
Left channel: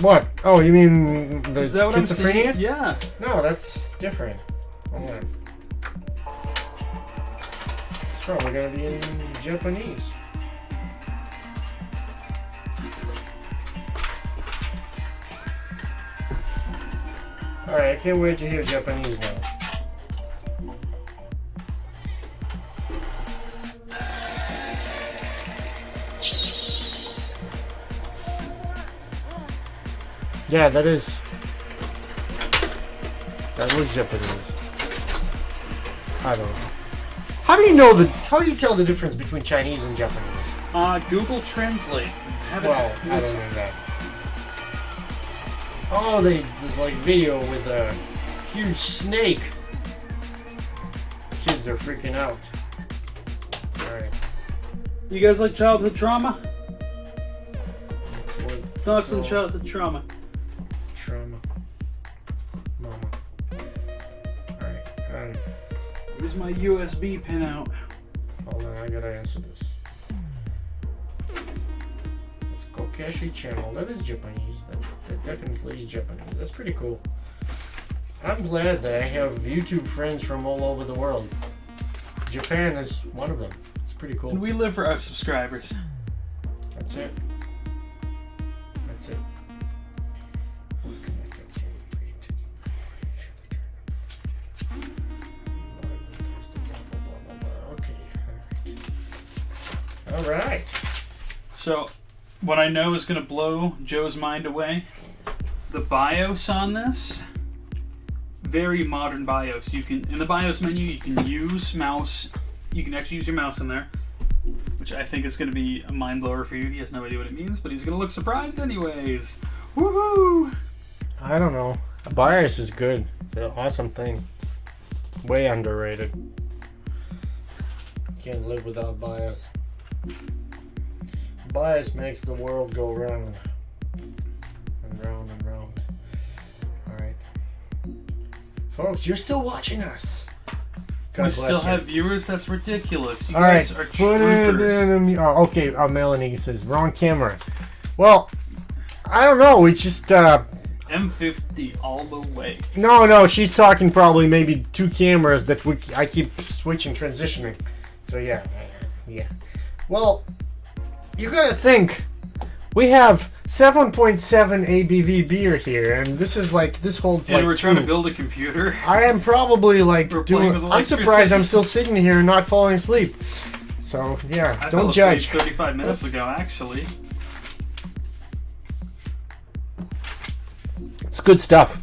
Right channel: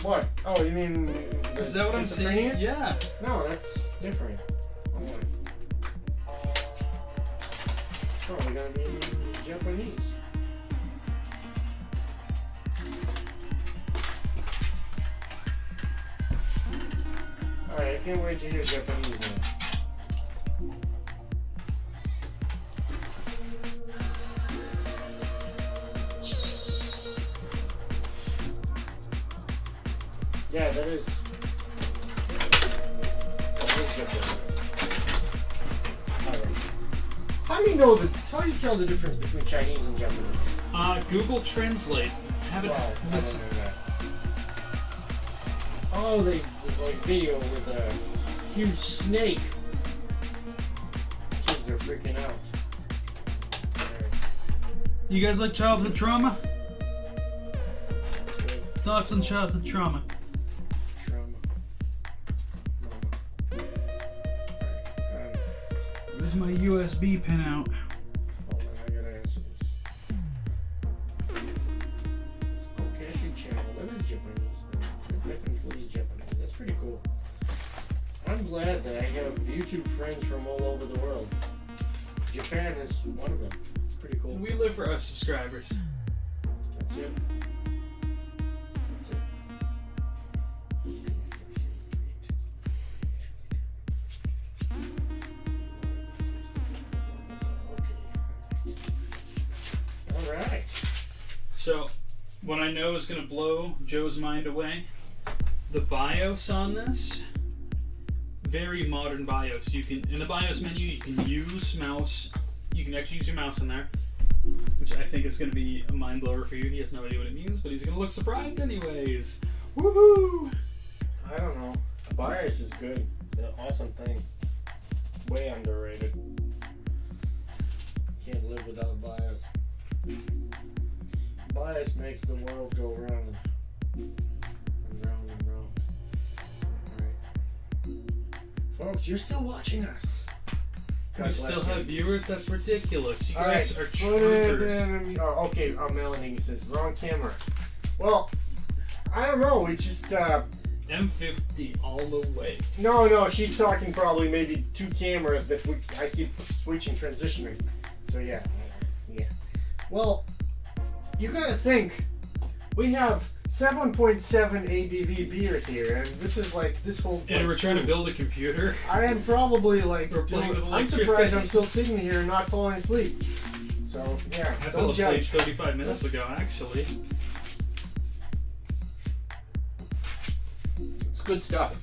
What? Oh, you mean the Is that what I'm seeing? schizophrenia? Yeah. No, that's different. Hold on. It's probably gonna be in Japanese. Alright, I can't wait to hear Japanese now. Yeah, that was Japanese. I don't know. How do you tell the difference between Chinese and Japanese? Google Translate. Well, I don't know that. Oh, there's like video with a huge snake. Kids are freaking out. Alright. You guys like childhood trauma? Thoughts on childhood trauma? Trauma. Mama. Alright, Where's my USB pin out? hold on, I gotta answer this. It's Kokeshi channel. That is Japanese. That definitely is Japanese. That's pretty cool. I'm glad that I have YouTube friends from all over the world. Japan is one of them. It's pretty cool. And we live for our subscribers. That's it. That's it. All right. So, what I know is going to blow Joe's mind away. The BIOS on this, very modern BIOS. You can, in the BIOS menu, you can use mouse. You can actually use your mouse in there, which I think is going to be a mind blower for you. He has no idea what it means, but he's going to look surprised anyways. Woohoo! I don't know. BIOS is good. It's an awesome thing. Way underrated. Can't live without BIOS. BIOS makes the world go round and round and round. Alright. Folks, you're still watching us. God We bless still you. have viewers? That's ridiculous. You All guys right. are troopers. Oh, okay. Melanie says wrong camera. Well, I don't know. We just M50 all the way. no. She's talking probably maybe two cameras that I keep switching, transitioning. So yeah. Well, you gotta think. We have 7.7 ABV beer here, and this is like this holds And like we're trying to two. build a computer. I am probably like We're playing doing. with I'm surprised electricity. I'm still sitting here and not falling asleep. So yeah, I don't fell judge. asleep 35 minutes ago, actually. It's good stuff.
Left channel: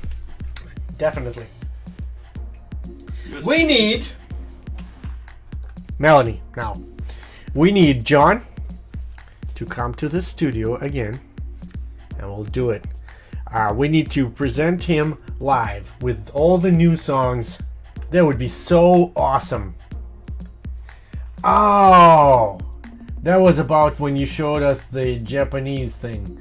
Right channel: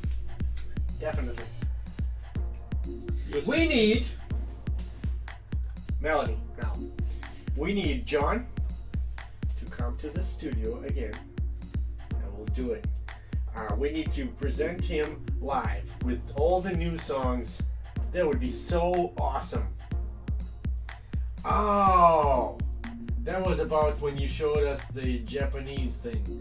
Definitely. USB. We need Melanie now. We need John to come to the studio again, and we'll do it. We need to present him live with all the new songs. That would be so awesome. Oh, that was about when you showed us the Japanese thing.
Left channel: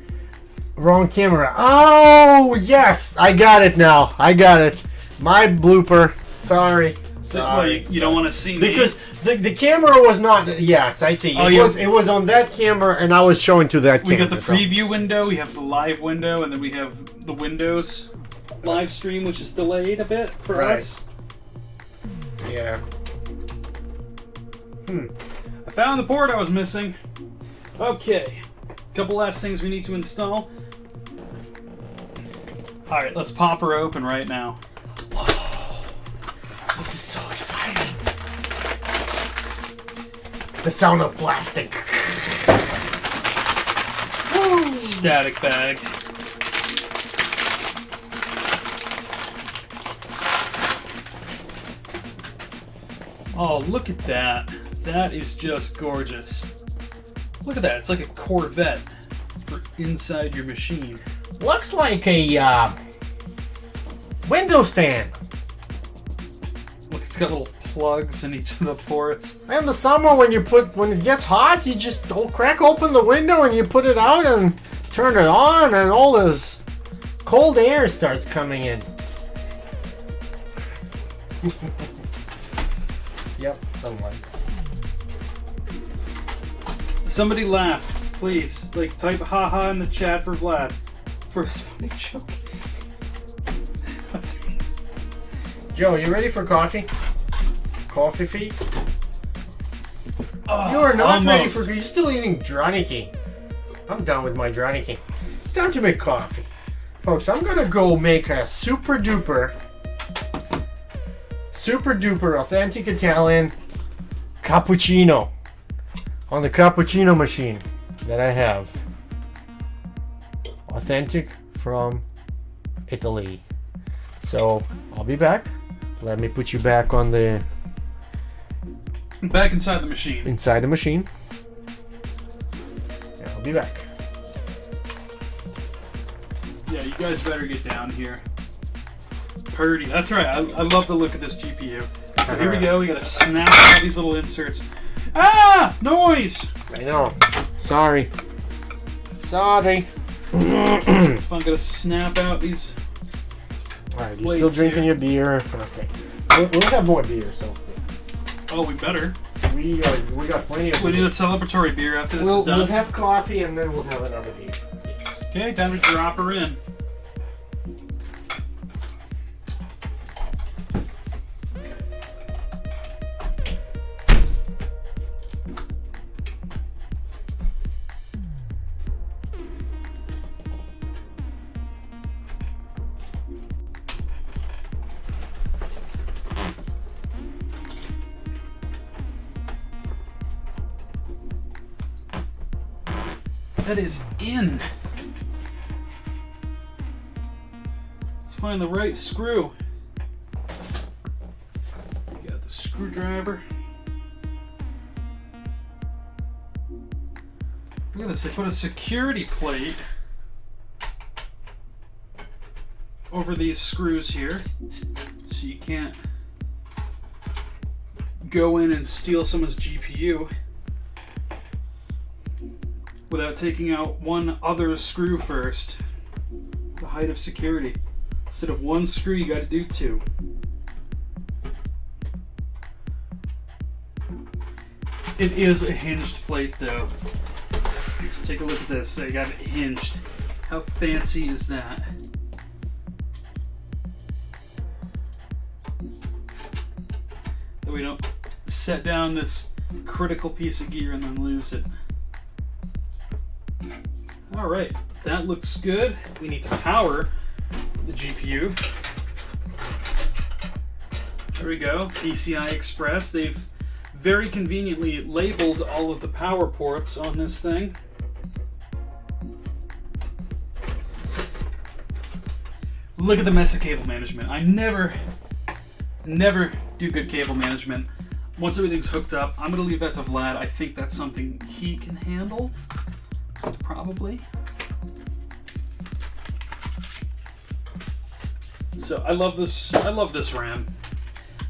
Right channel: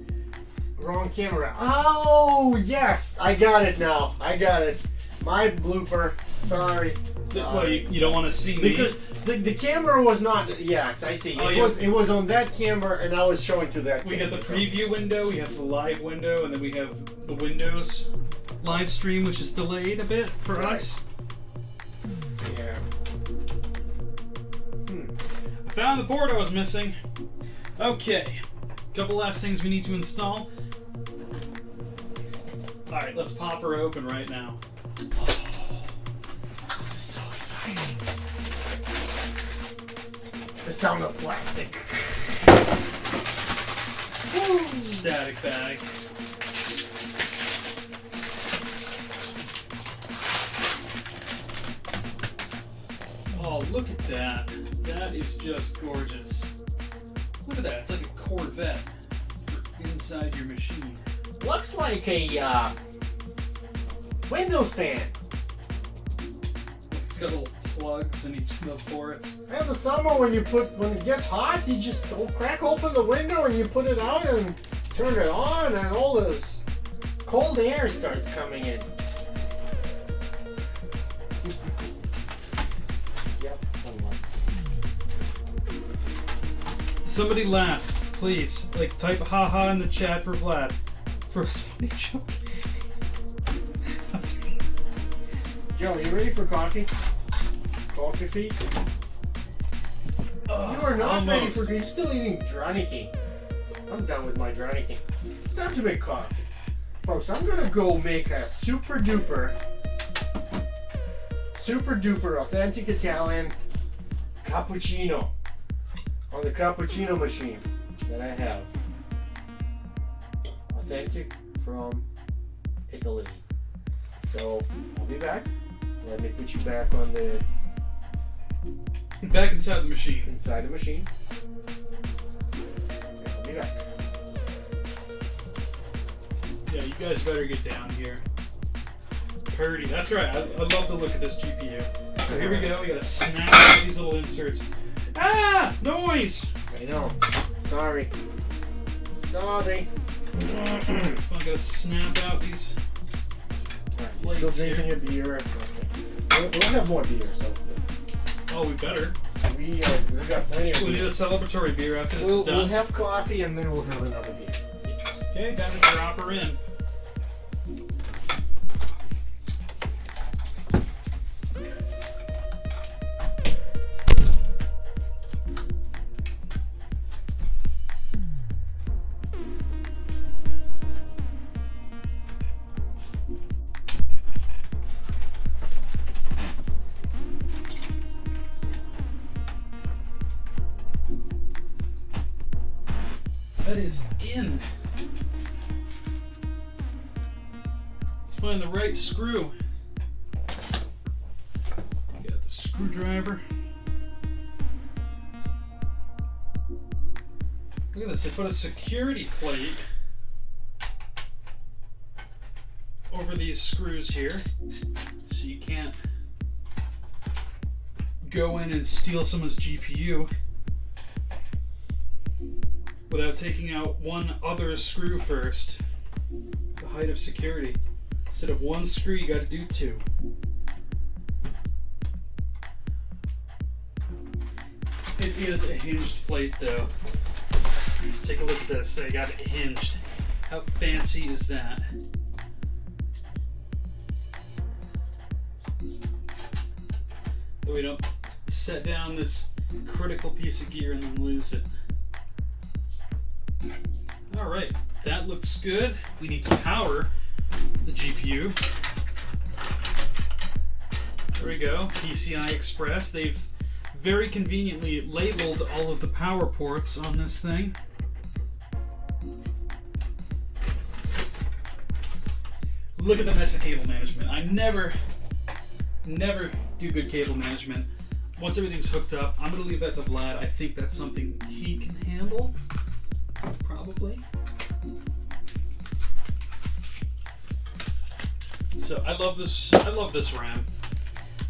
Wrong camera. Oh, yes, I got it now. I got it. My blooper. Sorry. Well, you don't want to see me. Because the camera was not. Yes, I see. Oh, It yeah. was. It was on that camera, and I was showing to that We camera. got the so- preview window, we have the live window, and then we have the Windows live stream, which is delayed a bit for Right. us. Yeah. I found the port I was missing. Okay. Couple last things we need to install. Alright, let's pop her open right now. This is so exciting. The sound of plastic. Static bag. Oh, look at that. That is just gorgeous. Look at that. It's like a Corvette for inside your machine. Looks like a Windows fan. Look, it's got little plugs in each of the ports. In the summer, when it gets hot, you just crack open the window and you put it out and turn it on, and all this cold air starts coming in. Yep, somewhat. Somebody laugh, please. Like, type haha in the chat for Vlad. For his funny joke. Joe, you ready for coffee? Coffee feet? Oh, You are not ready almost. for. You're still eating Draniki. I'm done with my Draniki. It's time to make coffee. Folks, I'm gonna go make a super duper authentic Italian cappuccino on the cappuccino machine that I have. Authentic from Italy. So I'll be back. Let me put you back on the Back inside the machine. inside the machine. And I'll be back. Yeah, you guys better get down here. Purdy. That's right. I love the look of this GPU. So here we go. We gotta snap out these little inserts. Ah! Noise! I know. Sorry. If I'm gonna snap out these. Alright, you're still drinking your beer. Okay. We'll have more beer, so. Oh, we better. We got plenty of We beer. need a celebratory beer after this We'll is done. have coffee and then we'll have another beer. Okay, time to drop her in. That is in. Let's find the right screw. Got the screwdriver. Look at this, they put a security plate over these screws here, so you can't go in and steal someone's GPU without taking out one other screw first. The height of security. Instead of one screw, you gotta do two. It is a hinged plate though. Let's take a look at this. They got it hinged. How fancy is that? That we don't set down this critical piece of gear and then lose it. Alright, that looks good. We need to power the GPU. There we go, PCI Express. They've very conveniently labeled all of the power ports on this thing. Look at the mess of cable management. I never do good cable management. Once everything's hooked up, I'm gonna leave that to Vlad. I think that's something he can handle. Probably. So I love this. I love this RAM.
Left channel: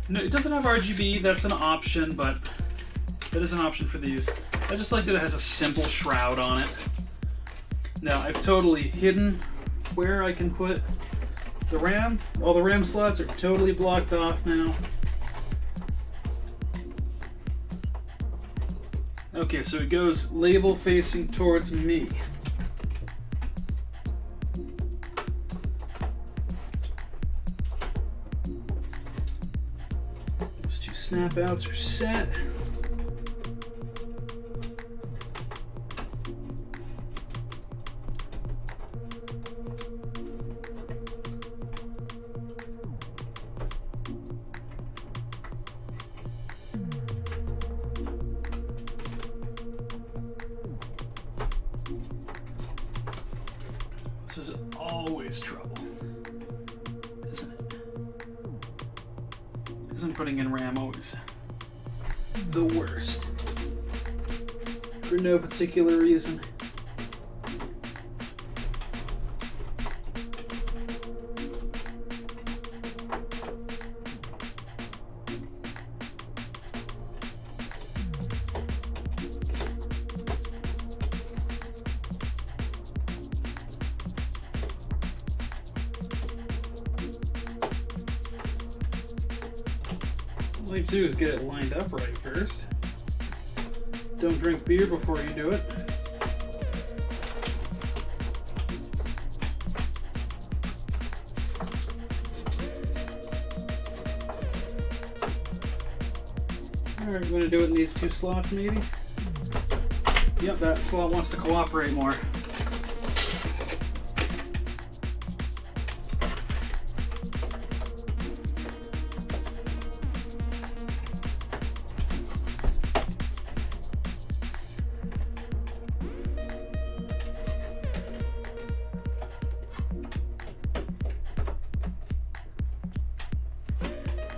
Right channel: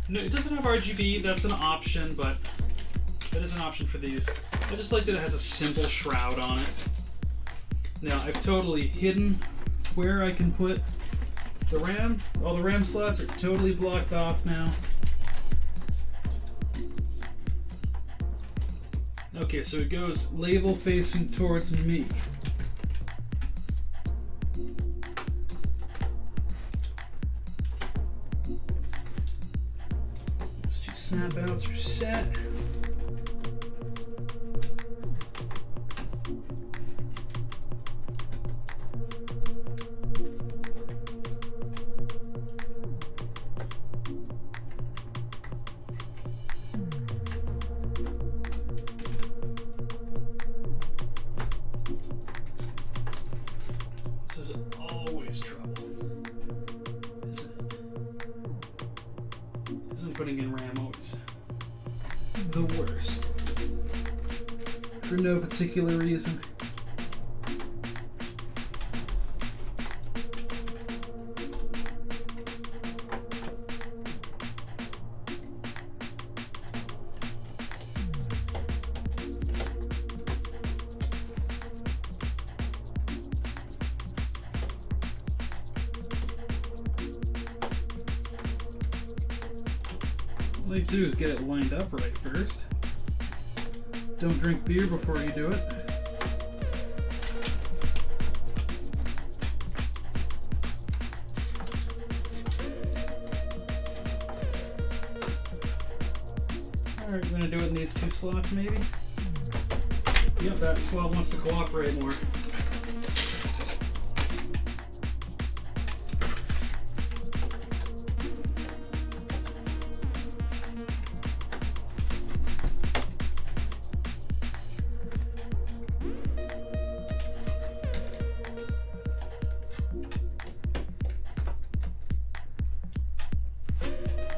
No, it doesn't have RGB. That's an option, but that is an option for these. I just like that it has a simple shroud on it. Now I've totally hidden where I can put the RAM. All the RAM slots are totally blocked off now. Okay, so it goes label facing towards me. Those two snap outs are set. This is always trouble, isn't it? Isn't putting in RAM always the worst? For no particular reason. All you do is get it lined up right first. Don't drink beer before you do it. Alright, I'm gonna do it in these two slots maybe. Yep, that slot wants to cooperate more.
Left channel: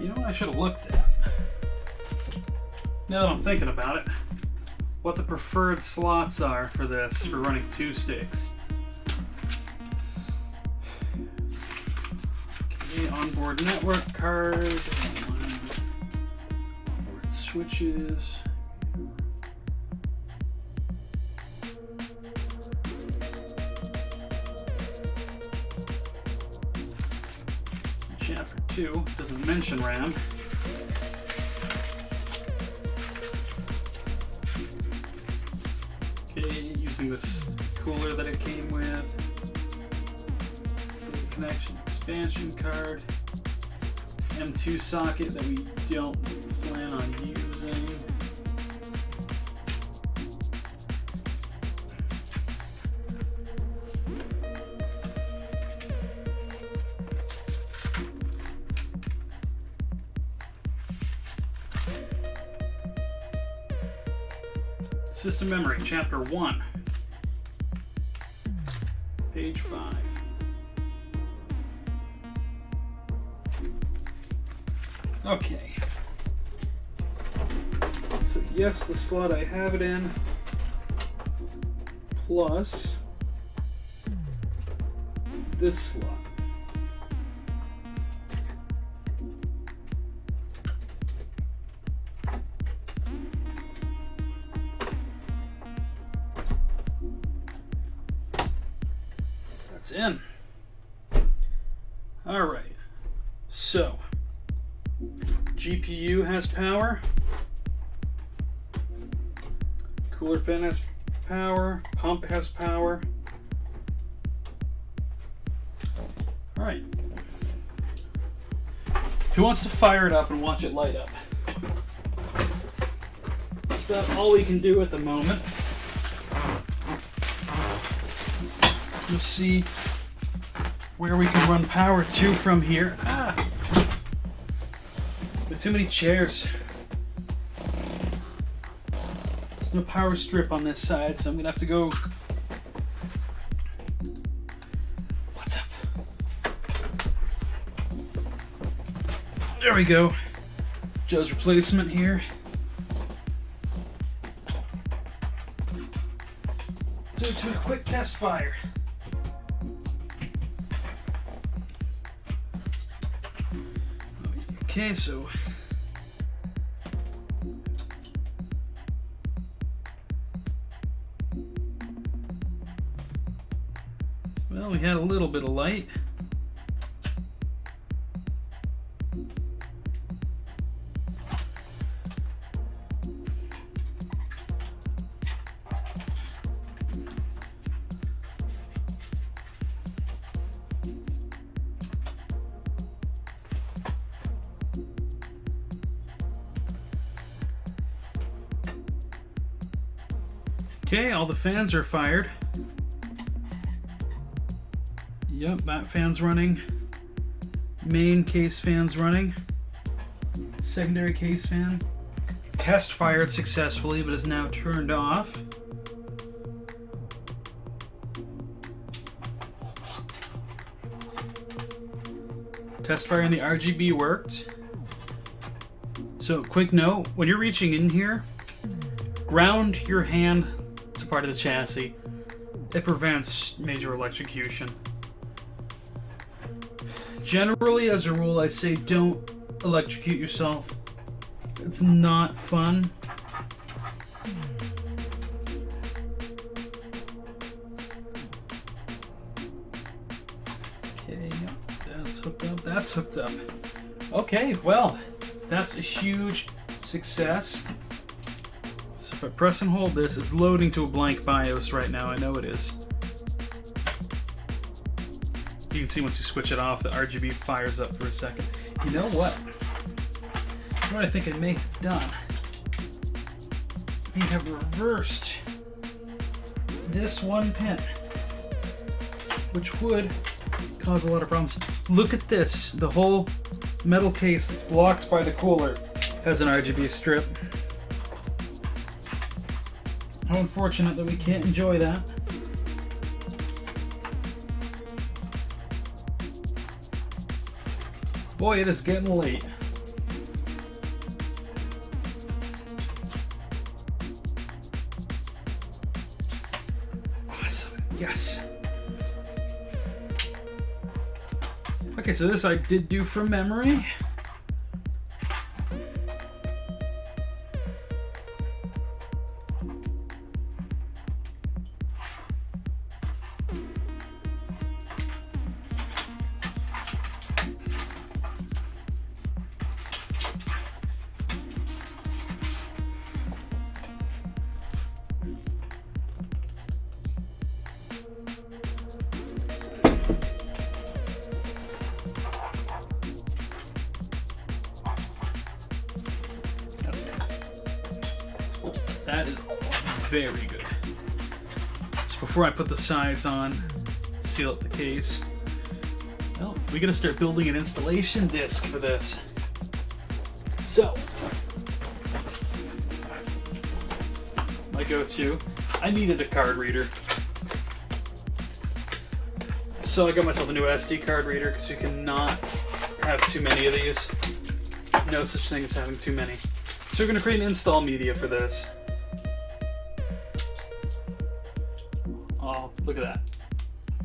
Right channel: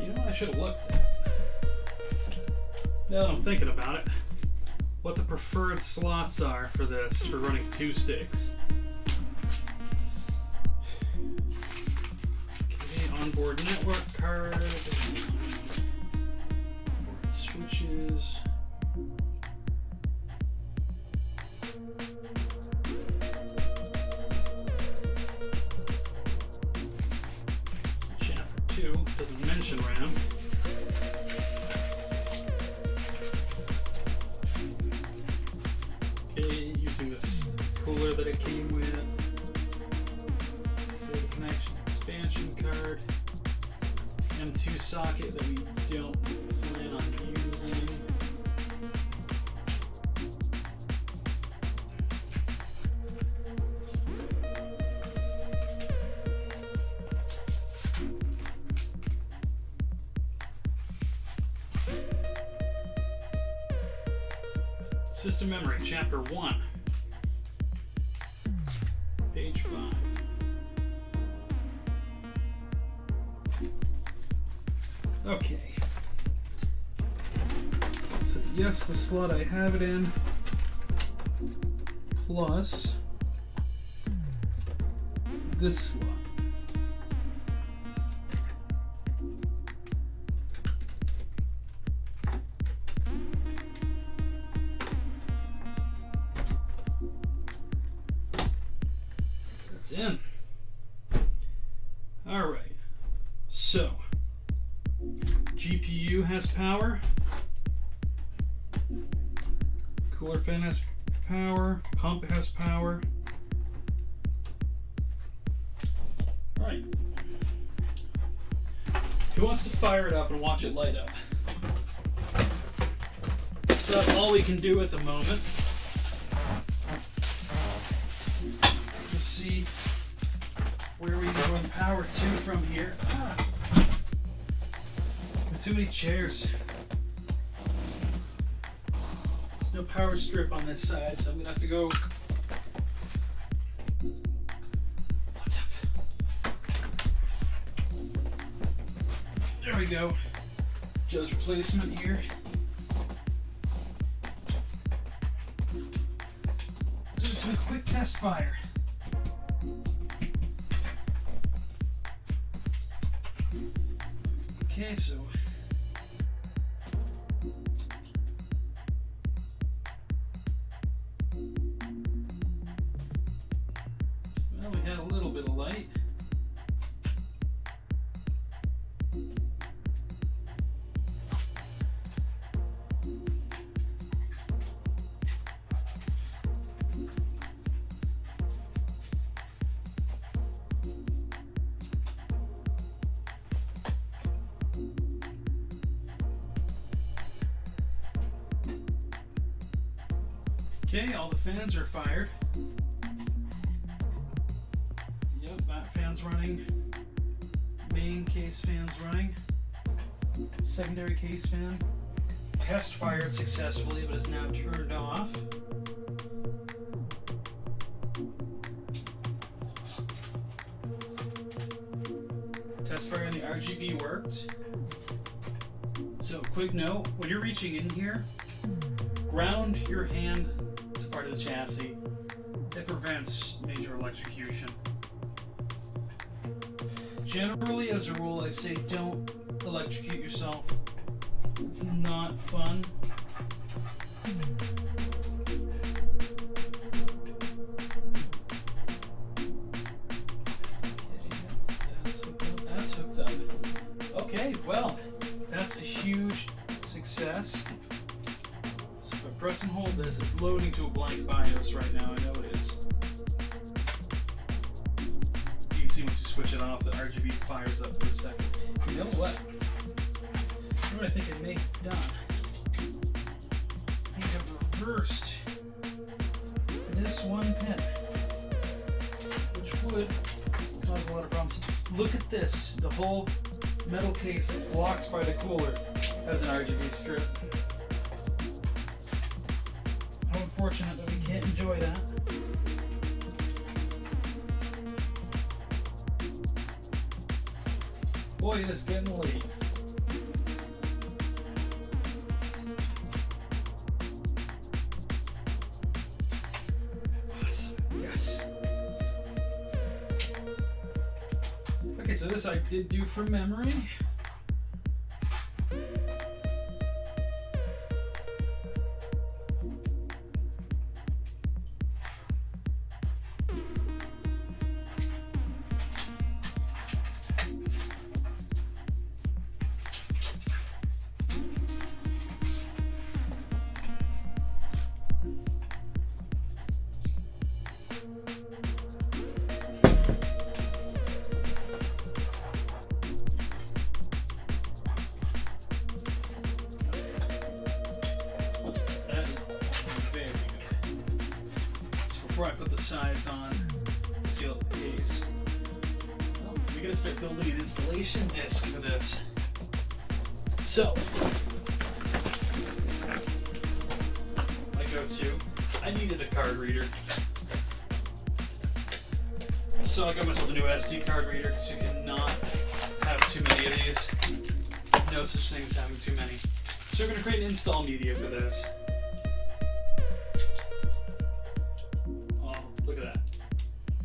You know what I should have looked at? Now that I'm thinking about it, what the preferred slots are for this, for running two sticks. Okay, onboard network card, onboard switches. 2. Doesn't mention RAM. Okay, using this cooler that it came with. SATA connection expansion card. M2 socket that we don't plan on using. System memory, chapter 1, page 5. Okay. So yes, the slot I have it in, plus this slot. In. All right. So, GPU has power. Cooler fan has power. Pump has power. All right. Who wants to fire it up and watch it light up? That's about all we can do at the moment. You see where we can run power to from here. There are too many chairs. There's no power strip on this side, so I'm gonna have to go. What's up? There we go. Joe's replacement here. Do it to a quick test fire. Okay, so well, we had a little bit of light. Okay, all the fans are fired. Yep, that fan's running. Main case fan's running. Secondary case fan. Test fired successfully, but is now turned off. Test fire in the RGB worked. So, quick note, when you're reaching in here, ground your hand to part of the chassis. It prevents major electrocution. Generally, as a rule, I say don't electrocute yourself. It's not fun. Okay, that's hooked up. That's hooked up. Okay, well, that's a huge success. So if I press and hold this, it's loading to a blank BIOS right now. I know it is. You can see once you switch it off, the RGB fires up for a second. You know what? What I think I may have done, I may have reversed this one pin, which would cause a lot of problems. Look at this. The whole metal case that's blocked by the cooler has an RGB strip. How unfortunate that we can't enjoy that. Boy, it is getting late. Awesome. Yes. Okay, so this I did do from memory. Very good. So before I put the sides on, seal up the case, well, we gotta start building an installation disc for this. So, my go-to, I needed a card reader. So I got myself a new SD card reader because you cannot have too many of these. No such thing as having too many. So we're going to create an install media for this. Oh, look at that.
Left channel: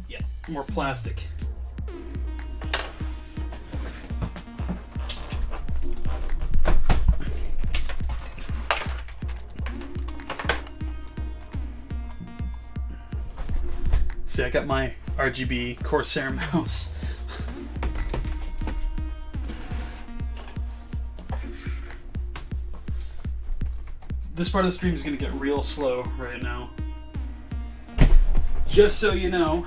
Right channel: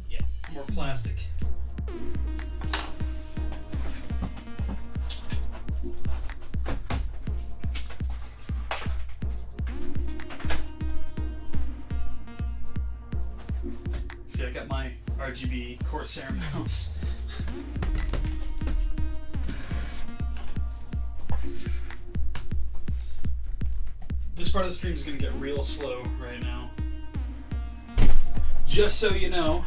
Yeah, more plastic. See, I got my RGB Corsair mouse. This part of the stream is going to get real slow right now. Just so you know.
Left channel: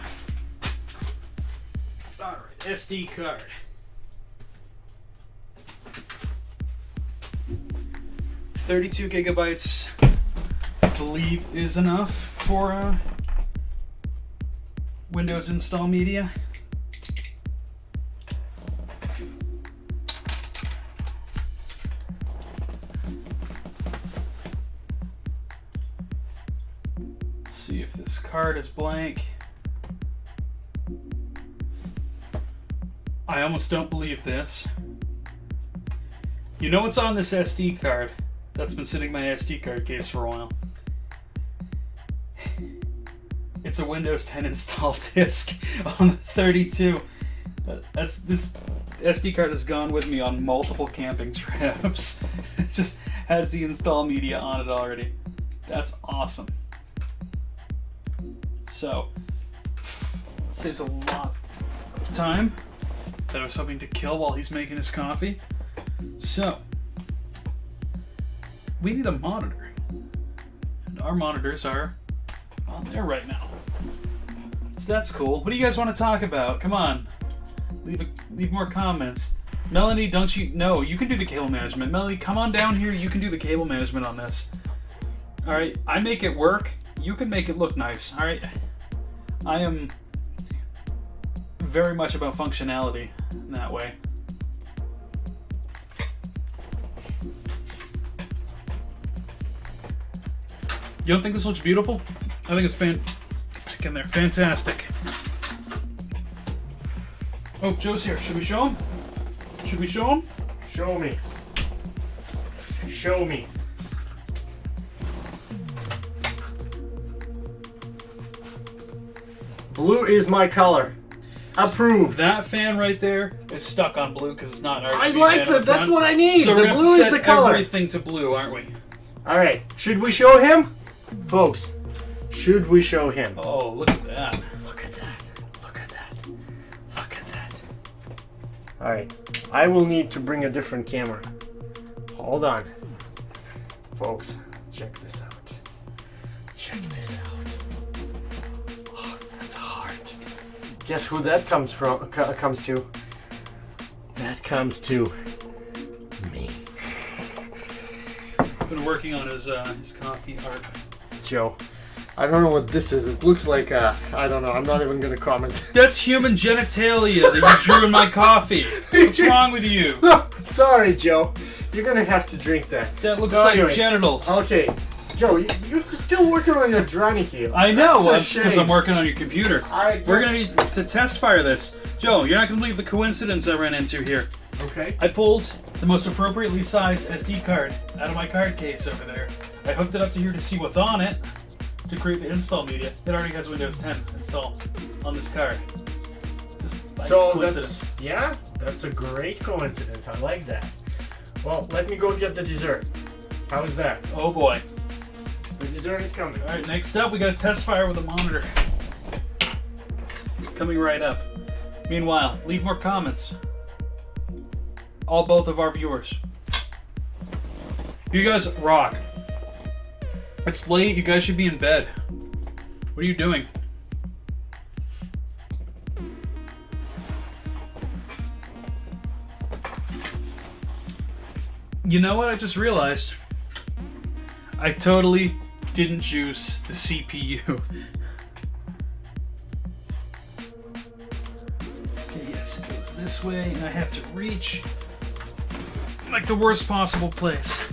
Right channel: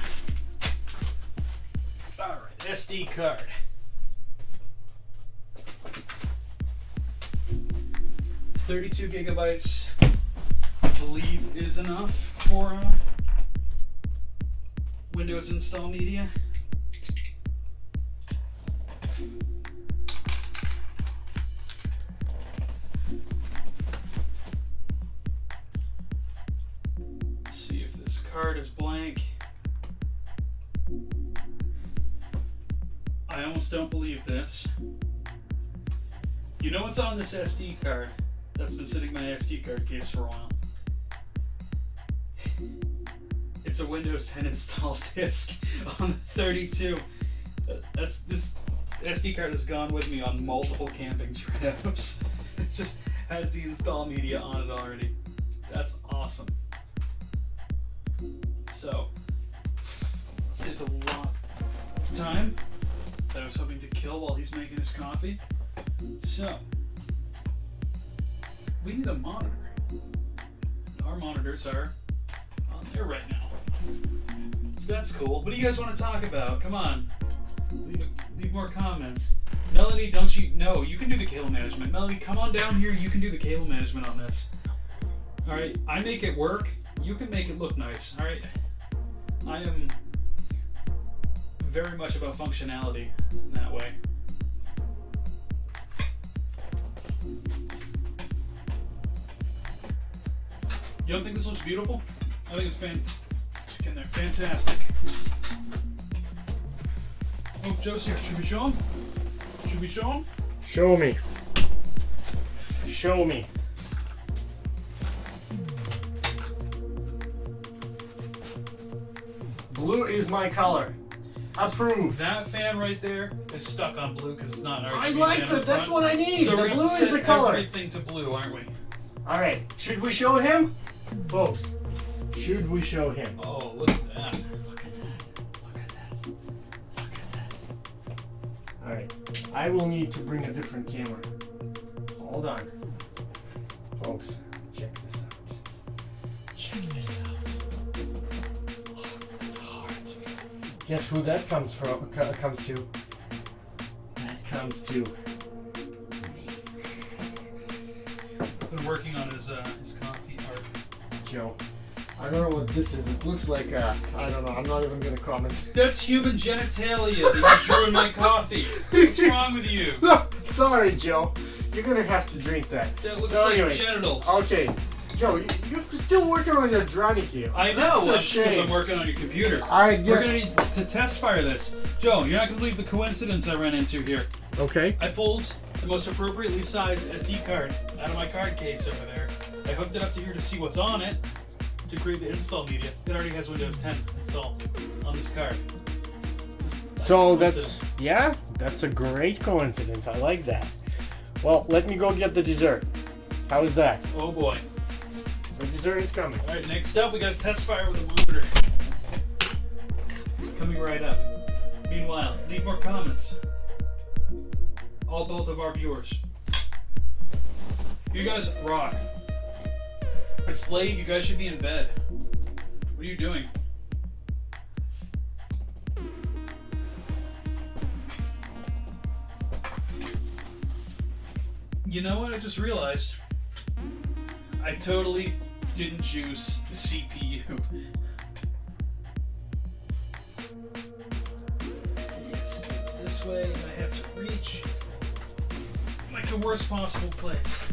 Alright, SD card. $32 gigabytes, I believe, is enough for Windows install media. Let's see if this card is blank. I almost don't believe this. You know what's on this SD card that's been sitting in my SD card case for a while? It's a Windows 10 install disk on the 32. This SD card has gone with me on multiple camping trips. It just has the install media on it already. That's awesome. So, it saves a lot of time that I was hoping to kill while he's making his coffee. So, we need a monitor. And our monitors are on there right now. So that's cool. What do you guys want to talk about? Come on. Leave more comments. Melanie, don't you... No, you can do the cable management. Melanie, come on down here. You can do the cable management on this. Alright, I make it work. You can make it look nice. Alright? I am very much about functionality in that way. You don't think this looks beautiful? I think it's in there. Fantastic. Oh, Joe's here. Should we show him? Should we show him? Show me. Show me. Blue is my color. Approved. That fan right there is stuck on blue because it's not an RGB. I like that. That's what I need. So the we're blue set is the color. Everything to blue, aren't we? All right. Should we show him, folks? Should we show him? Oh, look at that. Look at that. Look at that. Look at that. All right. I will need to bring a different camera. Hold on, folks. Check this out. Check this out. Oh, that's a heart. Guess who that comes to? That comes to me. Been working on his coffee art. Joe. I don't know what this is. It looks like I don't know. I'm not even gonna comment. That's human genitalia that you drew in my coffee. What's wrong with you? No, sorry, Joe. You're gonna have to drink that. That looks So like anyway, genitals. Okay, Joe, you're still working on your Draniki. I know, That's a because shame. I'm working on your computer. I guess. We're gonna need to test fire this. Joe, you're not gonna believe the coincidence I ran into here. Okay. I pulled the most appropriately sized SD card out of my card case over there. I hooked it up to here to see what's on it to create the install media. It already has Windows 10 installed on this card. So that's a great coincidence. I like that. Well, let me go get the dessert. How is that? Oh boy. The dessert is coming. Alright, next up we got a test fire with a monitor. Coming right up. Meanwhile, leave more comments. Both of our viewers. You guys rock. It's late, you guys should be in bed. What are you doing? You know what I just realized? I totally didn't juice the CPU. Yes, it goes this way, and I have to reach like the worst possible place.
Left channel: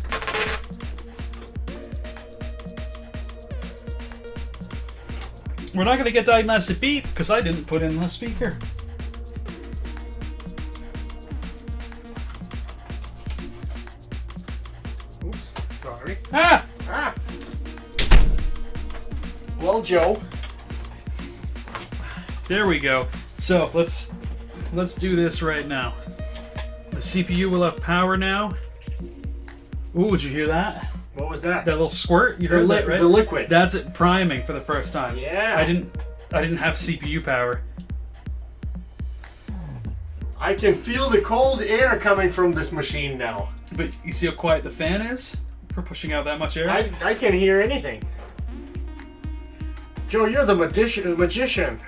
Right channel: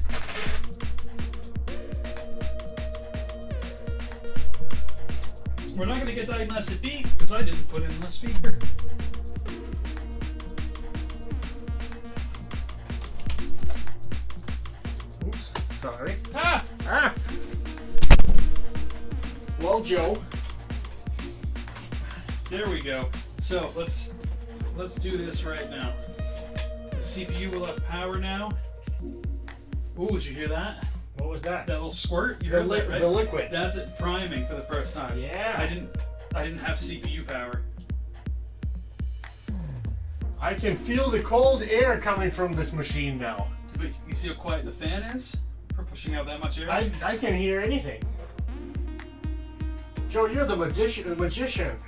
We're not going to get diagnostic beep because I didn't put in the speaker. Oops, sorry. Ah! Ah! Well, Joe. There we go. So let's do this right now. The CPU will have power now. Ooh, would you hear that? What was that? That little squirt? You heard that, right? The liquid. That's it priming for the first time. Yeah. I didn't have CPU power. I can feel the cold air coming from this machine now. But you see how quiet the fan is for pushing out that much air? I can't hear anything. Joe, you're the magician.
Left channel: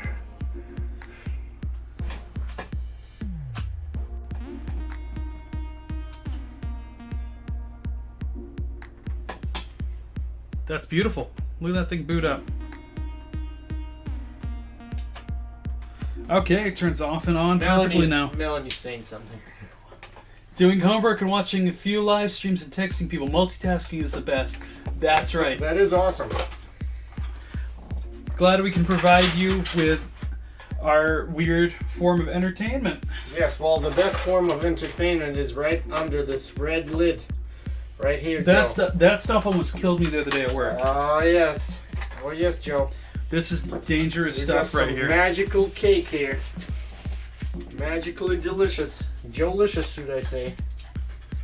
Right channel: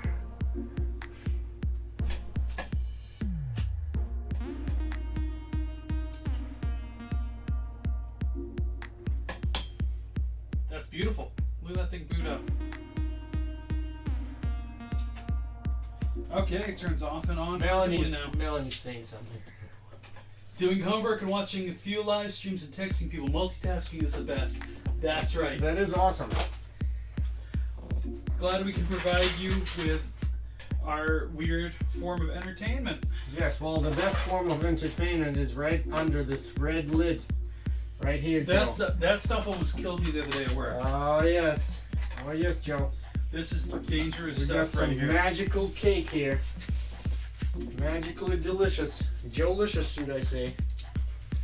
That's beautiful. Look at that thing boot up. Okay, it turns off and on perfectly now. Melanie's saying something. Doing homework and watching a few live streams and texting people. Multitasking is the best. That's right. That is awesome. Glad we can provide you with our weird form of entertainment. Yes, well, the best form of entertainment is right under this red lid. Right here, That Joe. stuff almost killed me the other day at work. Oh, yes. Oh, yes, Joe. This is dangerous We've got stuff right some here. magical cake here. Magically delicious. Joe-licious, should I say.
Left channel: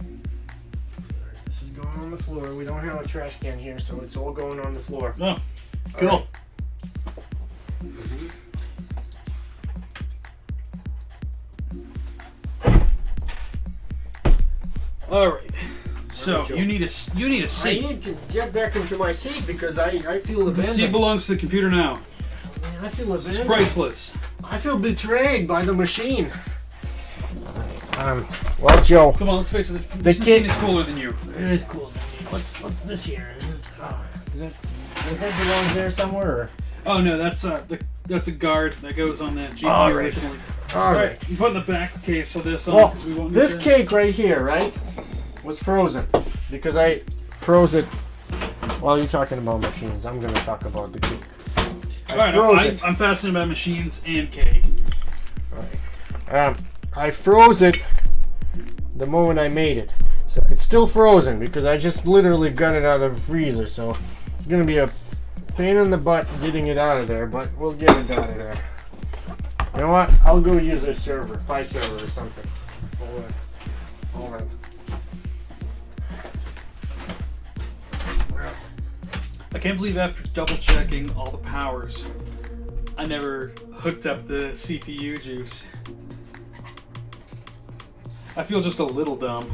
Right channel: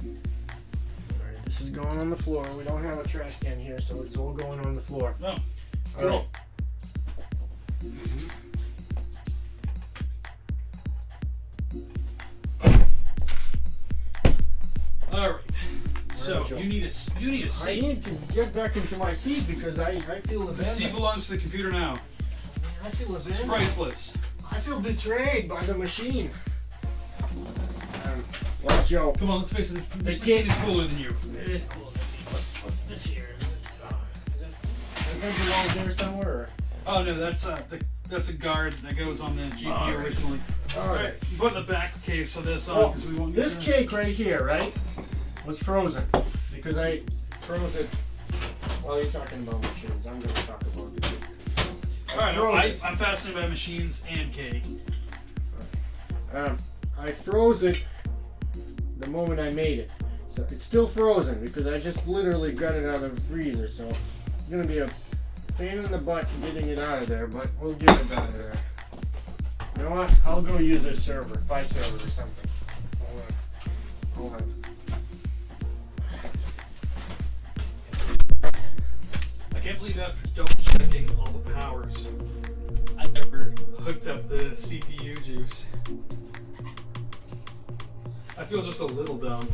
Alright, this is going on the floor. We don't have a trash can here, so it's all going on the floor. Oh, cool. All All right. So Joe. you need a I seat. need to get back into my seat because I feel The seat abandoned. belongs to the computer now. I feel It's abandoned. priceless. I feel betrayed by the machine. Well, Joe. Come on, let's face it. This kid- machine is cooler than you. It is cool. What's this here? Does it belong there somewhere? Or? Oh no, that's a guard that goes on the GPU All right. originally. All right. I'm putting the back case of this on Well, because we won't. this get there. cake right here, right, was frozen because I froze it. While you're talking about machines, I'm gonna talk about the cake. All right, froze it. I'm fascinated by machines and cake. I froze it the moment I made it. So it's still frozen because I just literally got it out of the freezer. So it's gonna be a pain in the butt getting it out of there, but we'll get it out of there. You know what? I'll go use a server, Pi server or something. Hold on. I can't believe after double checking all the powers, I never hooked up the CPU juice. I feel just a little dumb.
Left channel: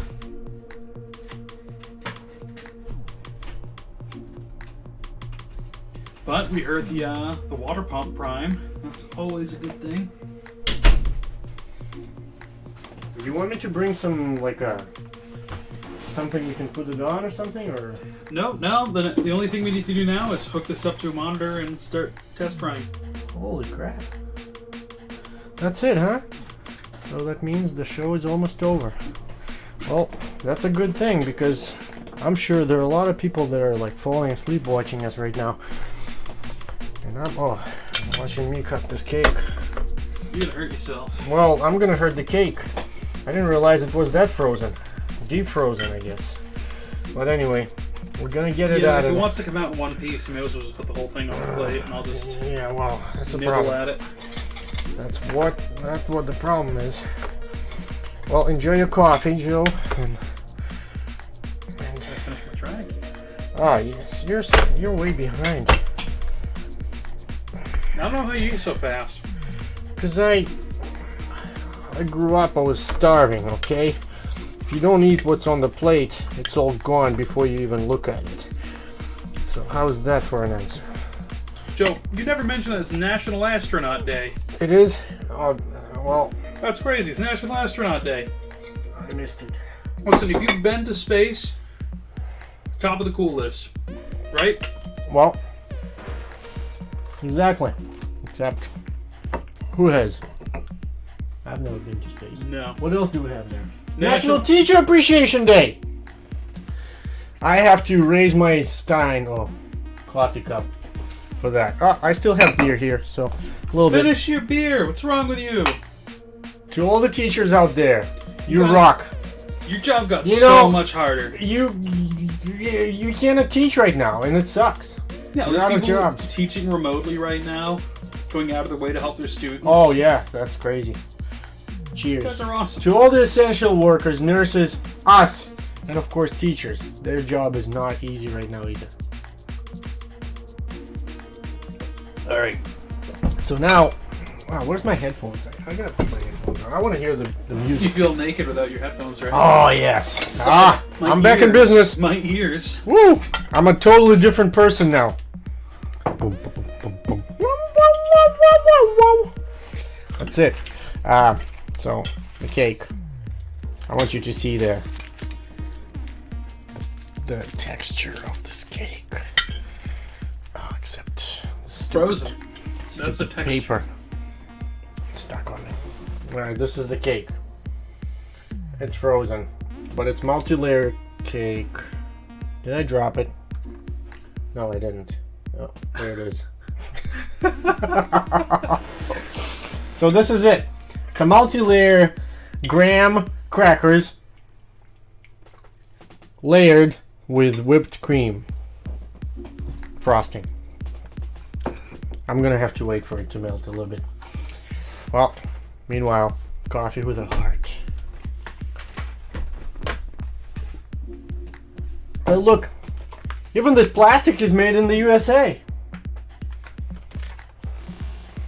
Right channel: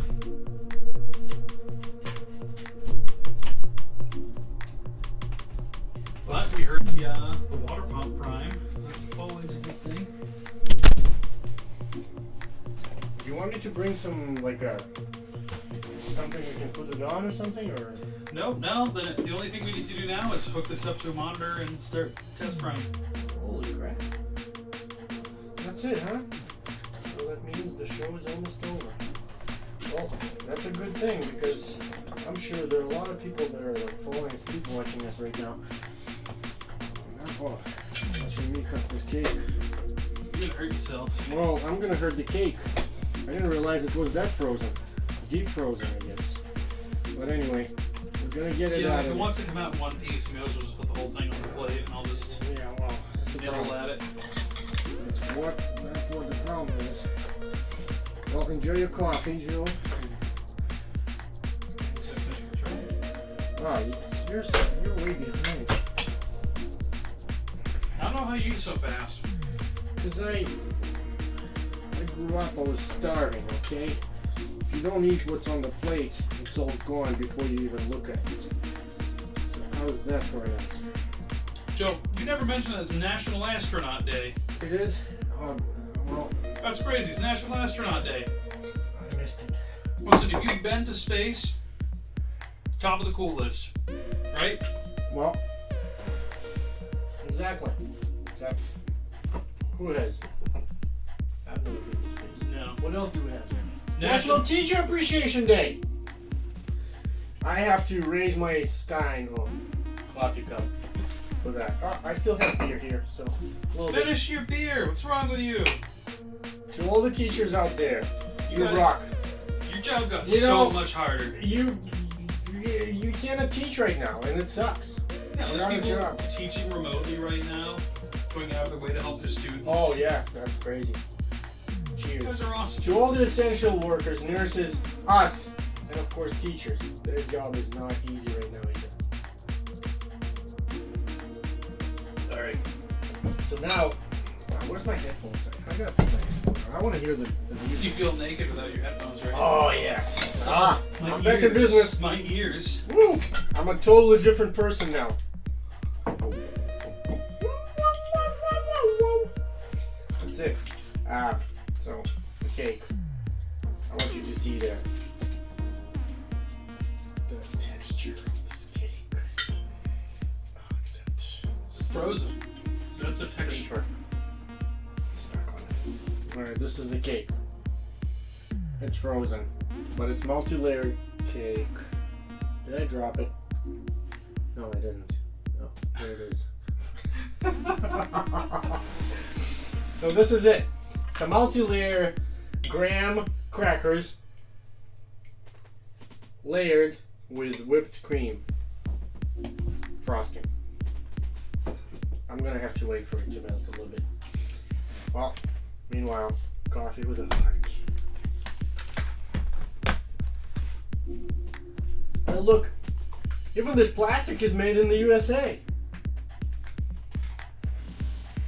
But we heard the water pump prime. That's always a good thing. Do you want me to bring some something you can put it on or something, or? No, the only thing we need to do now is hook this up to a monitor and start test running. Holy crap! That's it, huh? So that means the show is almost over. Well, that's a good thing because I'm sure there are a lot of people that are like falling asleep watching us right now. And I'm watching me cut this cake. You're gonna hurt yourself. Well, I'm gonna hurt the cake. I didn't realize it was that frozen. Deep frozen, I guess. But anyway, we're gonna get it Yeah, out if of it wants to come out in one piece, you may as well just put the whole thing on the plate and I'll just Yeah, well, that's the nibble problem. at it. That's what the problem is. Well, enjoy your coffee, Joe. Ah, yes, you're way behind. I don't know how you eat so fast. Cause I grew up, I was starving. Okay, if you don't eat what's on the plate, it's all gone before you even look at it. So how's that for an answer? Joe, you never mentioned that it's National Astronaut Day. It is. Well, That's crazy. It's National Astronaut Day. I missed it. Listen, if you've been to space, top of the cool list, right? Well, exactly. Except, who has? I've never been to space. No. What else do we have here? National- National Teacher Appreciation Day. I have to raise my Stein coffee cup for that. Oh, I still have beer here, so a little Finish your beer. What's wrong with you? bit. To all the teachers out there, you guys- rock. Your job got You so know- much harder. You cannot teach right now, and it sucks. Yeah, You're there's out of people jobs. teaching remotely right now, going out of their way to help their students. Oh yeah, that's crazy. Cheers. You guys are awesome. To all the essential workers, nurses, us, and of course teachers, their job is not easy right now either. Alright. So now, wow, where's my headphones? I gotta put my headphones on. I want to hear the You music. feel naked without your headphones, right? Oh, yes. My I'm back in ears- business. My ears. Woo! I'm a totally different person now. That's it. So, the cake. I want you to see the texture of this cake. Oh, except Frozen. That's the texture. paper stuck on it. Alright, this is the cake. It's frozen, but it's multi-layered cake. Did I drop it? No, I didn't. Oh, there it is. So this is it. It's a multi-layer graham crackers layered with whipped cream frosting. I'm gonna have to wait for it to melt a little bit. Well, meanwhile, coffee with a heart. Oh, look. Even this plastic is made in the USA.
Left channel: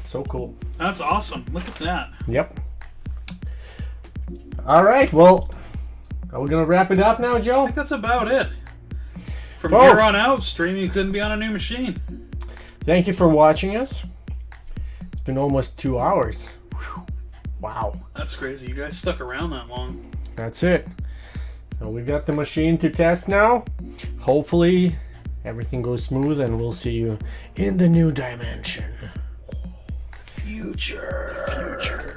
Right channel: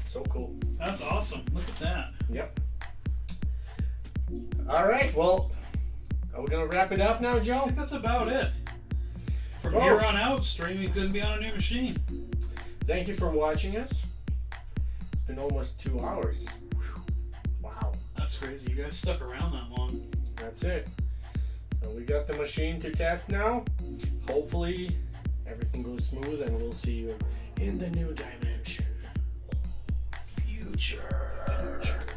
So cool. That's awesome. Look at that. Yep. Alright, well, are we going to wrap it up now, I Joe? think that's about it. From Folks. here on out, streaming's gonna be on a new machine. Thank you for watching us. It's been almost 2 hours. Whew. Wow. That's crazy. You guys stuck around that long. That's it. And we got the machine to test now. Hopefully, everything goes smooth and we'll see you in the new dimension. Future.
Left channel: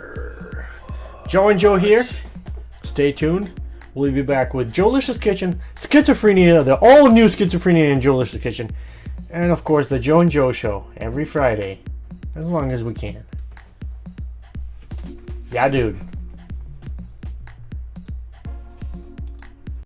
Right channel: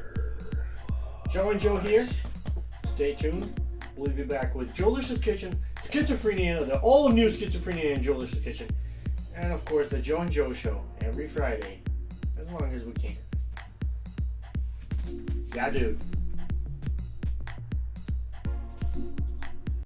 Joe and Joe here. Stay tuned. We'll be back with Joelicious Kitchen, Schizophrenia, the all new Schizophrenia and Joelicious Kitchen, and of course the Joe and Joe Show every Friday, as long as we can. Yeah, dude.